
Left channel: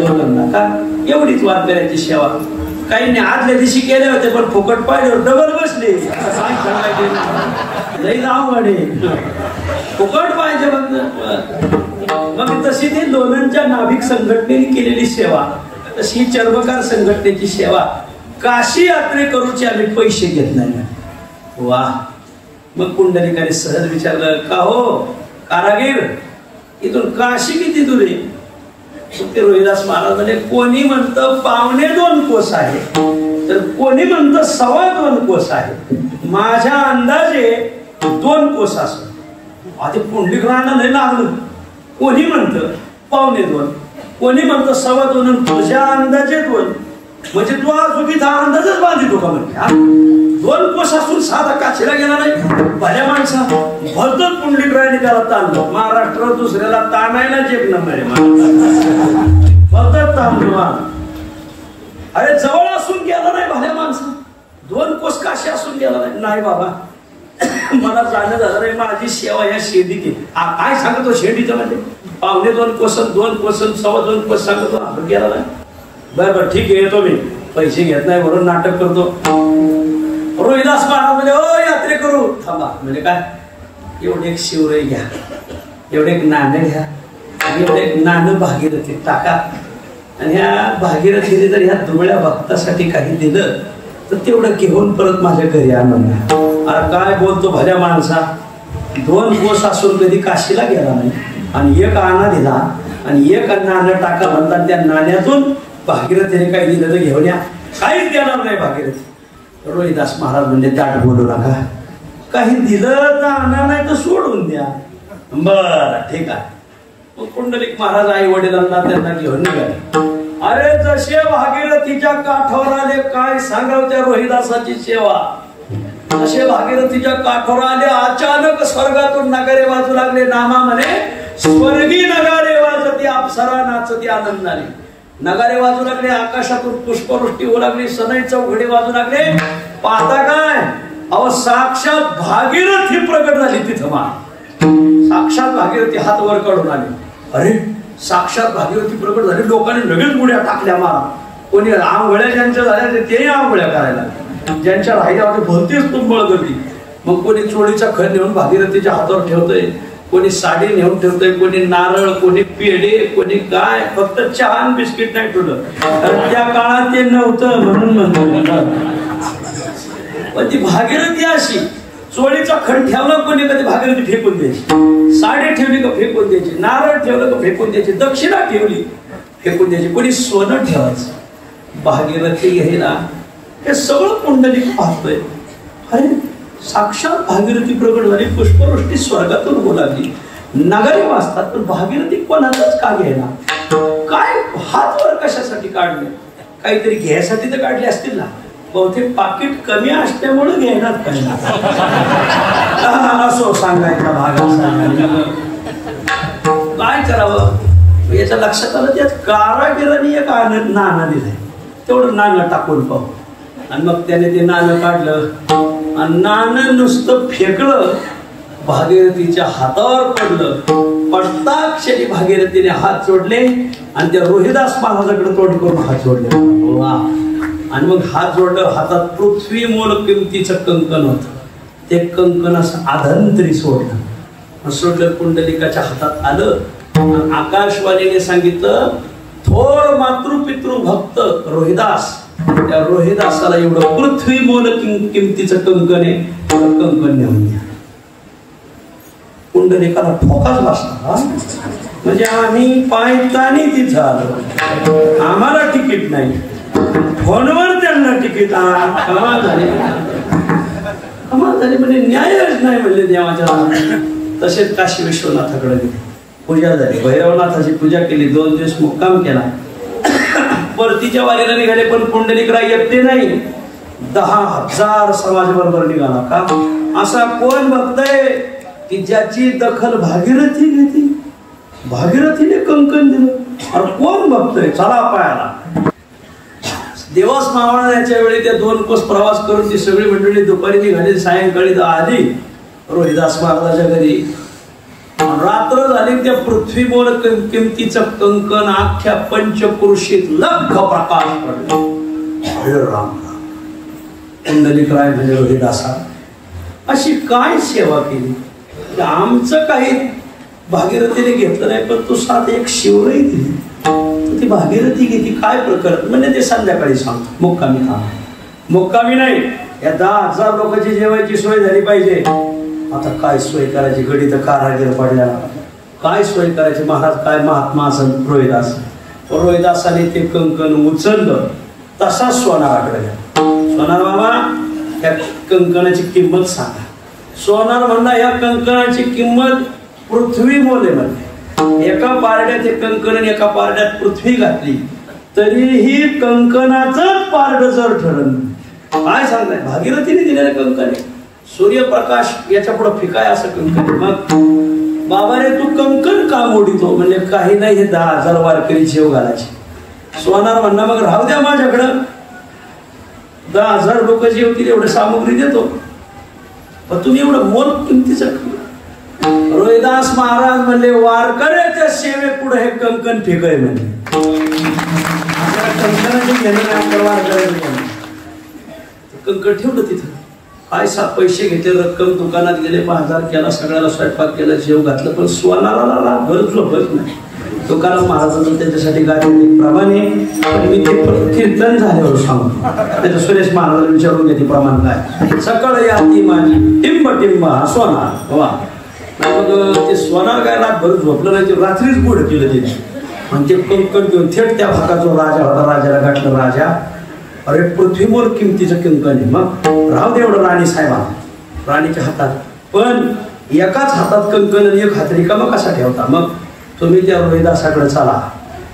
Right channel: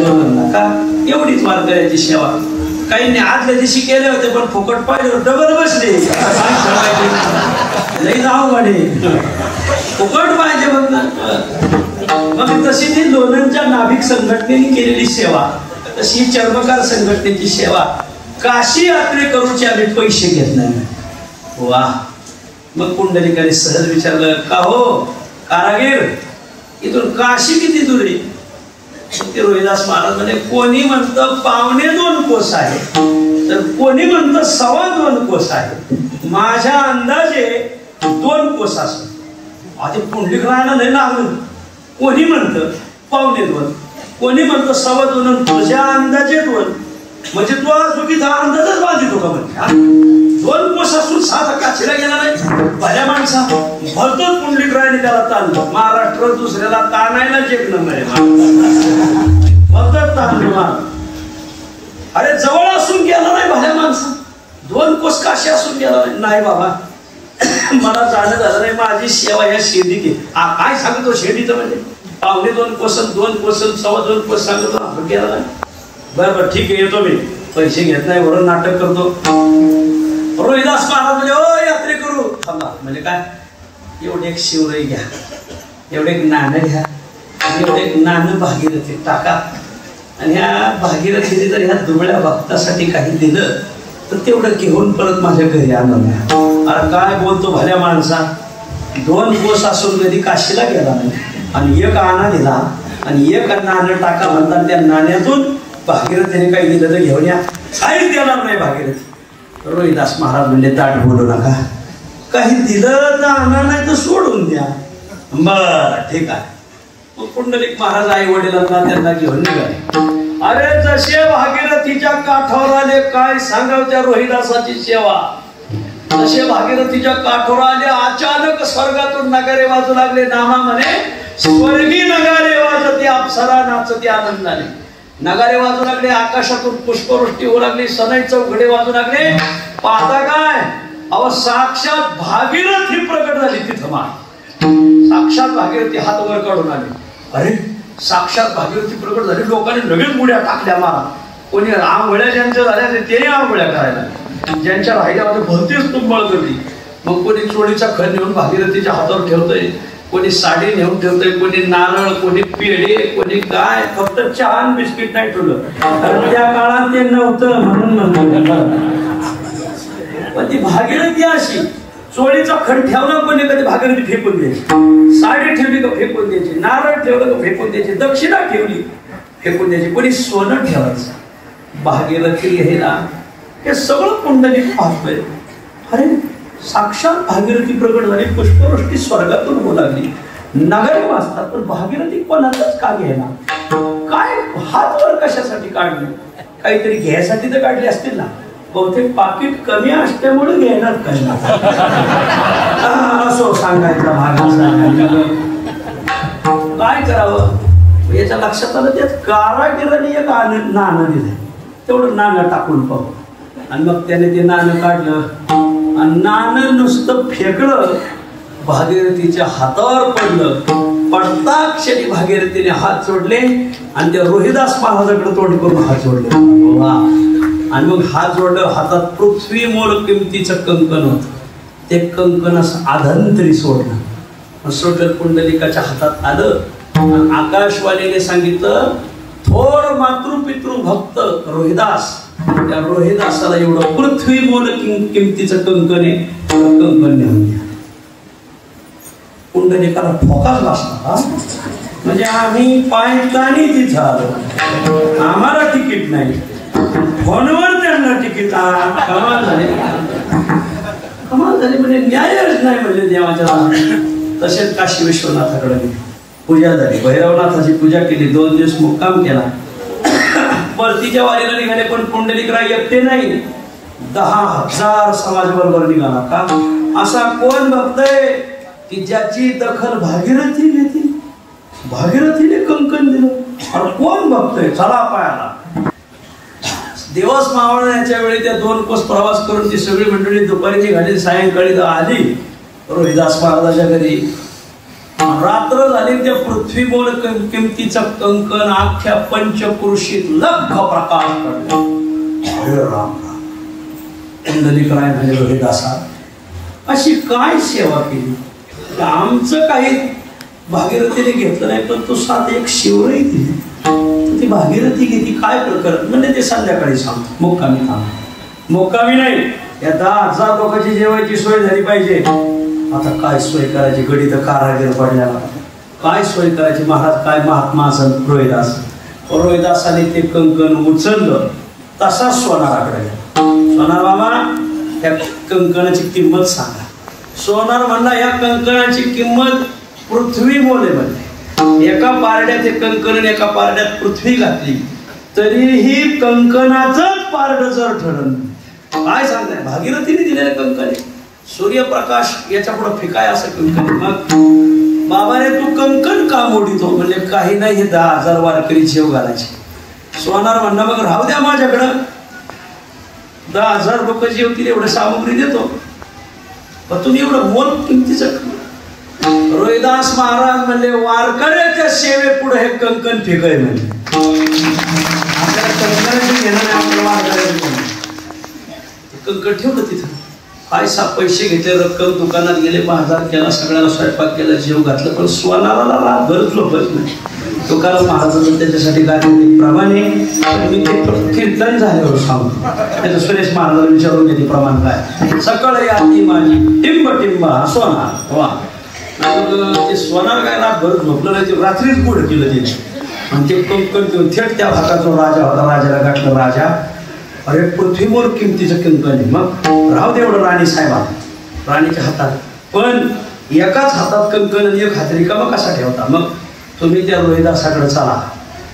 लोणंदला का एवढीच वारकऱ्याची सेवा. काहींनी आदल्या दिवशी केल्या होत्या पण फुकट पाहिजे डबल बसले. लई जाऊ गाडी फुकट पाहिजे मग तशी ती लोणंदच्या नाभिक संघटनेने केलेली सेवा तशी चर्मकार संघटनेची सेवा. काशी यात्रे करूचे आम्ही पैसे घेत नाही. वा. मग पुंडलिकाने सहज विचारलं का हो कारागीर इथून काशी किती दूर आहे. ते रोहिदास महाराज म्हणजे कोणी म्हणतं 2.25 कोस आहे तर कोणी म्हणतं 2.25 कोस आहे. माझ्या अंदाजे 2 कोस असत. आधी पुंडलिकाला लय लागलं. कोणी म्हणतं 2.25 कोणी म्हणतं 2.25 तुझ्या अंदाजे 2 म्हणजे तू चुकीचा अंदाजच बांधितो का म्हणजे 2 कोस असून साधा काशीला गेला नाही. भल्या माणसा भरतच पुंडलिकरायने त्याला ताणलं. महाराष्ट्र दुसऱ्याला ताणायला चेक नंबर भरतच ताणलं. अरे जवळ असून गेला नाही भल्या माणसा. 2 कोस काशी असून गेला नाही बाबा मला जाणं झालं नाही. माझी सेवा या शेंडीची काय सांगतो. शेंडीचं म्हणजे 2.25 कोस 2 कोस 2.25 कोस सांगतो. आपण गेला नाही. बरं ठीक आहे येतो मी. पैसे घेत नाही म्हणून नाटक करतो. रोहिदास महाराज म्हणजे ओ यात्रे करू थांबा. म्हणजे काय एवढे एक शिवराई घ्या, एवढे एक नाणं घ्या, एवढे एक नाणं भागीरथी टाका आणि ह्या भागीरथीने जर ह्या दुबळ्या भक्तासाठी काही दिलं तर तेवढं घेऊन परत माझ्या घरी आणून. अरे काय बोलतो भल्या माणसा. 2 कोस असून कधी काशीला गेला नाही आणि एक आणा दिला आणि एक नाणं टाका म्हणतात. त्या नाण्यातून भागीरथीने काही दिलं तर घेऊन या. काहीच देणार नाही भागीरथी. रोहिदास महाराज म्हणजे ताट बोलू नका. काही दिलं तर आणा नाही तर सोडून द्या. बर ठीक आहे. मग पुंडलिक महाराज आई वडिलांना त्यांना घेऊन निघाले. अरे जसे भागीरथीच्या काठावर आले काय सांगाव त्या रोहिदासाची सेवा. जसे भागीरथीच्या काठावर आले अचानक स्वर्गातून नगारे वाजू लागले. नामा म्हणे स्वर्गी नगारे वाजती अप्सरा नाचती आनंदाने. नगारे वाजू लागले. आकाशातून पुष्पवृष्टी होऊ लागली. सनई चौघडे वाजू लागले. पाहता काय अहो साक्षात भागीरथी प्रकट झाली तिथं. साक्षात भागीरथी हात वर काढून आले. अरे साक्षात भागीरथी प्रकट झाली. लोकांनी लगेच उड्या टाकल्या मारा. कोणी आंघोळ्या ज्यांच्या झाल्या तेही आंघोळ्या करायला, ज्यांच्या राहिल्या होत्या भरतीच कुंभळ करली. मग कोणी चोळीचा खण नेऊन भागीरथीच्या हातावर ठेवतोय, कोणी साडी नेऊन ठेवतोय, कोणी नारळ, कोणी पेढे, कोणी काय. फक्त चहा आणि बिस्किट नाही ठेवलं, कारण त्या काळात ते नव्हतं म्हणून म्हणतो. पण ती भागीरथी अशी चोळीचा खण ठेवला, कोणी कधी भागीरथी फेकून द्यायची, साडी ठेवली का फेकून द्यायची, नारळ ठेवलं का फेकून द्यायची, दक्षिणा ठेवली फेकून द्यायची, कोणी सोनं ठेवायचं. भागीरथी घ्यायला हे सगळं पुंडलिक पाहतोय. अरे साक्षात भागीरथी प्रकट झाली, पुष्पवृष्टी स्वर्गातून होऊ लागली, नगरी वाचतात, पण भागीरथी कोणालाच का घ्यायला? काय हात वर कशासाठी काढले? काहीतरी घ्यायसाठी तर काढले असतील ना. बहुतेक पाकिट कमी असल्यामुळे घ्यायलाच काय असो सांगायचा भाग. काय करावं याच्या लक्षात आलं, त्यात कारागिरांनी एक नाणं दिलंय, तेवढं नाणं टाकून पाहू. आणि मग त्याने ते नाणं काढलं आणि नाणं नुसतं फेकलं, भागीरथीच्या हातावर पडलं. पडताक्षणी भागीरथीने हात जोडले आणि त्या रोहिदास महाराजाकडे तोंड करून हात जोडले. वा. आणि मग हात जोडल्यावर हातात पृथ्वी मोल किमतीचं कंकण होत. ते कंकण असं आधंतरी सोडलं, कुंडलिकाच्या हातात आलं. आकाशवाणीने सांगितलं, थोर मातृपितृ भक्त रोहिदास, त्या रोहिदासाला एवढं पृथ्वी मोल किमतीचं कंकण आहे, कंकण नेऊन द्या. कुंडलिकाला ठोकाच बसला. म्हणजे आम्ही पायतानी तिथं आलो, आम्हाला तिकीट नाही, फोनवर त्यांना तिकीट. कमाल झाली, कमाल झाली. म्हणजे न्यायच नाही म्हणले देवाच्या. तसेच काशी विश्वनाथाकडे गेले, पूजा झाली, भैरवनाथाची पूजा केली, 2 दिवस मुक्काम केला. परतीच्या वारीला निघाले, पण पुंडलिकराय येते नाही. 10,000 समाज बरोबर निघाला. का असा कोण बघतय की ज्याची दखल भागीरथी घेते? भागीरथीने कंकण दिलं. अरे कोण बघतोय? चला पायाला. दिवस मावळण्याच्या वेळी ते 2 कोस प्रवास करून ती सगळी मंडळी दुपारी निघाली, सायंकाळी आली रोहिदास महाराजाच्या घरी. रात्र झाली, त्या पृथ्वी मोल किमतीचं कंकण अख्ख्या पंचक्रोशीत लख प्रकाश पडला. हरे राम. कुंडलिकराय म्हणजे रोहिदासा अशी काय सेवा केली? आमचं काही भागीरथीने घेतलं नाही, पण तू साथ एक शिवरही दिली, ती भागीरथी घेतली. काय प्रकरण म्हणजे ते संध्याकाळी सांगतो. मुक्कामी थांब. मुक्कामी नाही, या 10,000 लोकांची जेवायची सोय झाली पाहिजे. आता काय सोय करायची? गडी तर कारागीर पडल्या, काय सोय करायची? महाराज काय महात्मा असेल रोहिदास. रोहिदासाने ते कंकण उचललं, तसा सोनाराकडे गेला. सोनार बाबा, या कंकणाची किंमत सांगा. सोनार म्हणला, या कंकणाची किंमत पृथ्वी मोले म्हणजे. एका पारड्याचे कंकण आणि एका पारड्यात पृथ्वी घातली तरीही कंकणाचं पारड जर ठरलं. काय सांगताय? भागीरथीने दिलेलं कंकण आहे. सूर्यप्रकाश याच्या पुढे फिकाय असं कंकण. मग बाबा रे, तू कंकण का मोडीतो? म्हणजे काही नाही, हे 10,000 वारकरी जेव घालायचे. सोनार म्हणला, मग राहू द्या माझ्याकडं, 10,000 लोक जेवतील एवढं सामग्री देतो, पण तुम्ही एवढं मोल किमतीचं. रोहिदास महाराज म्हणले, वारकऱ्याच्या सेवे पुढे हे कंकण फेकाय म्हणजे. कंकण ठेवलं तिथं. काय पैसे घेतले, रक्कम दुकानात गेले, 5,000 केला, सगळ्याला स्वयंपाक केला, जेव घातलं, पण सोनाराला गरज झोपत नाही. तुकाराम महाराजांनी त्याच्यासाठी गाडी प्रमाणे मी ते कीर्तन झाल्यावर सांगतो. त्याचं सुरेश महाराजांना विचारून घेते प्रमाण काय. सकाळी आती माझी टिंब टिंब हा सोनार. वा. मग ते सोनार काय रातभर झोपलं नाही, ते रात्रीच पुढे केलं तिने. आणि ते कंकण घेऊन थेट त्या भागाचा राजा होता, राजाला गाठलं. राजा, अरे पृथ्वीवर किमतीचं कंकण आहे, मग राहू दे एवढं राणी साहेबा राणीच्या हातात. पण एकाच हातात कंकण आणि एक हात रिकामा कसा ठेवता? मग तुम्ही त्या रोहिदासाकडे चला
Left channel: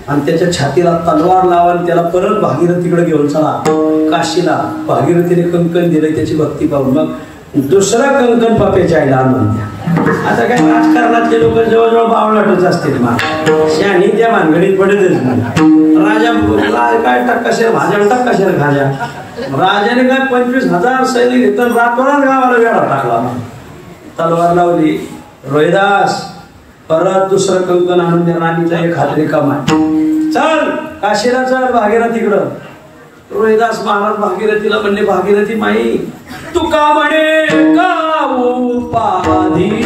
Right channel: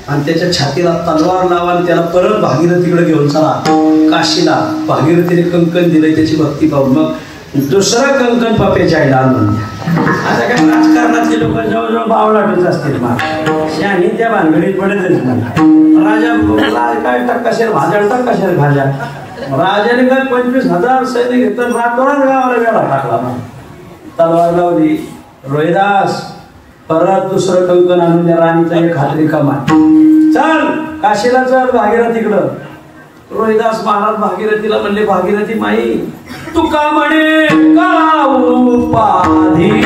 आणि त्याच्या छातीला तलवार लावा आणि त्याला परत भागीरथीकडे घेऊन चला काशीला. भागीरथीने कंकण दिले, त्याची भक्ती पाहून मग दुसरं कंकण पप्याच्या आईला आणून द्या. आता काय राजकारणातले लोक जवळजवळ बावळाटच असतील. शानी त्या भानगडीत पडतच नाही. राजा काय टक्काशेर भाज्या, टक्काशेर भाज्या. राजाने काय 25,000 सैनिक घेतलं, रातोरात गावाला वेळा टाकला. तलवार लावली. रोहिदास परत दुसरं कंकण आणून द्या राणीचा एक हात रिकामा चल काशीला चल भागीरथीकडं. रोहिदास महाराज भागीरथीला म्हणले भागीरथी माई तुका म्हणे का उपाधी वाढवली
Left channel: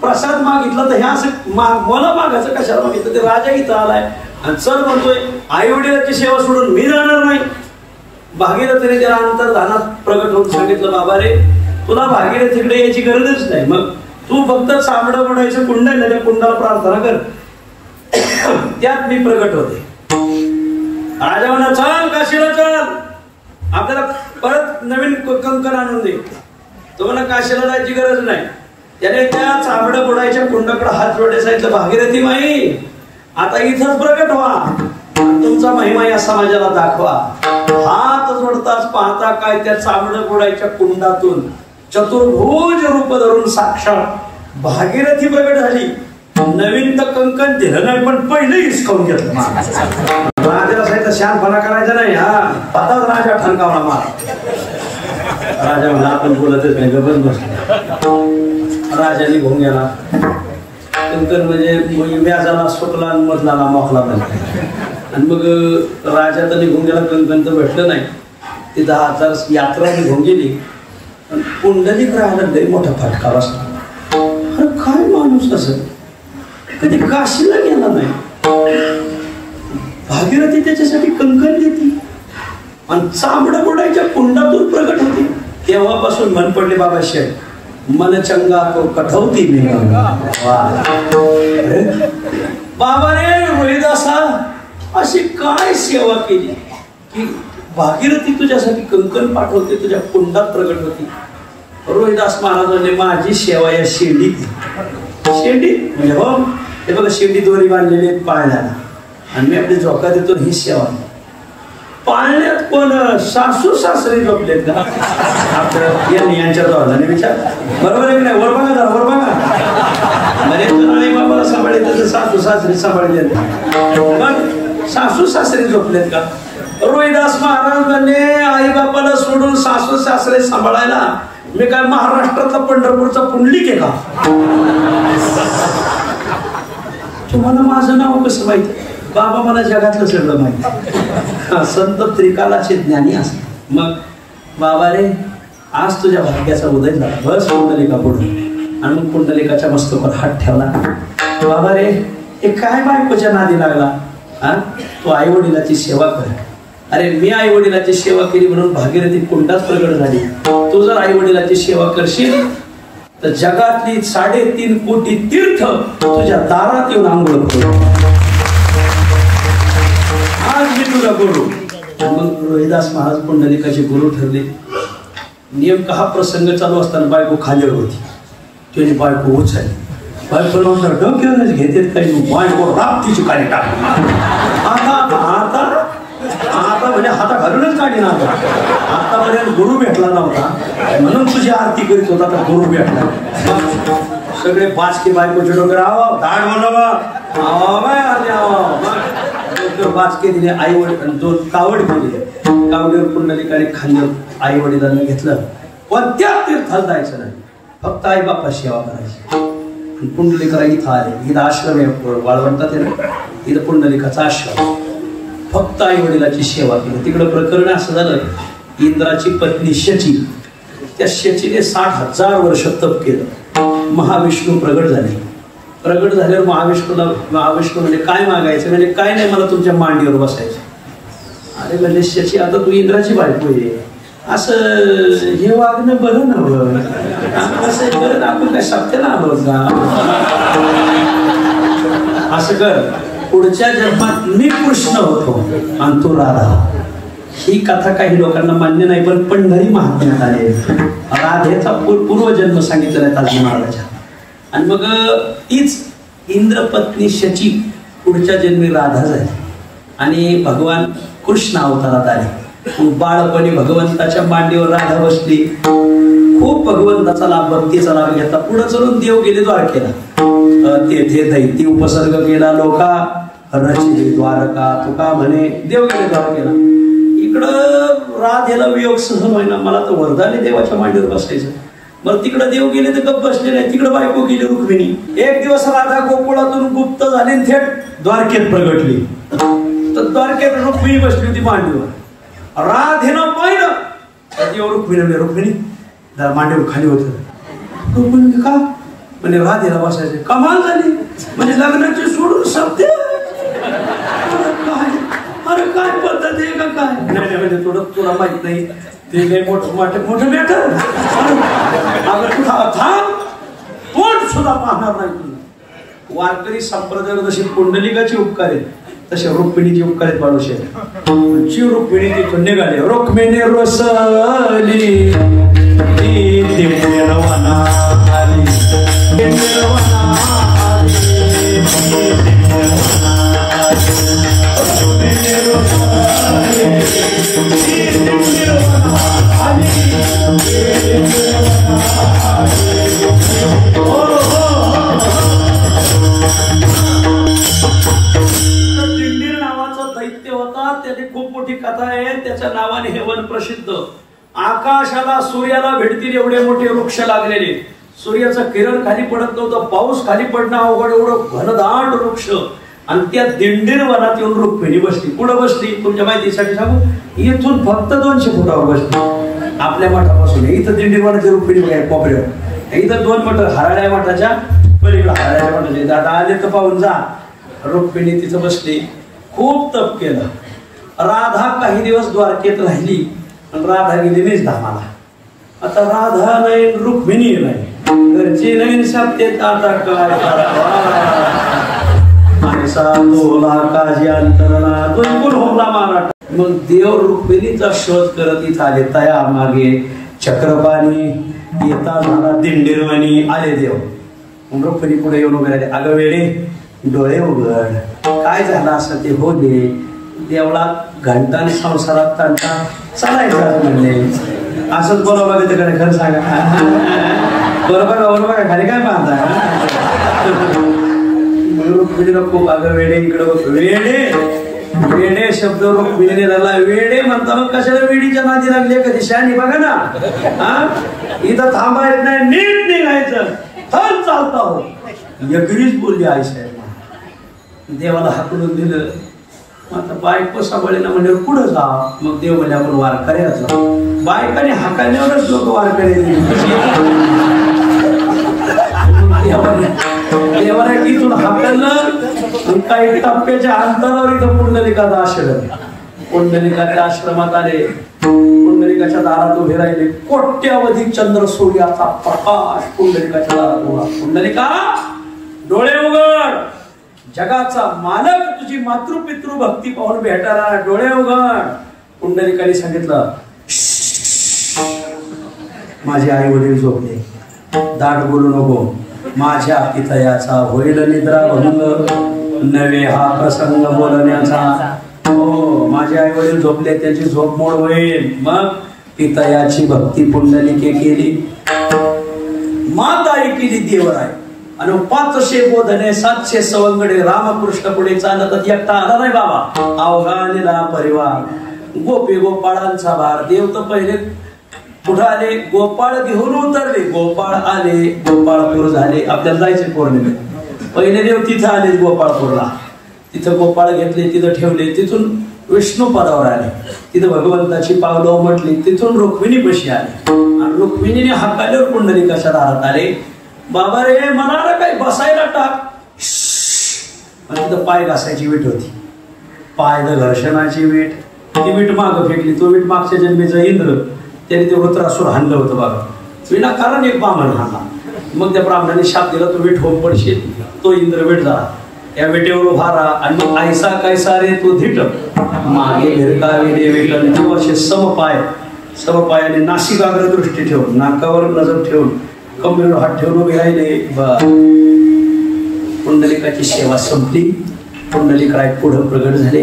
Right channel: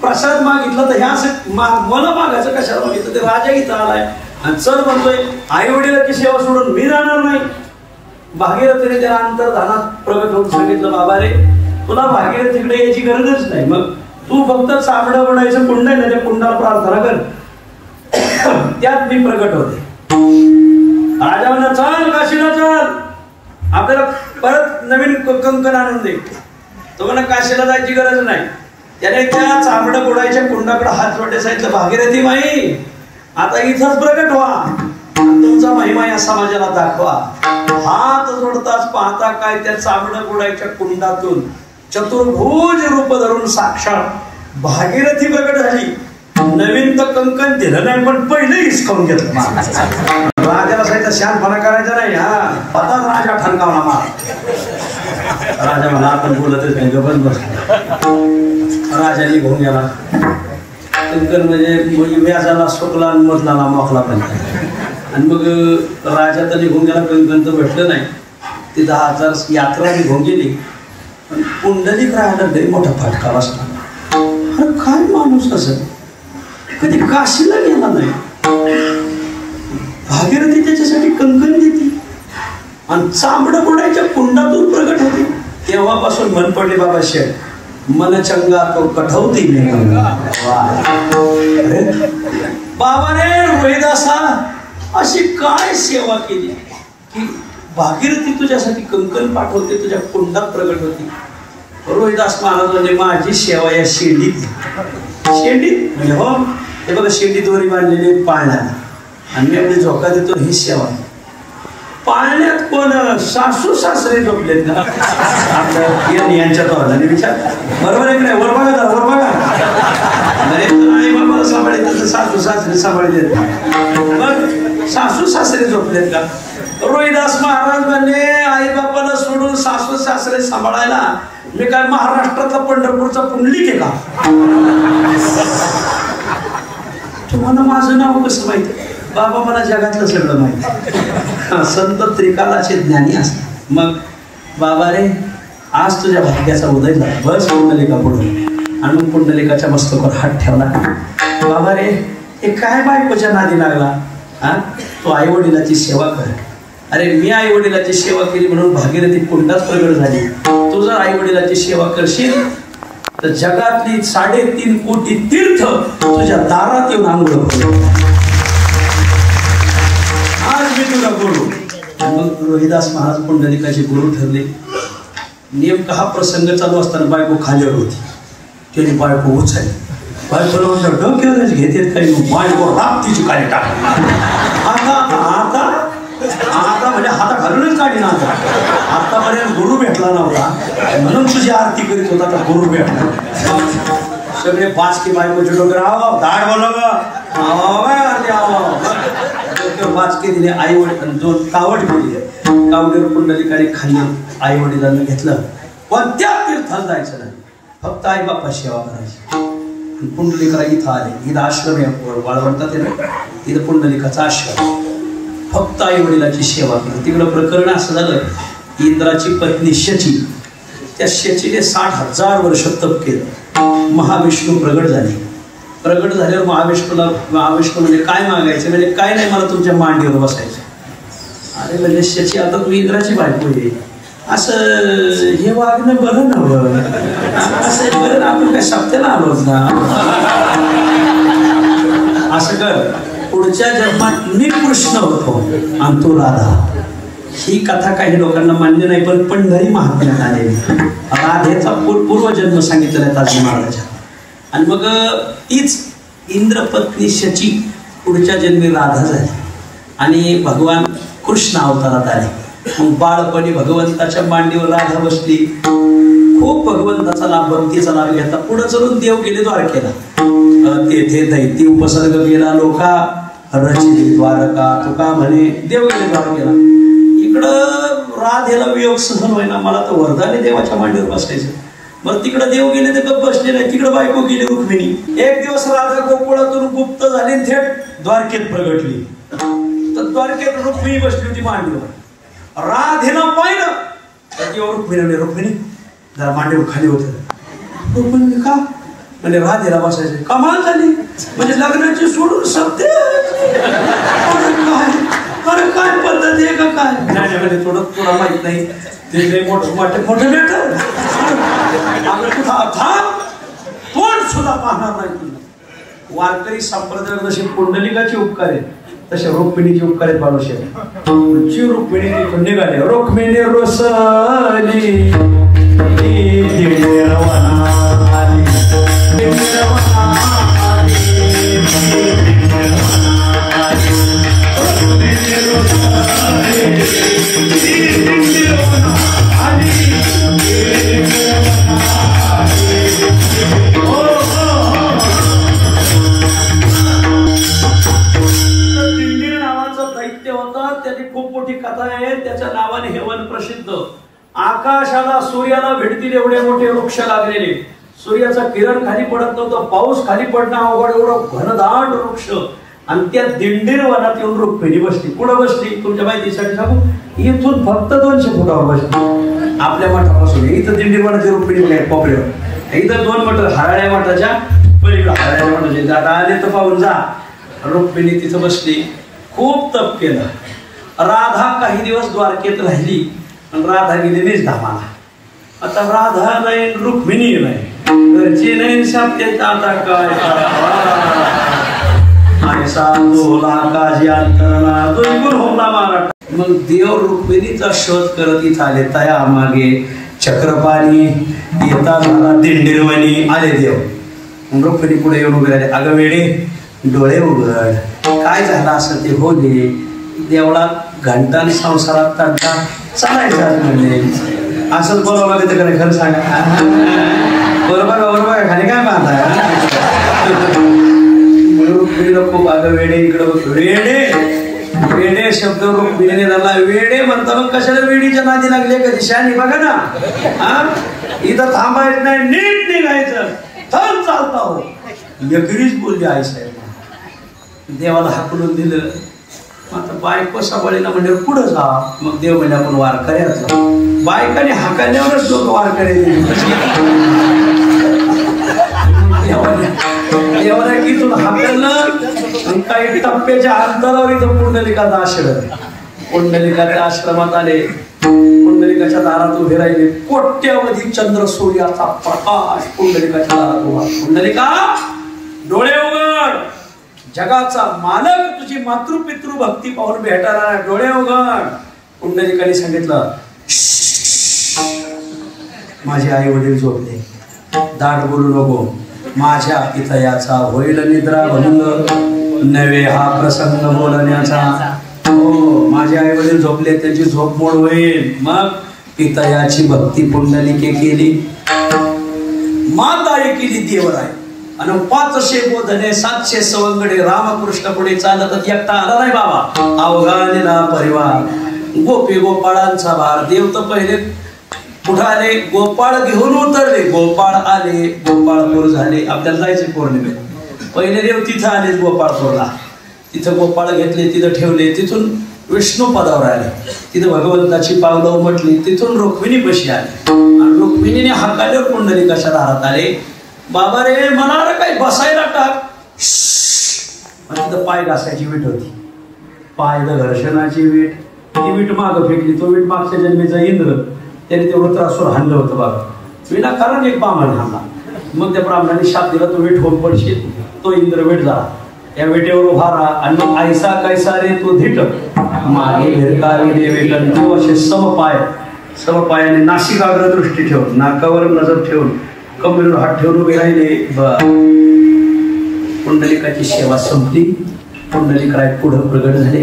प्रसाद मागितला तर ह्या असं मला मागायचं कशाला मागितलं ते राजा इथं आलाय आणि चल म्हणतोय आई वडिलांची सेवा सोडून मी जाणार नाही. भागीरथीने त्याला अंतर्धानात प्रगट होऊन सांगितलं बाबा रे तुला भागीरथीकडे याची गरजच नाही. मग तू फक्त चामडं बनायचं कुंड आहे ना त्या कुंडाला प्रार्थना कर त्यात मी प्रगट होते. राजा म्हणा चल काशीला चल आपल्याला परत नवीन कंकण आणून दे. तो म्हणा काशीला जायची गरज नाही. त्याने त्या चामडं बुडायच्या कुंडाकडे हात जोडले सांगितलं भागीरथी माई आता इथंच प्रगट व्हा तुमचा महिमा या समाजाला दाखवा. हात जोडताच पाहता काय त्या चामडं बुडायच्या कुंडातून चतुर्भुज रूप धरून साक्षात भागीरथी प्रगट झाली. नवीन तर कंकण दिलं नाही पण पहिले हिसकावून घेतलं. राजाला सांगितलं शानपणा करायचा नाही. हा आताच राजा ठणकावला मार. राजा मला आपण बोलतच नाही गबन बसला. राजा निघून गेला. कंकण म्हणजे व्याजाला सुटला आणि मधला मोकला पण आणि मग राजा तर निघून गेला कंकण तर भेटलं नाही. ती 10,000 यात्रा निघून गेली. पण पुंडलिक राहायला लई मोठा फटका बसला. अरे काय माणूस असं कधी काशीला गेला नाही. भागीरथी त्याच्यासाठी कंकण देते आणि चामडं बुडायच्या कुंडातून प्रगट होते. तेव्हापासून मन पडले बाबा शेठ मन चंगा तो कठवती मी बाबाने रोहिदासा अशी काय सेवा केली की भागीरथी तुझ्यासाठी कंकण पाठवते तुझ्या कुंडात प्रगट होती. रोहिदास महाराज म्हणजे माझी सेवा या शेंडीत म्हणजे हो ते बघा शेंडी दोरी बांधलेली पाळण्याला आणि मी आपली झोका देतो ही सेवा. पाळण्यात कोण सासू सासरे झोपलेत का आपल्या यांच्या तोंडाने विचार बरोबर आहे की नाही. वर बघा वर बघा बाबाला सांभाळायचं सासू सासरे सांभाळले मग सासू सासरे झोपलेत का. रोहिदास महाराज म्हणले आई बापाला सोडून सासू सासरे सांभाळायला मी काय महाराष्ट्रातला पंढरपूरचा पुंडलिक आहे का. तुम्हाला माझं नाव कसं माहित. बाबा मला जगातलं सगळं माहिती. संत त्रिकालाचे ज्ञानी असतात. मग बाबा रे आज तुझ्या भाग्याचा उदय झाला. बस पुंडलिका पुढे आणि पुंडलिकाच्या मस्तकावर हात ठेवला. बाबा रे हे काय बायकोच्या नादी लागला. हा तू आई वडिलाची सेवा कर. अरे मी आई वडिलाची सेवा केली म्हणून भागीरथी कुंडात प्रगट झाली. तू जर आई वडिलाची सेवा करशील तर जगातली 3.5 कोटी तीर्थ तुझ्या दारात येऊन आंघोळ करू. आज मी तुला गुरु. मग रोहिदास महाराज पुंडलिकाचे गुरु ठरले. नेमका हा प्रसंग चालू असताना बायको खालीवर होती. त्याने बायको उचलली. बायकोला डोक्यावरच घेतेत काही बायको राप्तीची काय टाक. आता म्हणजे हाता घालूनच काढी ना. आता माझ्या गुरु भेटला नव्हता म्हणून तुझी आरती करीत होता तर गुरु भेटला. सगळे 5 की बायकोचे डोकर आहो दाड बनवा 5 के दिले. आई वडील जो कावड केली कावडीवर पुंडलिकाने खाली आई वडिलांना घेतलं. कोणत्या तीर्थाला जायचं नाही. फक्त आई बापा सेवा करायची. पुंडलिका इथं आले, इथं आश्रम आहे वाळवंटात आहे ना, इथं पुंडलिकाचा आश्रम. फक्त आई वडिलाची सेवा केली. तिकडं प्रकरण असं झालं, इंद्राची पत्नी शची, त्या शचीने 60,000 वर्ष तप केलं. महाविष्णू प्रगट झाले. प्रगट झाल्यावर महाविष्णू म्हणजे काय मागायचं, म्हणजे काय नाही, मला तुमच्या मांडीवर बसायचं. अरे म्हणजे शची, आता तू इंद्राची बायको आहे, असं हे वागणं बरं नव्हतं. असं बरं ना, आपण काय सप्त्याला आलो ना. असं कर, पुढच्या जन्मात मी कृष्ण होतो आणि तू राधा. ही कथा काही लोकांना मान्य नाही, पण पंढरी महात्म्यात आले. राधेचा पूर्वजन्म सांगितलेला आहे ताजी महाराजा. आणि मग तीच इंद्रपत्नी शची पुढच्या जन्मी राधा झाली आणि भगवान कृष्ण अवतारात आले. मग बाळपणी भगवंताच्या मांडीवर राधा बसली. खूप भगवंताचा लाभ, भक्तीचा लाभ घेता पुढे चलून देव गेले द्वारकेला. तेथे दैती उपसर्ग केला लोका, रचिले द्वारका तुका म्हणे. देव गेले द्वारकेला. इकडं राधेला वियोग सहन होईना, मला तर वरदाने देवाच्या मांडीवर बसायचं. बरं तिकडं देव गेले तर गप्प बसले नाही, तिकडं बायको गेली रुक्मिणी. एक दिवस राधा गोकुळातून गुप्त झाली, थेट द्वारकेत प्रगटली. तर द्वारकेत रुक्मिणी बसली होती मांडीवर. राधेनं पाहिलं, त्याच्यावर रुक्मिणी जरा मांडीवर खाली होत. रुक्मिणी का म्हणजे राधेला बसायचं. कमाल झाली, म्हणजे लग्नाची सोडून सत्य. अरे काय पद्धत आहे का काय. नाही थोडं तुला माहित नाही, ते काही मोठं मॅटर. कोण सुद्धा पाहणार नाही. वारकरी संप्रदाय जशी पुंडलिकाची उपकार आहे, तसे रुक्मिणीची उपकार आहेत बाळूशेठ. जी रुक्मिणी तिथून निघाली, रुक्मिणी रोसली त्याच्या नावाने हे वन प्रसिद्ध. आकाशाला सूर्याला भेटतील एवढे मोठे वृक्ष लागलेले. सूर्याचं किरण खाली पडत नव्हतं, पाऊस खाली पडणं अवघड, एवढं घनदाट वृक्ष. आणि त्या दिंडीर वनात येऊन रुक्मिणी बसली. कुठं बसली तुमच्या माहितीसाठी सांगू, इथून फक्त 200 फुटावर बसली. आपल्या मठापासून इथं दिंडीर वनाची रुक्मिणी बघाय कोपऱ्यावर. इथं 2 मठ हराळ्या मठाच्या पलीकडे, हराळ्या मठाचे आता आले तर पाहून जा. रुक्मिणी तिथं बसली, खूप तप केलं. राधा काही दिवस द्वारकेत राहिली, राधा गेली निजधामाला. आता राधा नाही, रुक्मिणी नाही, घरची नाही, सप्तेत आता काय. मग देव रुक्मिणीचा शोध करत इथं आले. तया मागे चक्रपाणी येता मला दिंडीरवाणी आले देव. रुक्मिणी पुढे येऊन उभे राहिले. अगं वेडे, डोळे उघड, काय झालं असं ते हो दे. देवळात घंटान संसारात तंटा चालायचं म्हणले. असंच बोलावं लागेल तर खरं सांगा. बरोबर खाली काय पाहता. खूप अगं वेडे, इकडं वेडे शब्द रुक्मिणीने झाला. वेडे म्हणता मग कशाला वेडीच्या नादी लागले. कधी शानी बघा ना, इथं थांबायचं नाही, नीट निघायचं, थन चालता हो. यगिरीच बोलली आई साहेब. देवाला हाकलून दिलं. आता बायको सांभाळीला म्हणजे पुढं जा. मग देव म्हणजे आपण वारकऱ्याचं. बायकाने हाकाण्यावरच लोक वारकरी. देवाला इथून हाकललं. काही टप्प्याच्या अंतरावर इथं पुंडलिकाचा आश्रम. पुंडलिकाच्या आश्रमात आले. पुंडलिकाच्या दारात उभे राहिले. कोट्यावधी चंद्र सूर्याचा प्रकाश पुंडलिकाच्या दारात उभा. पुंडलिका डोळे उघड, जगाचा मालक तुझी मातृपितृ भक्ती पाहून भेटणार, डोळे उघड. पुंडलिकाने सांगितलं, माझे आई वडील झोपले, दाट बोलू नको. माझ्या पितयाचा होईल निद्रा भंग, नवे हा प्रसंग बोलण्याचा. हो, माझे आई वडील झोपले, त्याची झोप मोड होईल. मग पितयाची भक्ती पुंडलिके केली, माताळी केली देवराय. आणि 500 बोधने 700 सवंगडे रामकृष्ण पुढे चालत एकटा आला नाही बाबा. अवघानेला परिवार, गोपी गोपाळांचा भार. देव तर पहिले पुढे आले, गोपाळ घेऊन उतरले, गोपाळ आले, गोपाळपूर झाले. आपल्याला जायचे पौर्णिमेत. पहिले देव तिथं आले गोपाळपूरला, तिथं गोपाळ घेतले, तिथं ठेवले. तिथून विष्णू पदावर आले, तिथं भगवंताची पावलं म्हटली. तिथून रुक्मिणी बशी आले आणि रुक्मिणीने हाकाल्यावर पुंडलिकाच्या दारात आले. बाबा रे म्हणाला काय बसायला टाक. तिथं पाय घासायची वीट होती, पाय घर्षणाची वीट. ती वीट मागं फेकली. तो वीट मागच्या जन्मीचा इंद्र, त्याने ते वृत्रासूर हाणलं होतं बघा. विनाकारण एक ब्राह्मण हाणला. मग त्या ब्राह्मणाने शाप दिला, तो वीट होऊन पडशील. तो इंद्र वीट झाला. या विटेवर उभा राहा आणि मग ऐसा कैसा रे तू धिट मागे भिरकावी दे वेटन. तू असे समपायाने नाशिकाग्र दृष्टी ठेवून, नाकावर नजर ठेवून, कमरेवर हात ठेवून उभे राहिले. पुंडलिकाची सेवा संपली. पुंडलिकराय पुढे प्रगट झाले.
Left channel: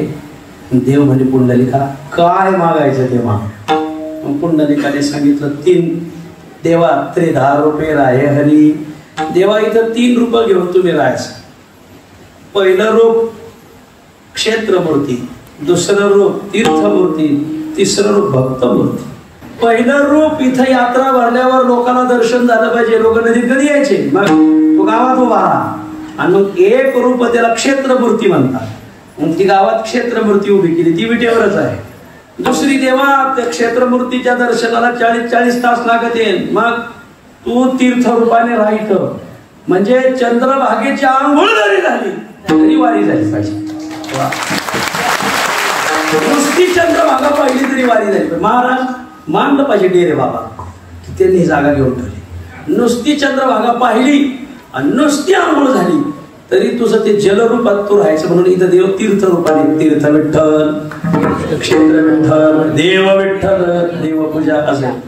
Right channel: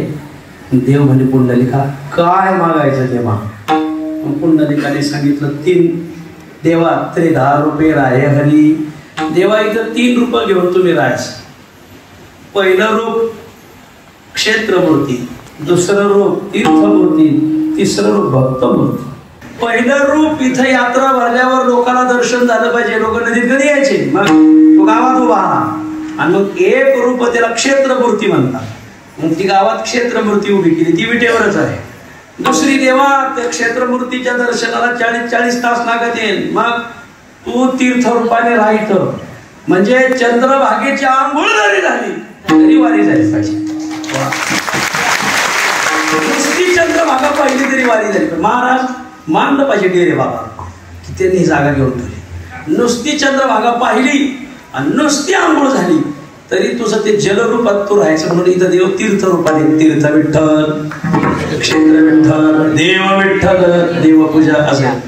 देव म्हणजे पुंडलिका काय मागायचं तेव्हा. पुंडलिकाने सांगितलं 3 देवा 10 रुपये राहे हरी. देवा इथं 3 रुपये घेऊन तुम्ही राहायचं. पहिलं रूप क्षेत्रमूर्ती, दुसरं रूप तीर्थमूर्ती, तिसरं रूप भक्तमूर्ती. पहिलं रूप इथं यात्रा भरल्यावर लोकांना दर्शन झालं पाहिजे. लोक नदीत कधी यायचे, मग गावात उभा राहा. आणि मग एक रूप त्याला क्षेत्रमूर्ती म्हणतात. मग ती गावात क्षेत्रमूर्ती उभी केली, ती विटेवरच आहे. दुसरी देवा त्या क्षेत्रमूर्तीच्या दर्शनाला 40 तास लागत येईल. मग तू तीर्थ रूपाने राहित म्हणजे चंद्रभागेची आंघोळ जरी झाली तरी वारी जायची. नुसती चंद्रभागा पहिली तरी वारी जायचं. महाराज मानलं पाहिजे डेरे बाबा, त्यांनी जागा घेऊन ठेवली. नुसती चंद्रभागा पाहिली आणि नुसती आंघोळ झाली तरी तुझं ते जलरूपात तू राहायचं. म्हणून इथं देव तीर्थ रूपाने, तीर्थ विठ्ठल, क्षेत्र विठ्ठल, देव विठ्ठल, देवपूजा असेल.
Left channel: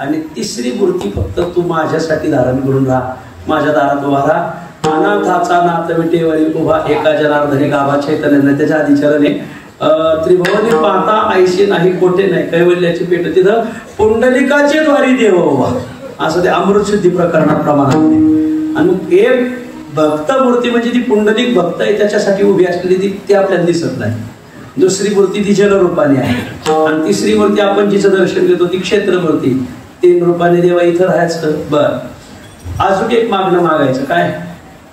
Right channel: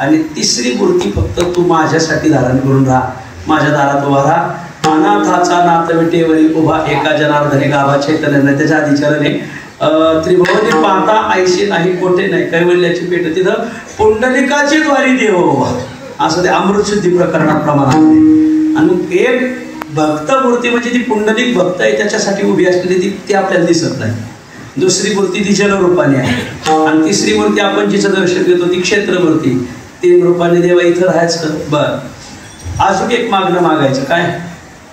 आणि तिसरी मूर्ती फक्त तू माझ्यासाठी धारण करून राहा. माझ्या दारात उभा राहा. अनाथाचा नाथ विटेवरी उभा एका जनार्दने गावा चैतन्याने त्याच्या आधीचरणे त्रिभुवनी पाहता ऐशी नाही कोठे नाही कैवल्याची पेट. तिथं पुंडलिकाची द्वारी देव उभा. असं ते अमृतशुद्धी प्रकरणात प्रमाणात. आणि एक भक्त मूर्ती म्हणजे ती पुंडलिक भक्त आहे त्याच्यासाठी उभी असलेली ती आपल्याला दिसत नाही. दुसरी मूर्ती ती जलरूपाने आहे आणि तिसरी मूर्ती आपण जिचं दर्शन घेतो ती क्षेत्रमूर्ती. 3 रूपाने देवा इथं राहायचं. बर अजून एक मागणं मागायचं काय,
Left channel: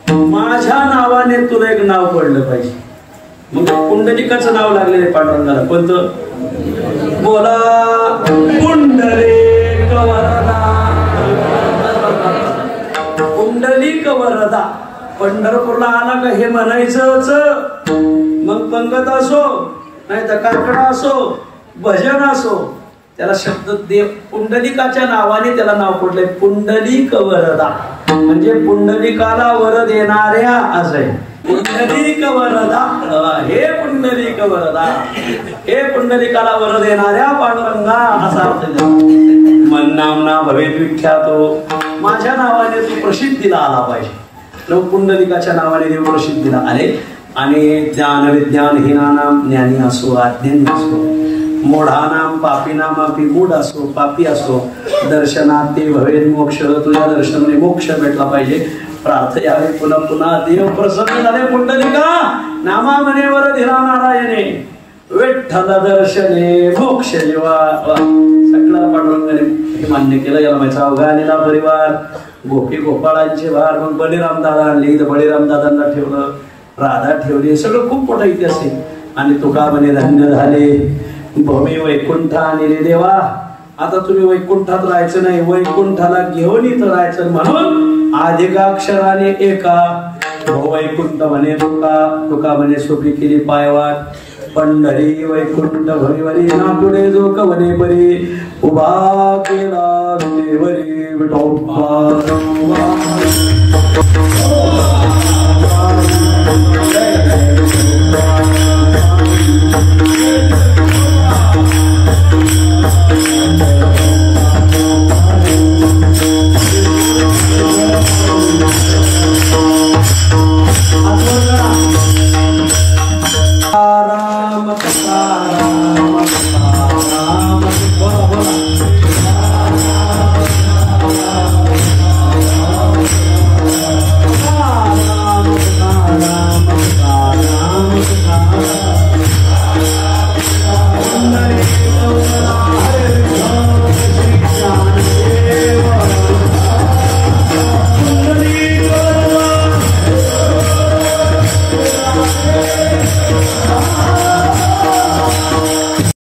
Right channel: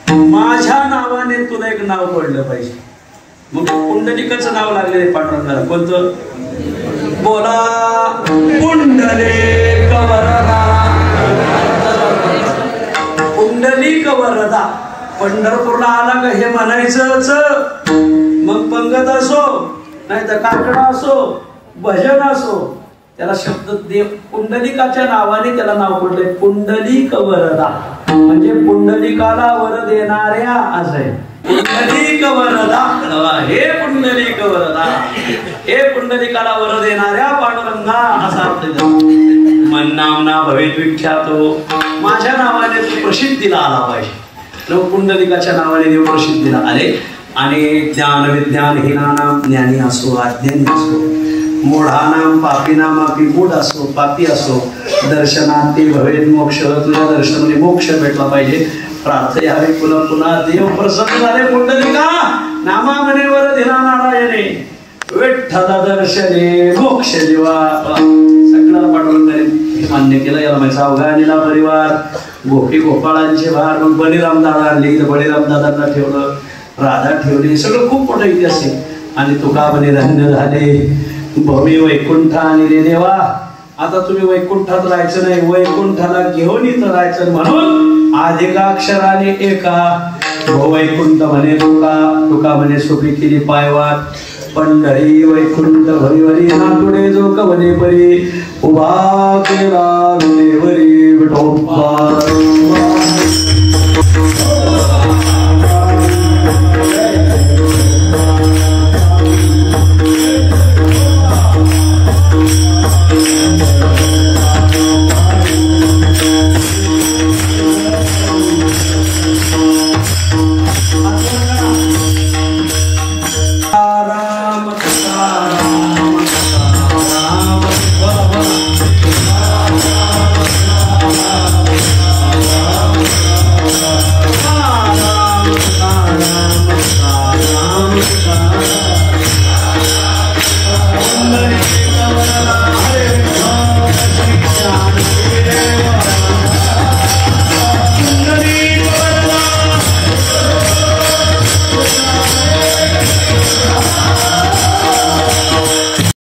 माझ्या नावाने तुला एक नाव पडलं पाहिजे. मग पुंडलिकाचं नाव लागलेलं पांडुरंगाला कोणतं, बोला पुंडलिक वरदा. पुंडलिक वरदा. पंढरपूरला आला का हे म्हणायचंच. मग पंगत असो नाही तर काकडा असो भजन असो त्याला शब्द देव पुंडलिकाच्या नावाने त्याला नाव पडलंय पुंडलिक वरदा. म्हणजे पुंडलिकाला वर देणाऱ्या असं आहे. पुंडलिक वरदा, हे पुंडलिक वरदा, हे पुंडलिकाला वर देणाऱ्या पांडुरंगा असा अर्थ. मन नामना भवेत विख्यातो. माझ्या नावाने तू प्रसिद्धीला आला पाहिजे. लोक पुंडलिकाच्या नावाने देव प्रसिद्धीला आले. आणि ज्ञान विज्ञान हीनानाम, ज्ञानी असो अज्ञानी असो, मूढानाम पापीनाम आपी, मूढ असो पापी असो, दर्शनात ते भवेत मोक्ष. तुझ्या दर्शनाने मोक्ष भेटला पाहिजे. प्रार्थयावे पुन्हा पुन्हा देव प्रसन्न झाले. पुंडलिका नामा मनेवर दिला नारायणे, विठ्ठल दर्शने मोक्ष जीवा. सगळ्या पांडुरंगाने मान्य केलं. याला माझा अवघानेला परिवार गोपी गोपाळांचे भार. मग बळीराम दादा आणले, इथं बळीराम दादांना ठेवलं, राधा ठेवली. सगळं खूप मोठं इतिहास आहे. आणि तुका म्हणे धन्य झाले भूमी वैकुंठा आणि रे देवा. आता तुम्ही वैकुंठात राहायचं नाही, वैकुंठाला घेऊन इथं राहायचं. म्हणून अधिकाक्षराने एका वैकुंठ म्हणे तुका म्हणे सोपी केली पायवाट. पंढरी वैकुंठ भरीवरी नाटुडे जो कवने परी उभा केला विटेवरी विठोबा.